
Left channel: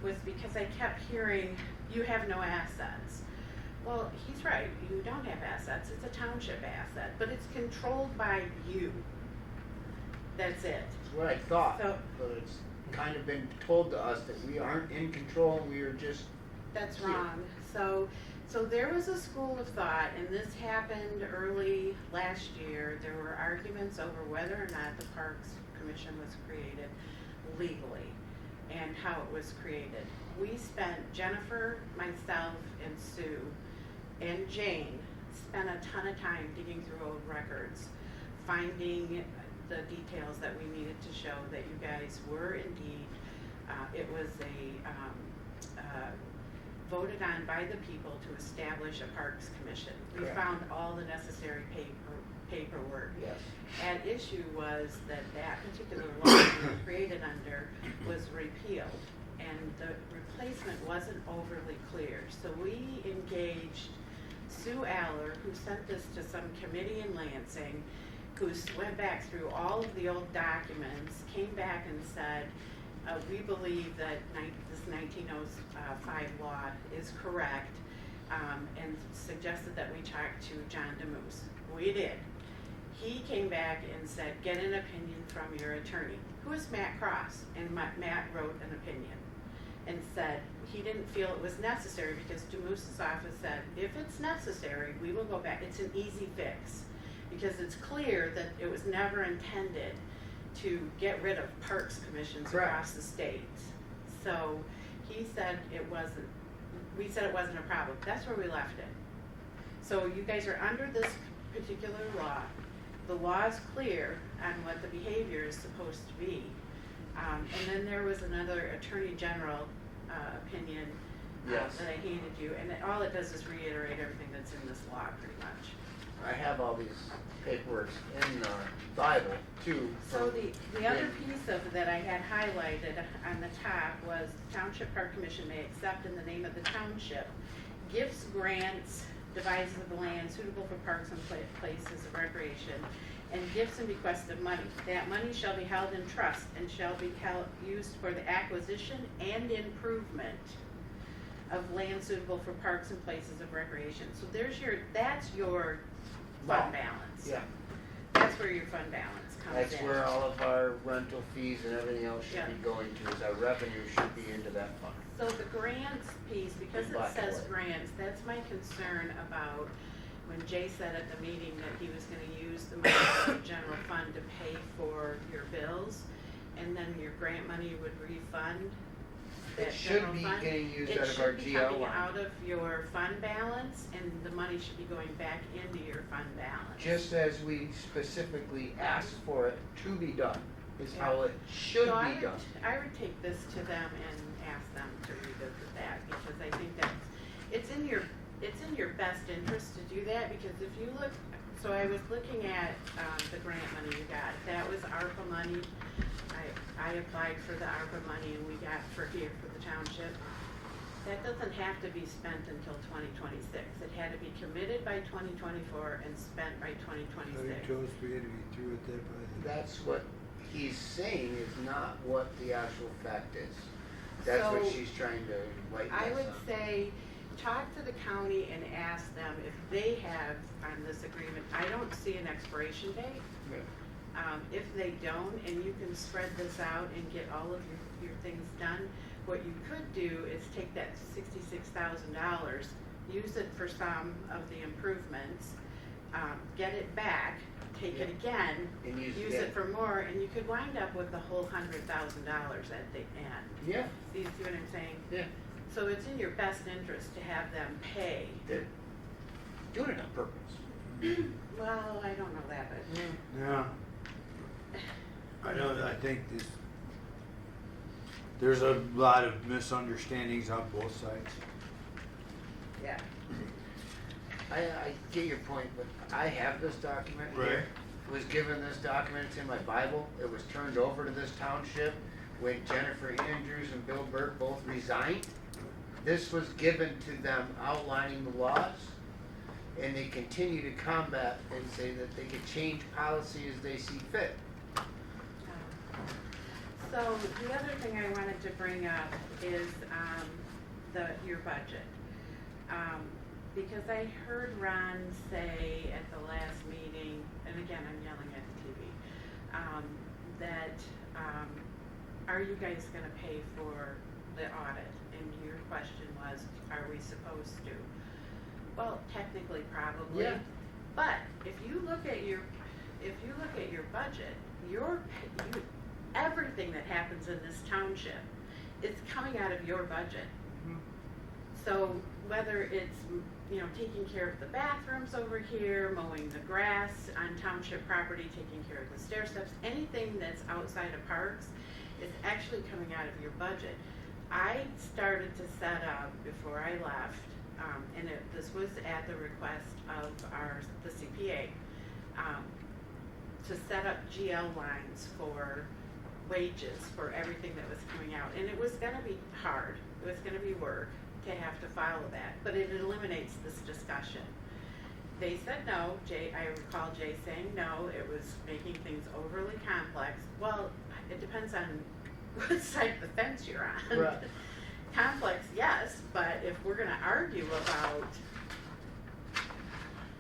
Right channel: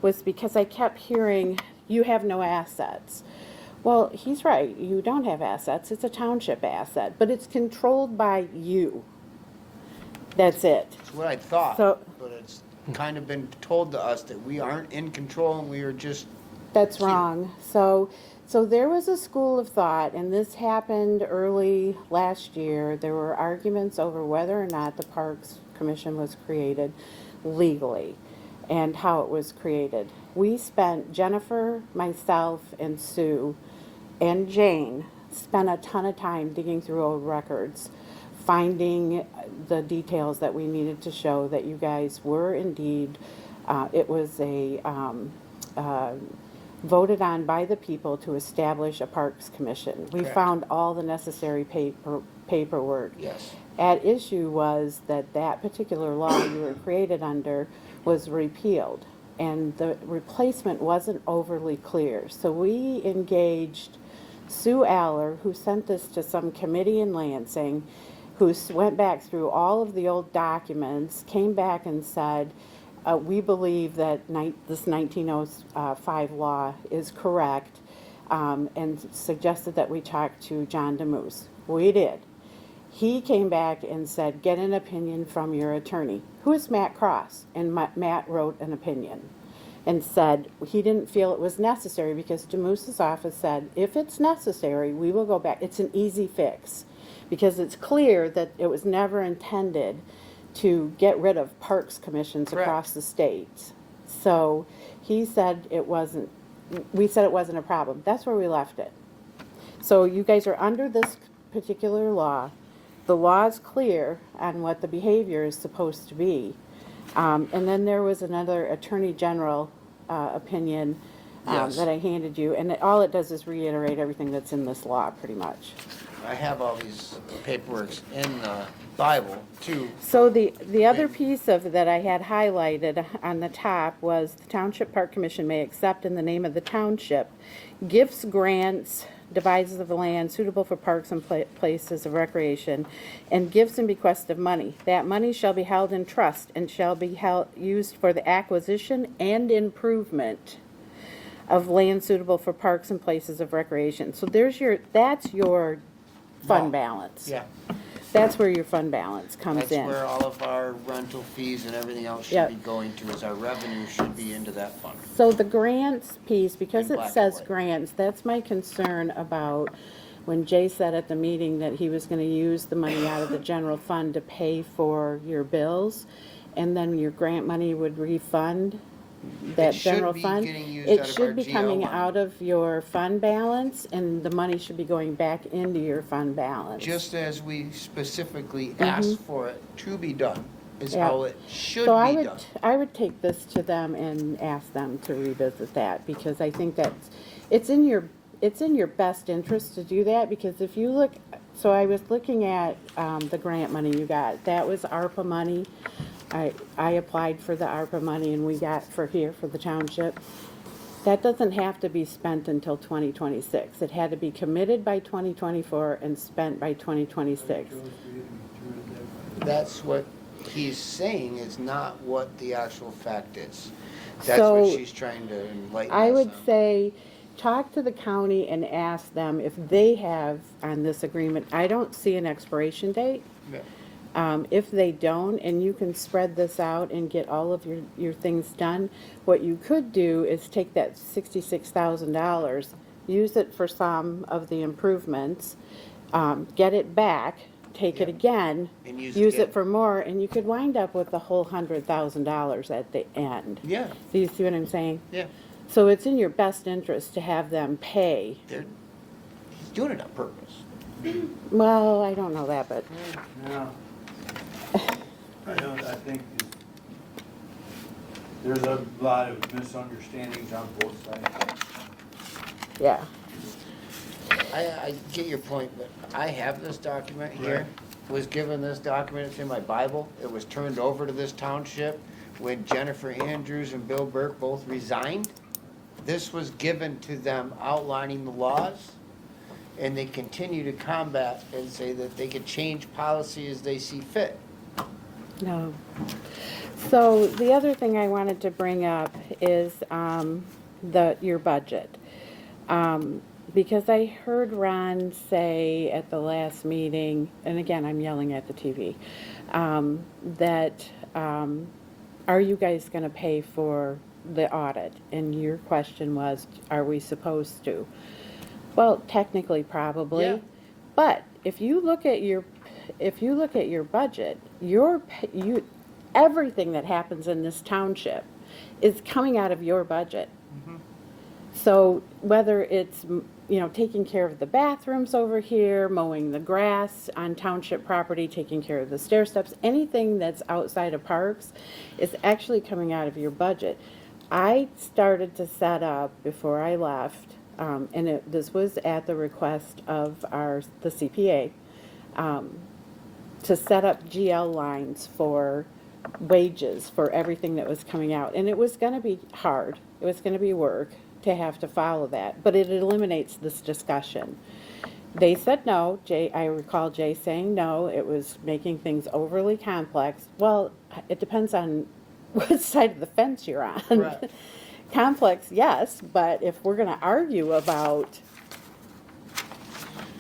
was because I kept hearing, you have no assets. Well, he's right. You don't have assets. It's a township asset, but it's controlled by you. That's it. It's what I thought. So- But it's kind of been told to us that we aren't in control and we are just. That's Here. wrong. So there was a school of thought, and this happened early last year. There were arguments over whether or not the Parks Commission was created legally and how it was created. We spent, Jennifer, myself, and Sue, and Jane spent a ton of time digging through old records, finding the details that we needed to show that you guys were indeed, it was voted on by the people to establish a Parks Commission. We Correct. found all the necessary paperwork. Yes. At issue was that particular law you were created under was repealed, and the replacement wasn't overly clear. So we engaged Sue Aller, who sent this to some committee in Lansing, who went back through all of the old documents, came back and said, we believe that this 1905 law is correct, and suggested that we talk to John DeMoose. We did. He came back and said, get an opinion from your attorney. Who is Matt Cross? And Matt wrote an opinion and said he didn't feel it was necessary because DeMoose's office said, if it's necessary, we will go back. It's an easy fix because it's clear that it was never intended to get rid of parks commissions Correct. across the state. So he said we said it wasn't a problem. That's where we left it. So you guys are under this particular law. The law is clear on what the behavior is supposed to be. And then there was another Attorney General opinion Yes. that I handed you, and all it does is reiterate everything that's in this law, pretty much. I have all these paperworks in the Bible too. So the other piece of that I had highlighted on the top was the Township Park Commission may accept in the name of the township gifts, grants, divides of the land suitable for parks and places of recreation, and gifts and bequests of money. That money shall be held in trust and shall be used for the acquisition and improvement of land suitable for parks and places of recreation. So that's your fund balance. Yeah, That's where your fund balance comes that's in. where all of our rental fees and everything else should Yep. be going to, is our revenue should be into that fund. So the grants piece, because In it black says and white. grants, that's my concern about when Jay said at the meeting that he was gonna use the money out of the general fund to pay for your bills, and then your grant money would refund that general fund. It should be getting used It out of our should be GL coming line. out of your fund balance, and the money should be going back into your fund balance. Just as we specifically asked for it to be done, is Yeah. how it should So be done. I would take this to them and ask them to revisit that, because I think it's in your best interest to do that, because if you look, so I was looking at, the grant money you got, that was ARPA money. I applied for the ARPA money and we got for the township. That doesn't have to be spent until 2026. It had to be committed by 2024 and spent by 2026. That's what he's saying is not what the actual fact is. That's So, what she's trying to enlighten I us would on. say, talk to the county and ask them if they have on this agreement. I don't see an expiration date. Yeah. If they don't, and you can spread this out and get all of your things done, what you could do is take that $66,000, use it for some of the improvements, get it back, take it Yeah. again, And use use it it for more, and you could wind up with the whole $100,000 at the end. Yeah, Do you see what I'm saying? yeah. So it's in your best interest to have them pay. He's doing it on purpose. Well, I don't know that, but Yeah. I think there's a lot of misunderstandings on both sides. yeah. I get your point, but I have this document Right. here. Was given this document, it's in my Bible. It was turned over to this township when Jennifer Andrews and Bill Burke both resigned. This was given to them outlining the laws, and they continue to combat and say that they could change policy as they see fit. No. So the other thing I wanted to bring up is your budget. Because I heard Ron say at the last meeting, and again, I'm yelling at the TV, that are you guys going to pay for the audit? And your question was, are we supposed to? Well, technically, probably. Yeah. But if you look at your budget, everything that happens in this township is coming out of your budget. So whether it's, taking care of the bathrooms over here, mowing the grass on township property, taking care of the stair steps, anything that's outside of parks is actually coming out of your budget. I started to set up before I left, and this was at the request of the CPA, to set up GL lines for wages for everything that was coming out. And it was going to be hard. It was going to be work to have to follow that, but it eliminates this discussion. They said no. I recall Jay saying no. It was making things overly complex. Well, it depends on what side of the fence you're on. Right. Complex, yes, but if we're going to argue about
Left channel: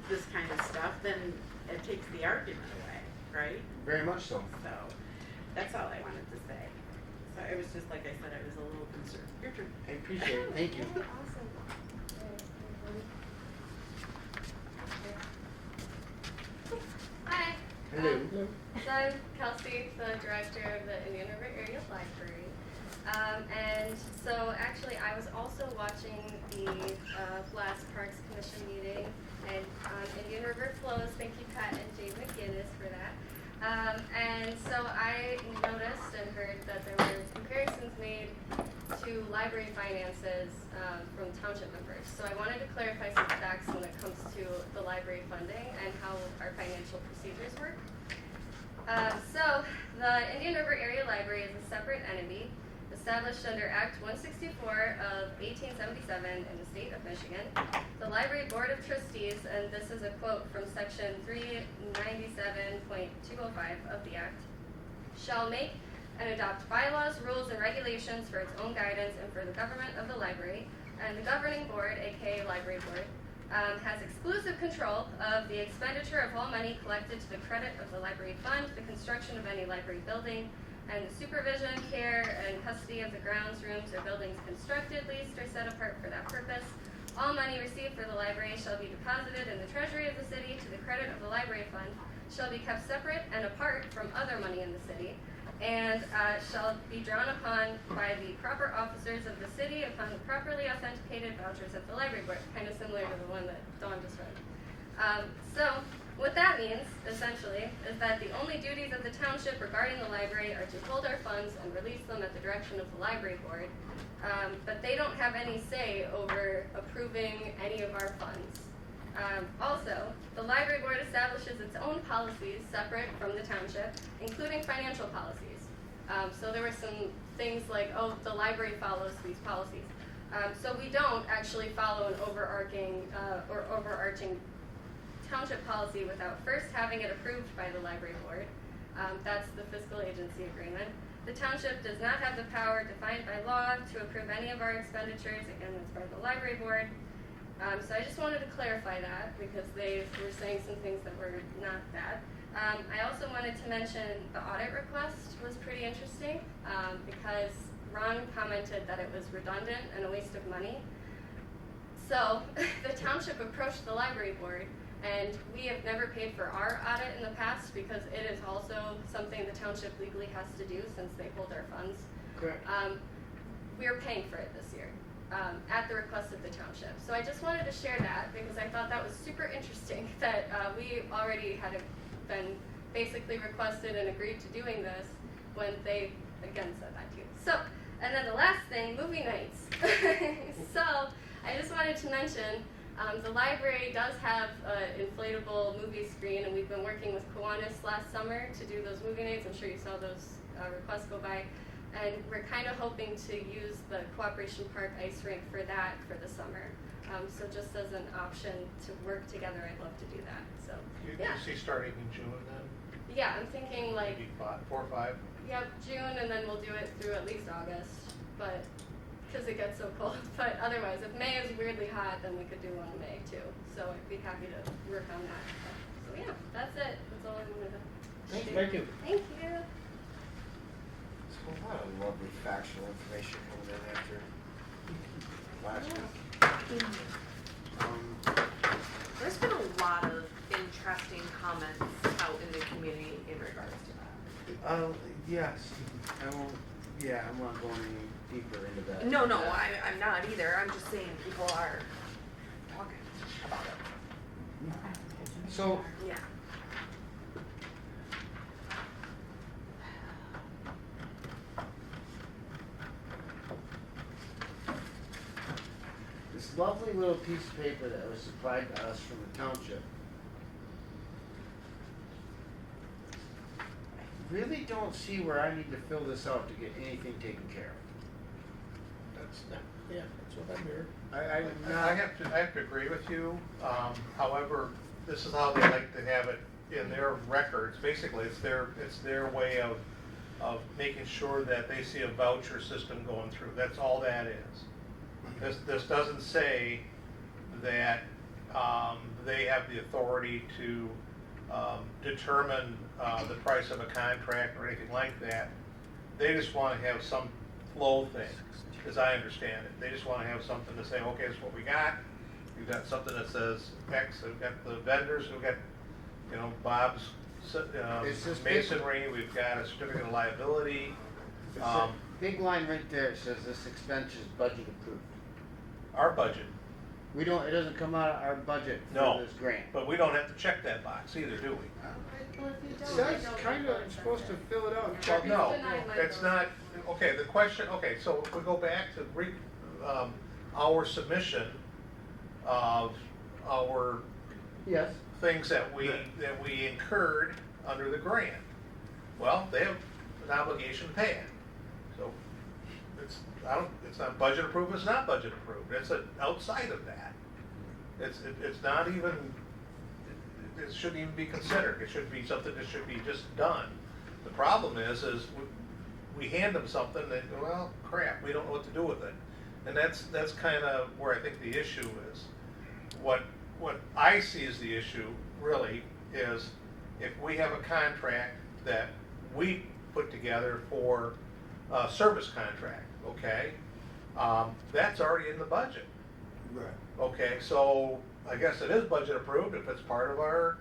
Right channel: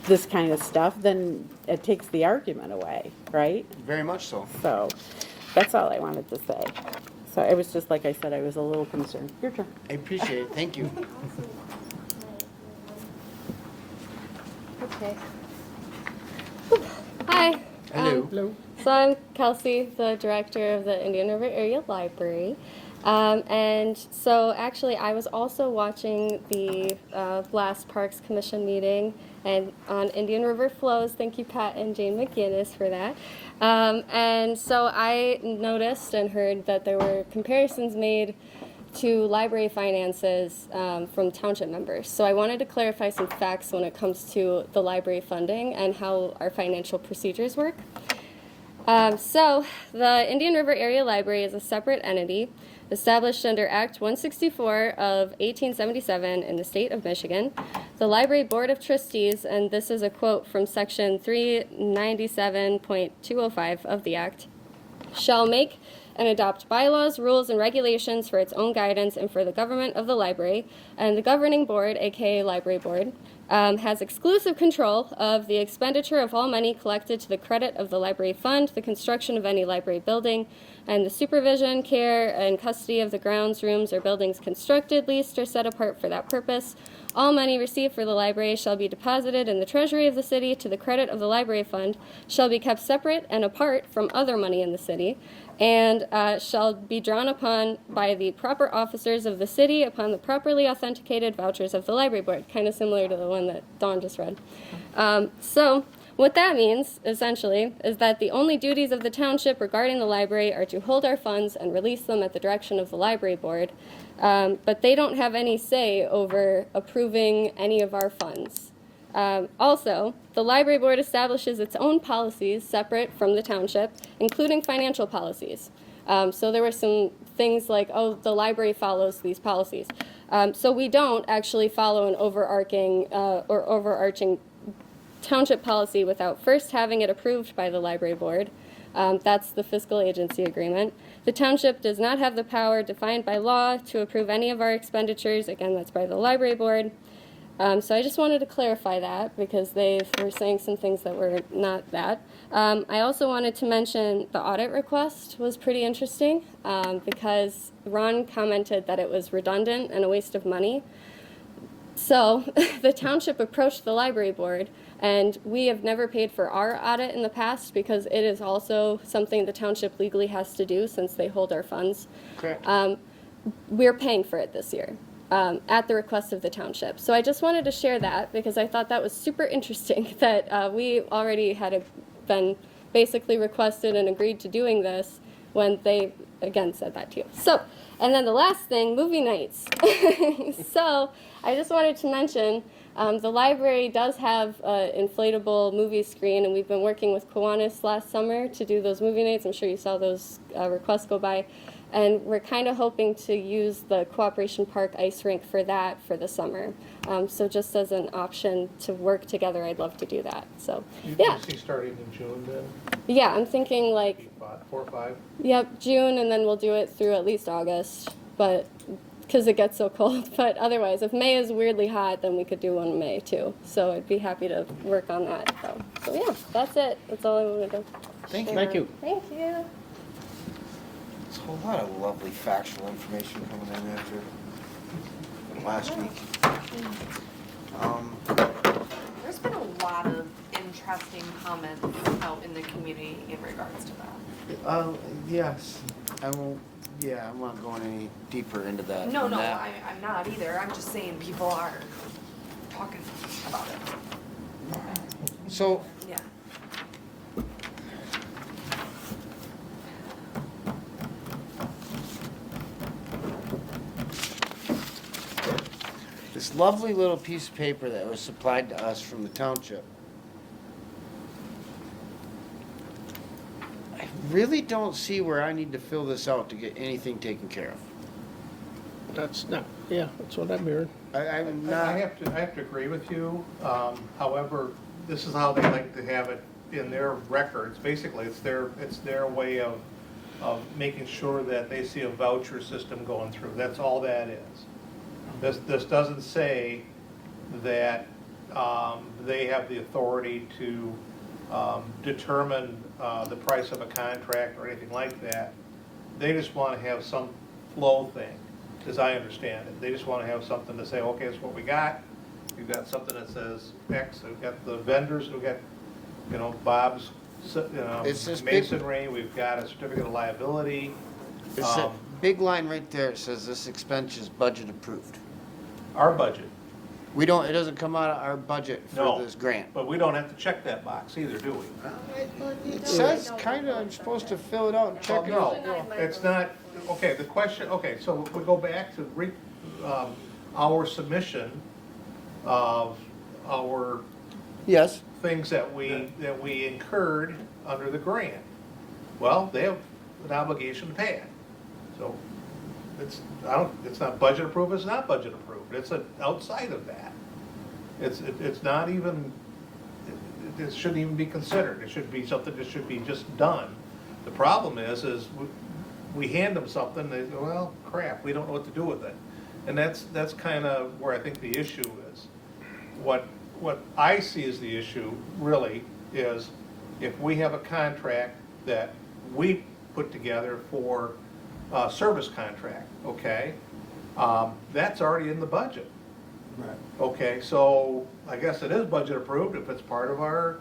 this kind of stuff, then it takes the argument away, right? Very much so. So that's all I wanted to say. So it was just like I said, I was a little concerned. Your turn. I appreciate it. Thank you. Okay. Hi. Hello. So I'm Kelsey, the director of the Indian River Area Library. And so actually I was also watching the last Parks Commission meeting and on Indian River Flows. Thank you, Pat and Jane McGinnis, for that. And so I noticed and heard that there were comparisons made to library finances from township members. So I wanted to clarify some facts when it comes to the library funding and how our financial procedures work. So the Indian River Area Library is a separate entity established under Act 164 of 1877 in the state of Michigan. The Library Board of Trustees, and this is a quote from section 397.205 of the Act, shall make and adopt bylaws, rules, and regulations for its own guidance and for the government of the library. And the governing board, aka Library Board, has exclusive control of the expenditure of all money collected to the credit of the library fund, the construction of any library building, and the supervision, care, and custody of the grounds, rooms, or buildings constructed, leased, or set apart for that purpose. All money received for the library shall be deposited in the treasury of the city to the credit of the library fund, shall be kept separate and apart from other money in the city, and shall be drawn upon by the proper officers of the city upon the properly authenticated vouchers of the library board, kind of similar to the one that Dawn just read. So what that means, essentially, is that the only duties of the township regarding the library are to hold our funds and release them at the direction of the library board, but they don't have any say over approving any of our funds. Also, the library board establishes its own policies separate from the township, including financial policies. So there were some things like, oh, the library follows these policies. So we don't actually follow an overarching township policy without first having it approved by the library board. That's the fiscal agency agreement. The township does not have the power defined by law to approve any of our expenditures. Again, that's by the library board. So I just wanted to clarify that because they were saying some things that were not that. I also wanted to mention the audit request was pretty interesting because Ron commented that it was redundant and a waste of money. So the township approached the library board, and we have never paid for our audit in the past because it is also something the township legally has to do since they hold our funds. Correct. We're paying for it this year. At the request of the township. So I just wanted to share that because I thought that was super interesting that we already had been basically requested and agreed to doing this when they, again, said that to you. So, and then the last thing, movie nights. So I just wanted to mention the library does have an inflatable movie screen, and we've been working with Kiwanis last summer to do those movie nights. I'm sure you saw those requests go by. And we're kind of hoping to use the Cooperation Park ice rink for that for the summer. So just as an option to work together, I'd love to do that. So, yeah. You see starting in June then? Yeah, I'm thinking like, Maybe 4 or 5? yep, June, and then we'll do it through at least August, but because it gets so cold. But otherwise, if May is weirdly hot, then we could do one in May too. So I'd be happy to work on that. So yeah, that's it. That's all I wanted to Thank share. you. Thank you. Thank you. There's a lot of lovely factual information coming in after last week. There's been a lot of interesting comments out in the community in regards to that. Yes, I won't, yeah, I'm not going any deeper into that. No, than no, that. I'm not either. I'm just saying people are talking about it. So, Yeah. this lovely little piece of paper that was supplied to us from the township. I really don't see where I need to fill this out to get anything taken care of. That's what I'm hearing. I'm I not, have to agree with you. However, this is how they like to have it in their records. Basically, it's their way of making sure that they see a voucher system going through. That's all that is. This doesn't say that they have the authority to determine the price of a contract or anything like that. They just want to have some flow thing, as I understand it. They just want to have something to say, okay, it's what we got. We've got something that says X. We've got the vendors. We've got, Bob's It's this big- masonry. We've got a certificate of liability. it's a big line right there. It says this expense is budget approved. Our budget. We don't, it doesn't come out of our budget for No. this grant. But we don't have to check that box either, do we? It says kinda, I'm supposed to fill it out and check Well, it. no, it's not, okay, the question, okay, so if we go back to our submission of our Yes. things that we incurred under the grant. Well, they have an obligation to pay it. So it's not budget approved, it's not budget approved, it's outside of that. It's not even, it shouldn't even be considered, it should be something that should be just done. The problem is we hand them something, they go, well, crap, we don't know what to do with it. And that's kind of where I think the issue is. What I see as the issue really is if we have a contract that we put together for a service contract, okay? That's already in the budget. Right. Okay, so I guess it is budget approved if it's part of our,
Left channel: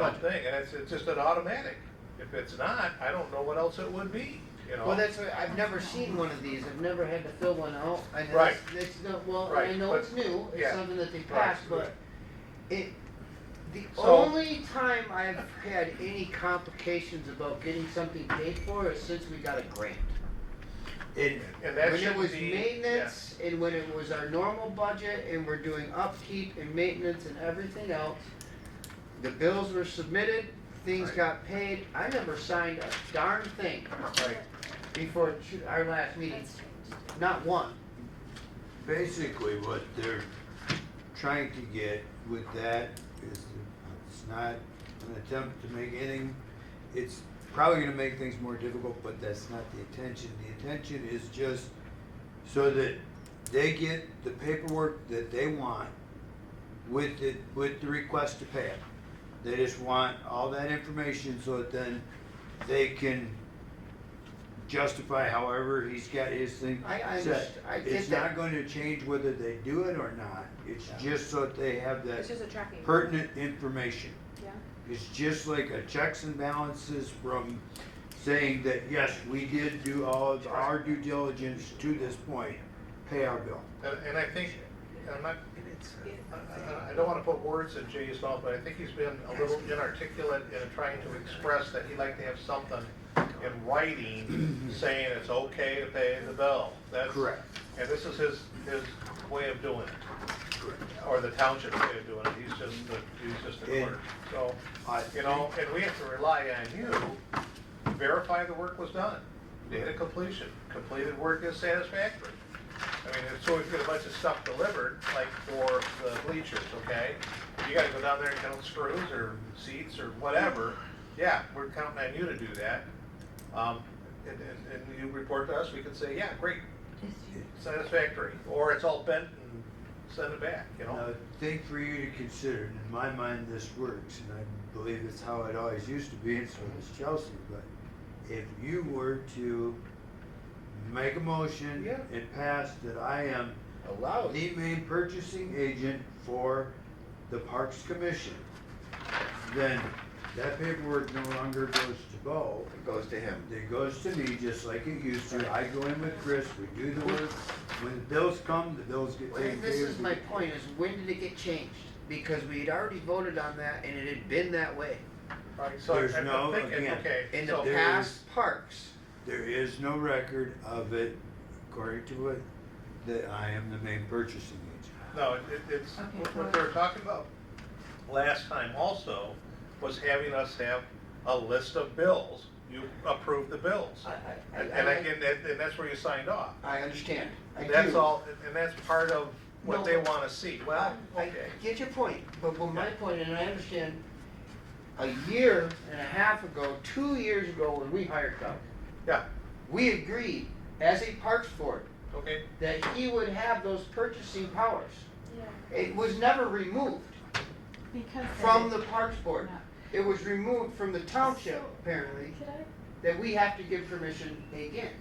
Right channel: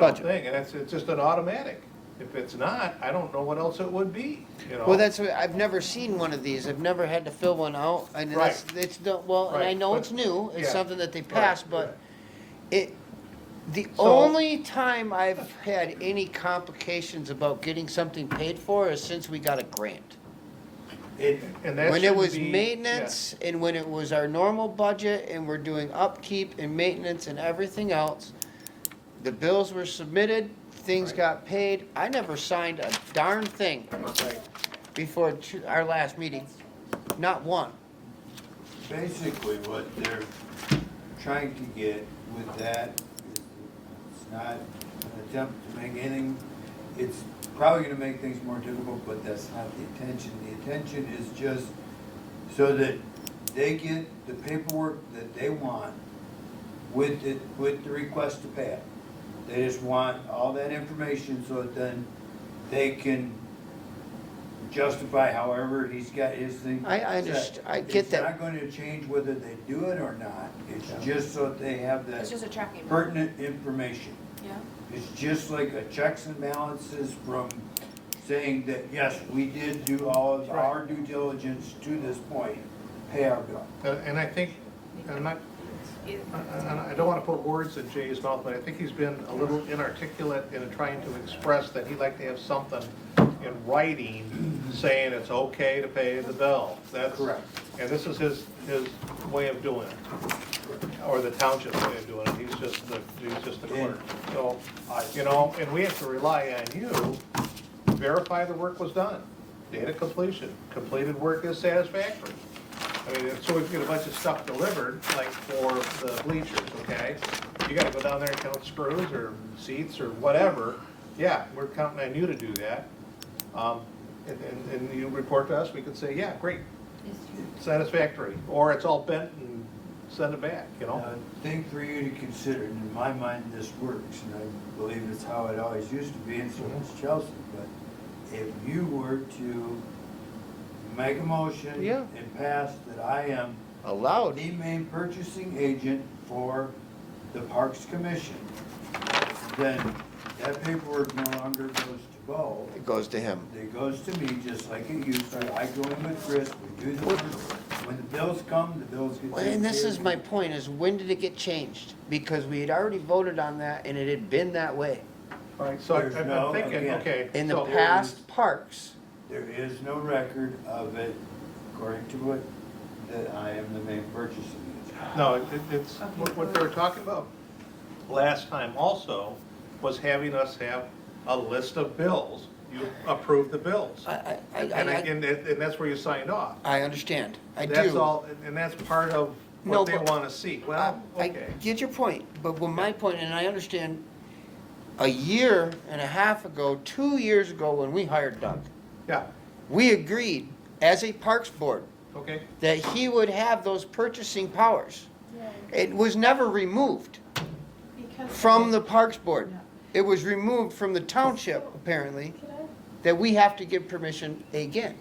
Budget. thing, and it's just an automatic. If it's not, I don't know what else it would be, Well, that's what, I've never seen one of these, I've never had to fill one out, and Right. it's the, well, and I Right, know but- it's new, it's yeah. something that they Right, passed, right. but the So- only time I've had any complications about getting something paid for is since we got a grant. And that When it shouldn't was be- maintenance, and when it was our normal budget, and we're doing upkeep and maintenance and everything else, the bills were submitted, things Right. got paid, I never signed a darn thing Right. before our last meeting, not one. Basically, what they're trying to get with that is it's not an attempt to make anything, it's probably gonna make things more difficult, but that's not the intention. The intention is just so that they get the paperwork that they want with the request to pay it. They just want all that information so that then they can justify however he's got his thing I set. understand, I get It's that. not going to change whether they do it or not, it's just so that they have It's that just a tracking. pertinent information. Yeah. It's just like a checks and balances from saying that, yes, we did do all of our due diligence to this point, pay our bill. And I think, and I don't want to put words in Jay's mouth, but I think he's been a little inarticulate in trying to express that he'd like to have something in writing saying it's okay to pay the bill. That's Correct. And this is his way of doing it, or the township's way of doing it. He's just the clerk. So, and we have to rely on you to verify the work was done. Data completion, completed work is satisfactory. I mean, so if you get a bunch of stuff delivered, like for the bleachers, okay? You gotta go down there and count screws or seats or whatever. Yeah, we're counting on you to do that. And you report to us, we can say, yeah, great, satisfactory. Or it's all bent and send it back, Now, the thing for you to consider, and in my mind, this works, and I believe it's how it always used to be, and so does Chelsea, but if you were to make a motion Yeah. and pass that I am Allowed. the main purchasing agent for the Parks Commission, then that paperwork no longer goes to go. It goes to him. It goes to me just like it used to. I go in with Chris, we do the work. When the bills come, the bills get Well, taken and this care is of. my point, is when did it get changed? Because we had already voted on that, and it had been that way. All right, so There's I'm no- thinking, again, okay. In the so- past parks, There is no record of it, according to it, that I am the main purchasing agent. No, it's, what they were talking about last time also was having us have a list of bills. You approved the bills. And that's where you signed off. I understand, I do. That's all, and that's part of No, what they but- want to see. Well, I okay. get your point, but my point, and I understand, a year and a half ago, 2 years ago, when we hired Doug, Yeah, we agreed, as a parks board, okay. that he would have those purchasing powers. It was never removed Because from the parks board. It was removed from the township, apparently, that we have to give permission again.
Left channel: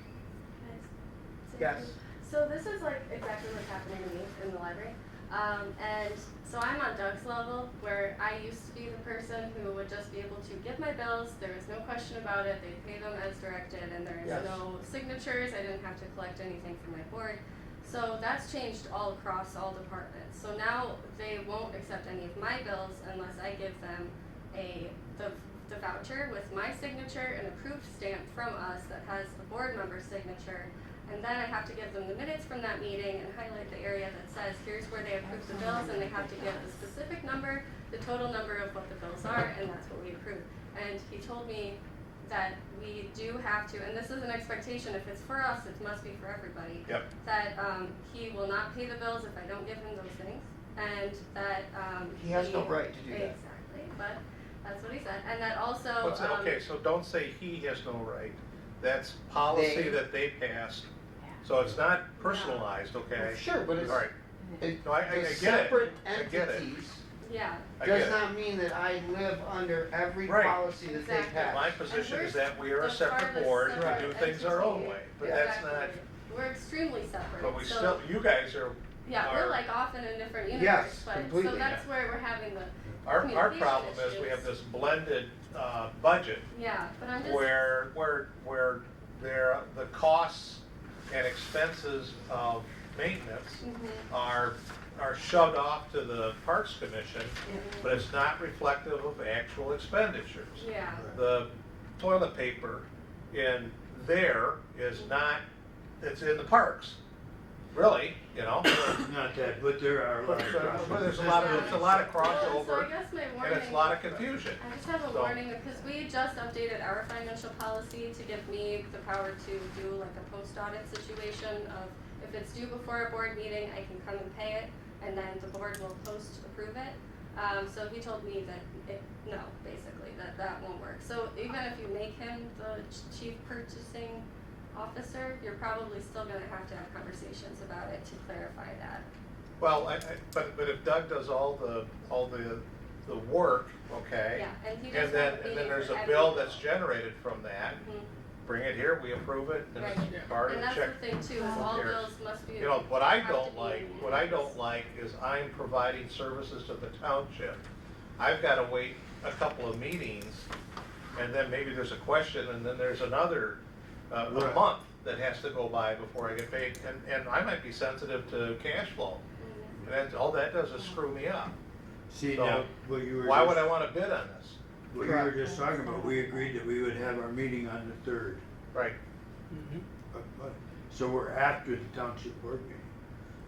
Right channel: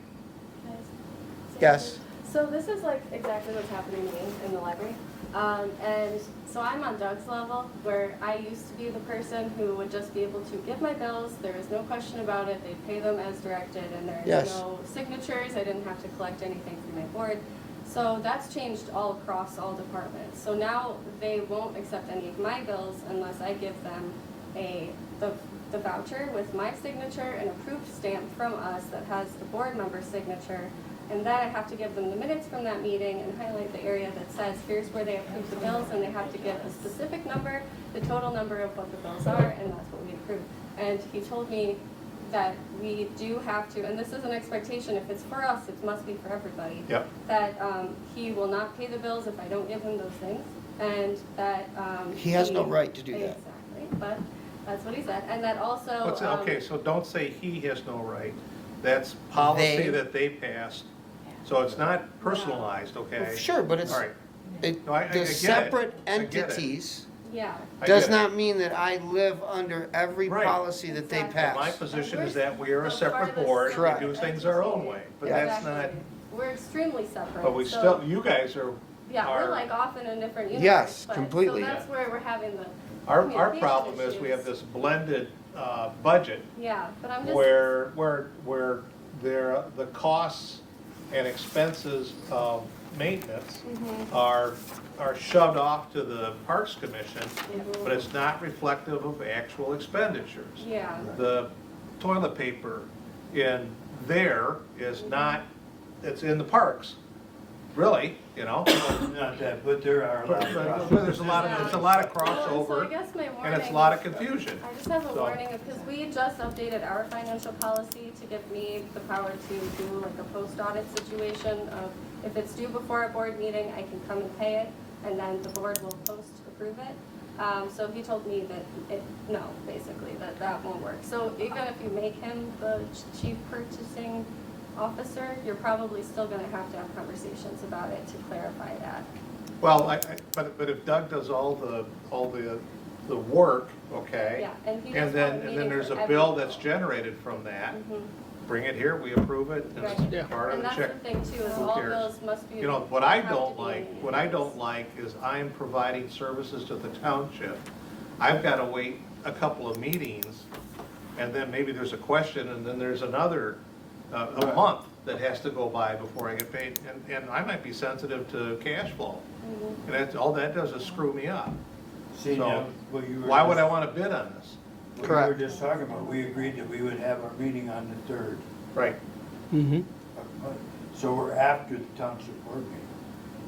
Yes, So this is like exactly what's happening to me in the library. And so I'm on Doug's level, where I used to be the person who would just be able to get my bills. There was no question about it. They'd pay them as directed, and there Yes. was no signatures. I didn't have to collect anything from my board. So that's changed all across all departments. So now they won't accept any of my bills unless I give them the voucher with my signature and approved stamp from us that has the board member's signature. And then I have to give them the minutes from that meeting and highlight the area that says, here's where they approved the bills, and they have to give a specific number, the total number of what the bills are, and that's what we approve. And he told me that we do have to, and this is an expectation, if it's for us, it must be for everybody. Yep. That he will not pay the bills if I don't give him those things, and that He has no right to do that. Exactly, but that's what he said, and that also. Okay, so don't say he has no right. That's policy They- that they passed. So it's not personalized, okay? Sure, but it's, All right. it, No, I get the it. separate I get it. entities Yeah, I does get it. not mean that I live under every Right. policy that they Exactly. pass. My position is that we are a separate board, Correct. we do things our own way, but that's not, exactly. We're extremely separate. but we so- still, you guys are, Yeah, we're are, like off in a different universe. Yes, but- completely. So that's where we're having the our communication problem is we have issues. this blended, budget Yeah, but I'm just. where there, the costs and expenses of maintenance Mhm. are shoved off to the Parks Commission, Mhm. but it's not reflective of actual expenditures. Yeah, The toilet paper in there is not, it's in the parks, really, you know? Not that, but there are a lot of. But there's a lot of, Yeah. it's a lot of So I crossover, guess my warning. and it's a lot of confusion. I just have a So- warning, because we just updated our financial policy to give me the power to do like a post-audit situation of, if it's due before a board meeting, I can come and pay it, and then the board will post-approve it. So he told me that, no, basically, that won't work. So even if you make him the chief purchasing officer, you're probably still gonna have to have conversations about it to clarify that. Well, but if Doug does all the work, okay? Yeah, and he And does then, one and then meeting there's for a every bill bill. that's generated from that, Mhm. bring it here, we approve it, and Right. it's part of And the that's check. the thing too, is Who all cares? bills must be. You know, what I have to don't be like, in what I hands. don't like is I'm providing services to the township. I've gotta wait a couple of meetings, and then maybe there's a question, and then there's another, a month that has to go by before I get paid, and I might be sensitive to cash flow. Mhm. And that's, all that does is screw me up. See, So, now, what you were Why would just- I wanna bid on this? What you Correct. were just talking about, we agreed that we would have our meeting on the 3rd. Right. Mm-hmm. So we're after the township board meeting.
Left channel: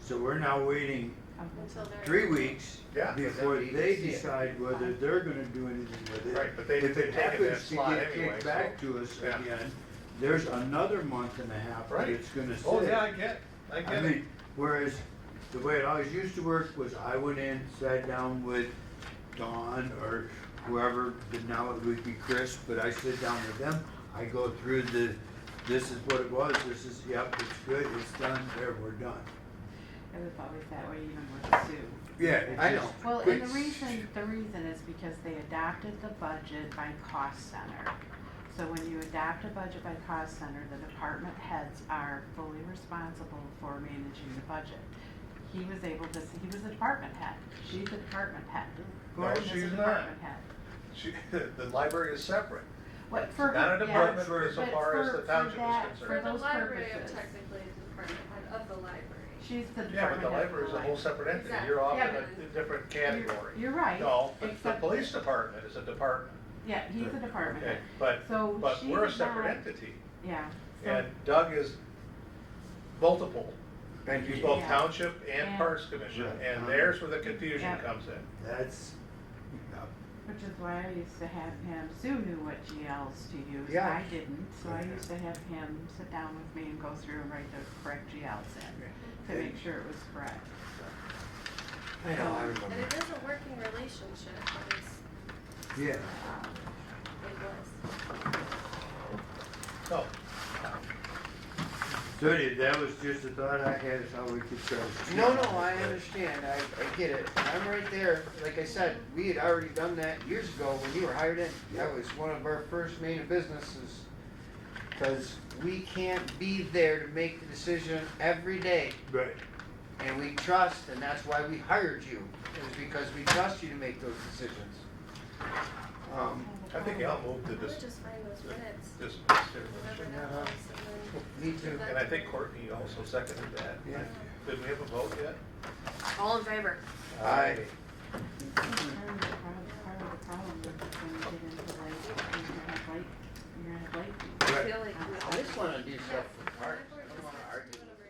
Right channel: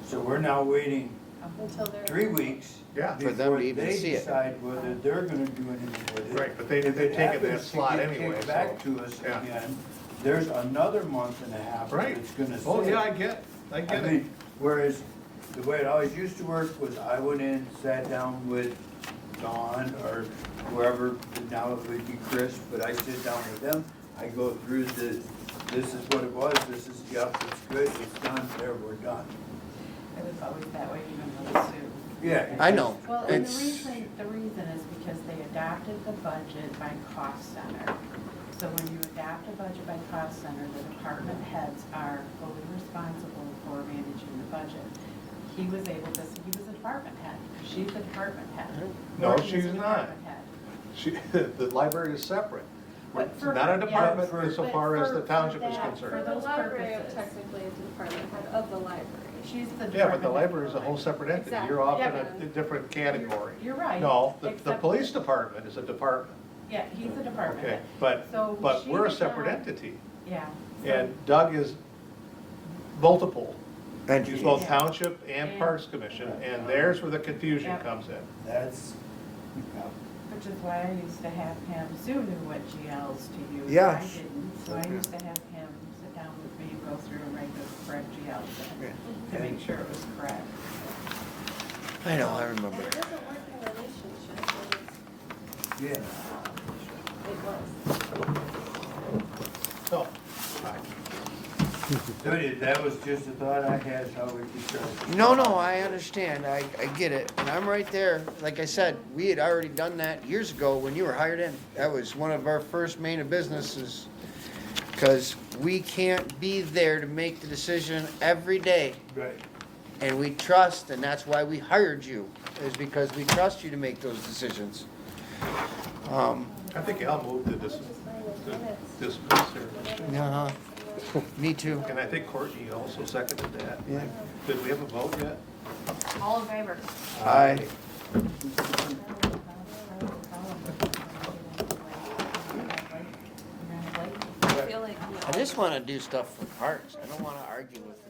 So we're now waiting Until they're. 3 weeks Yeah. For them before to even they see it. decide whether they're gonna do anything with it. Right, but they've If taken that happens to slot get anyway, kicked back so, to us yeah. again, there's another month and a half Right. that's gonna sit. Oh, yeah, I get I it. mean, whereas the way it always used to work was I went in, sat down with Dawn or whoever, and now it would be Chris, but I sit down with them, I go through this is what it was, this is, yep, it's good, it's done, there, we're done. It was always that way even with Sue. Yeah. I know. Well, and It's- the reason is because they adopted the budget by cost center. So when you adopt a budget by cost center, the department heads are fully responsible for managing the budget. He was a department head. She's a department head. No, Gordon is she's a not. department head. The library is separate. What It's for- not a yeah, department for- so but far as the for township is that- For concerned. the those library, purposes. technically is the department head of the library. She's the. Yeah, but the department head of library is a whole library. separate entity. Exactly. You're off Yeah, in a but- different category. You're right. No, the Except- police department is a department. Yeah, he's a department Okay, head. but So we're a she's separate not- entity. Yeah. So- And Doug is multiple. And He's both Yeah. township and Parks Commission, and there's where the confusion Yeah. comes in. That's, Which is why I used to have him, Sue knew what GLs to use. Yeah. I didn't, so I used to have him sit down with me and go through and write the correct GLs in, to make sure it was correct. I know, I remember. And it is a working relationship, but it's, yeah. it was. So, That was just a thought I had, how we could try. No, I understand, I get it, and I'm right there, like I said, we had already done that years ago when you were hired in. That was one of our first main of businesses, because we can't be there to make the decision every day, Right. and we trust, and that's why we hired you, is because we trust you to make those decisions. I think I'll move to We're this. just finding Just, Uh-huh. Me too. and I think Courtney also seconded that. Yeah. Did we have a vote yet? All in favor? Aye. I feel like we I just wanna do stuff for parks. I don't wanna argue with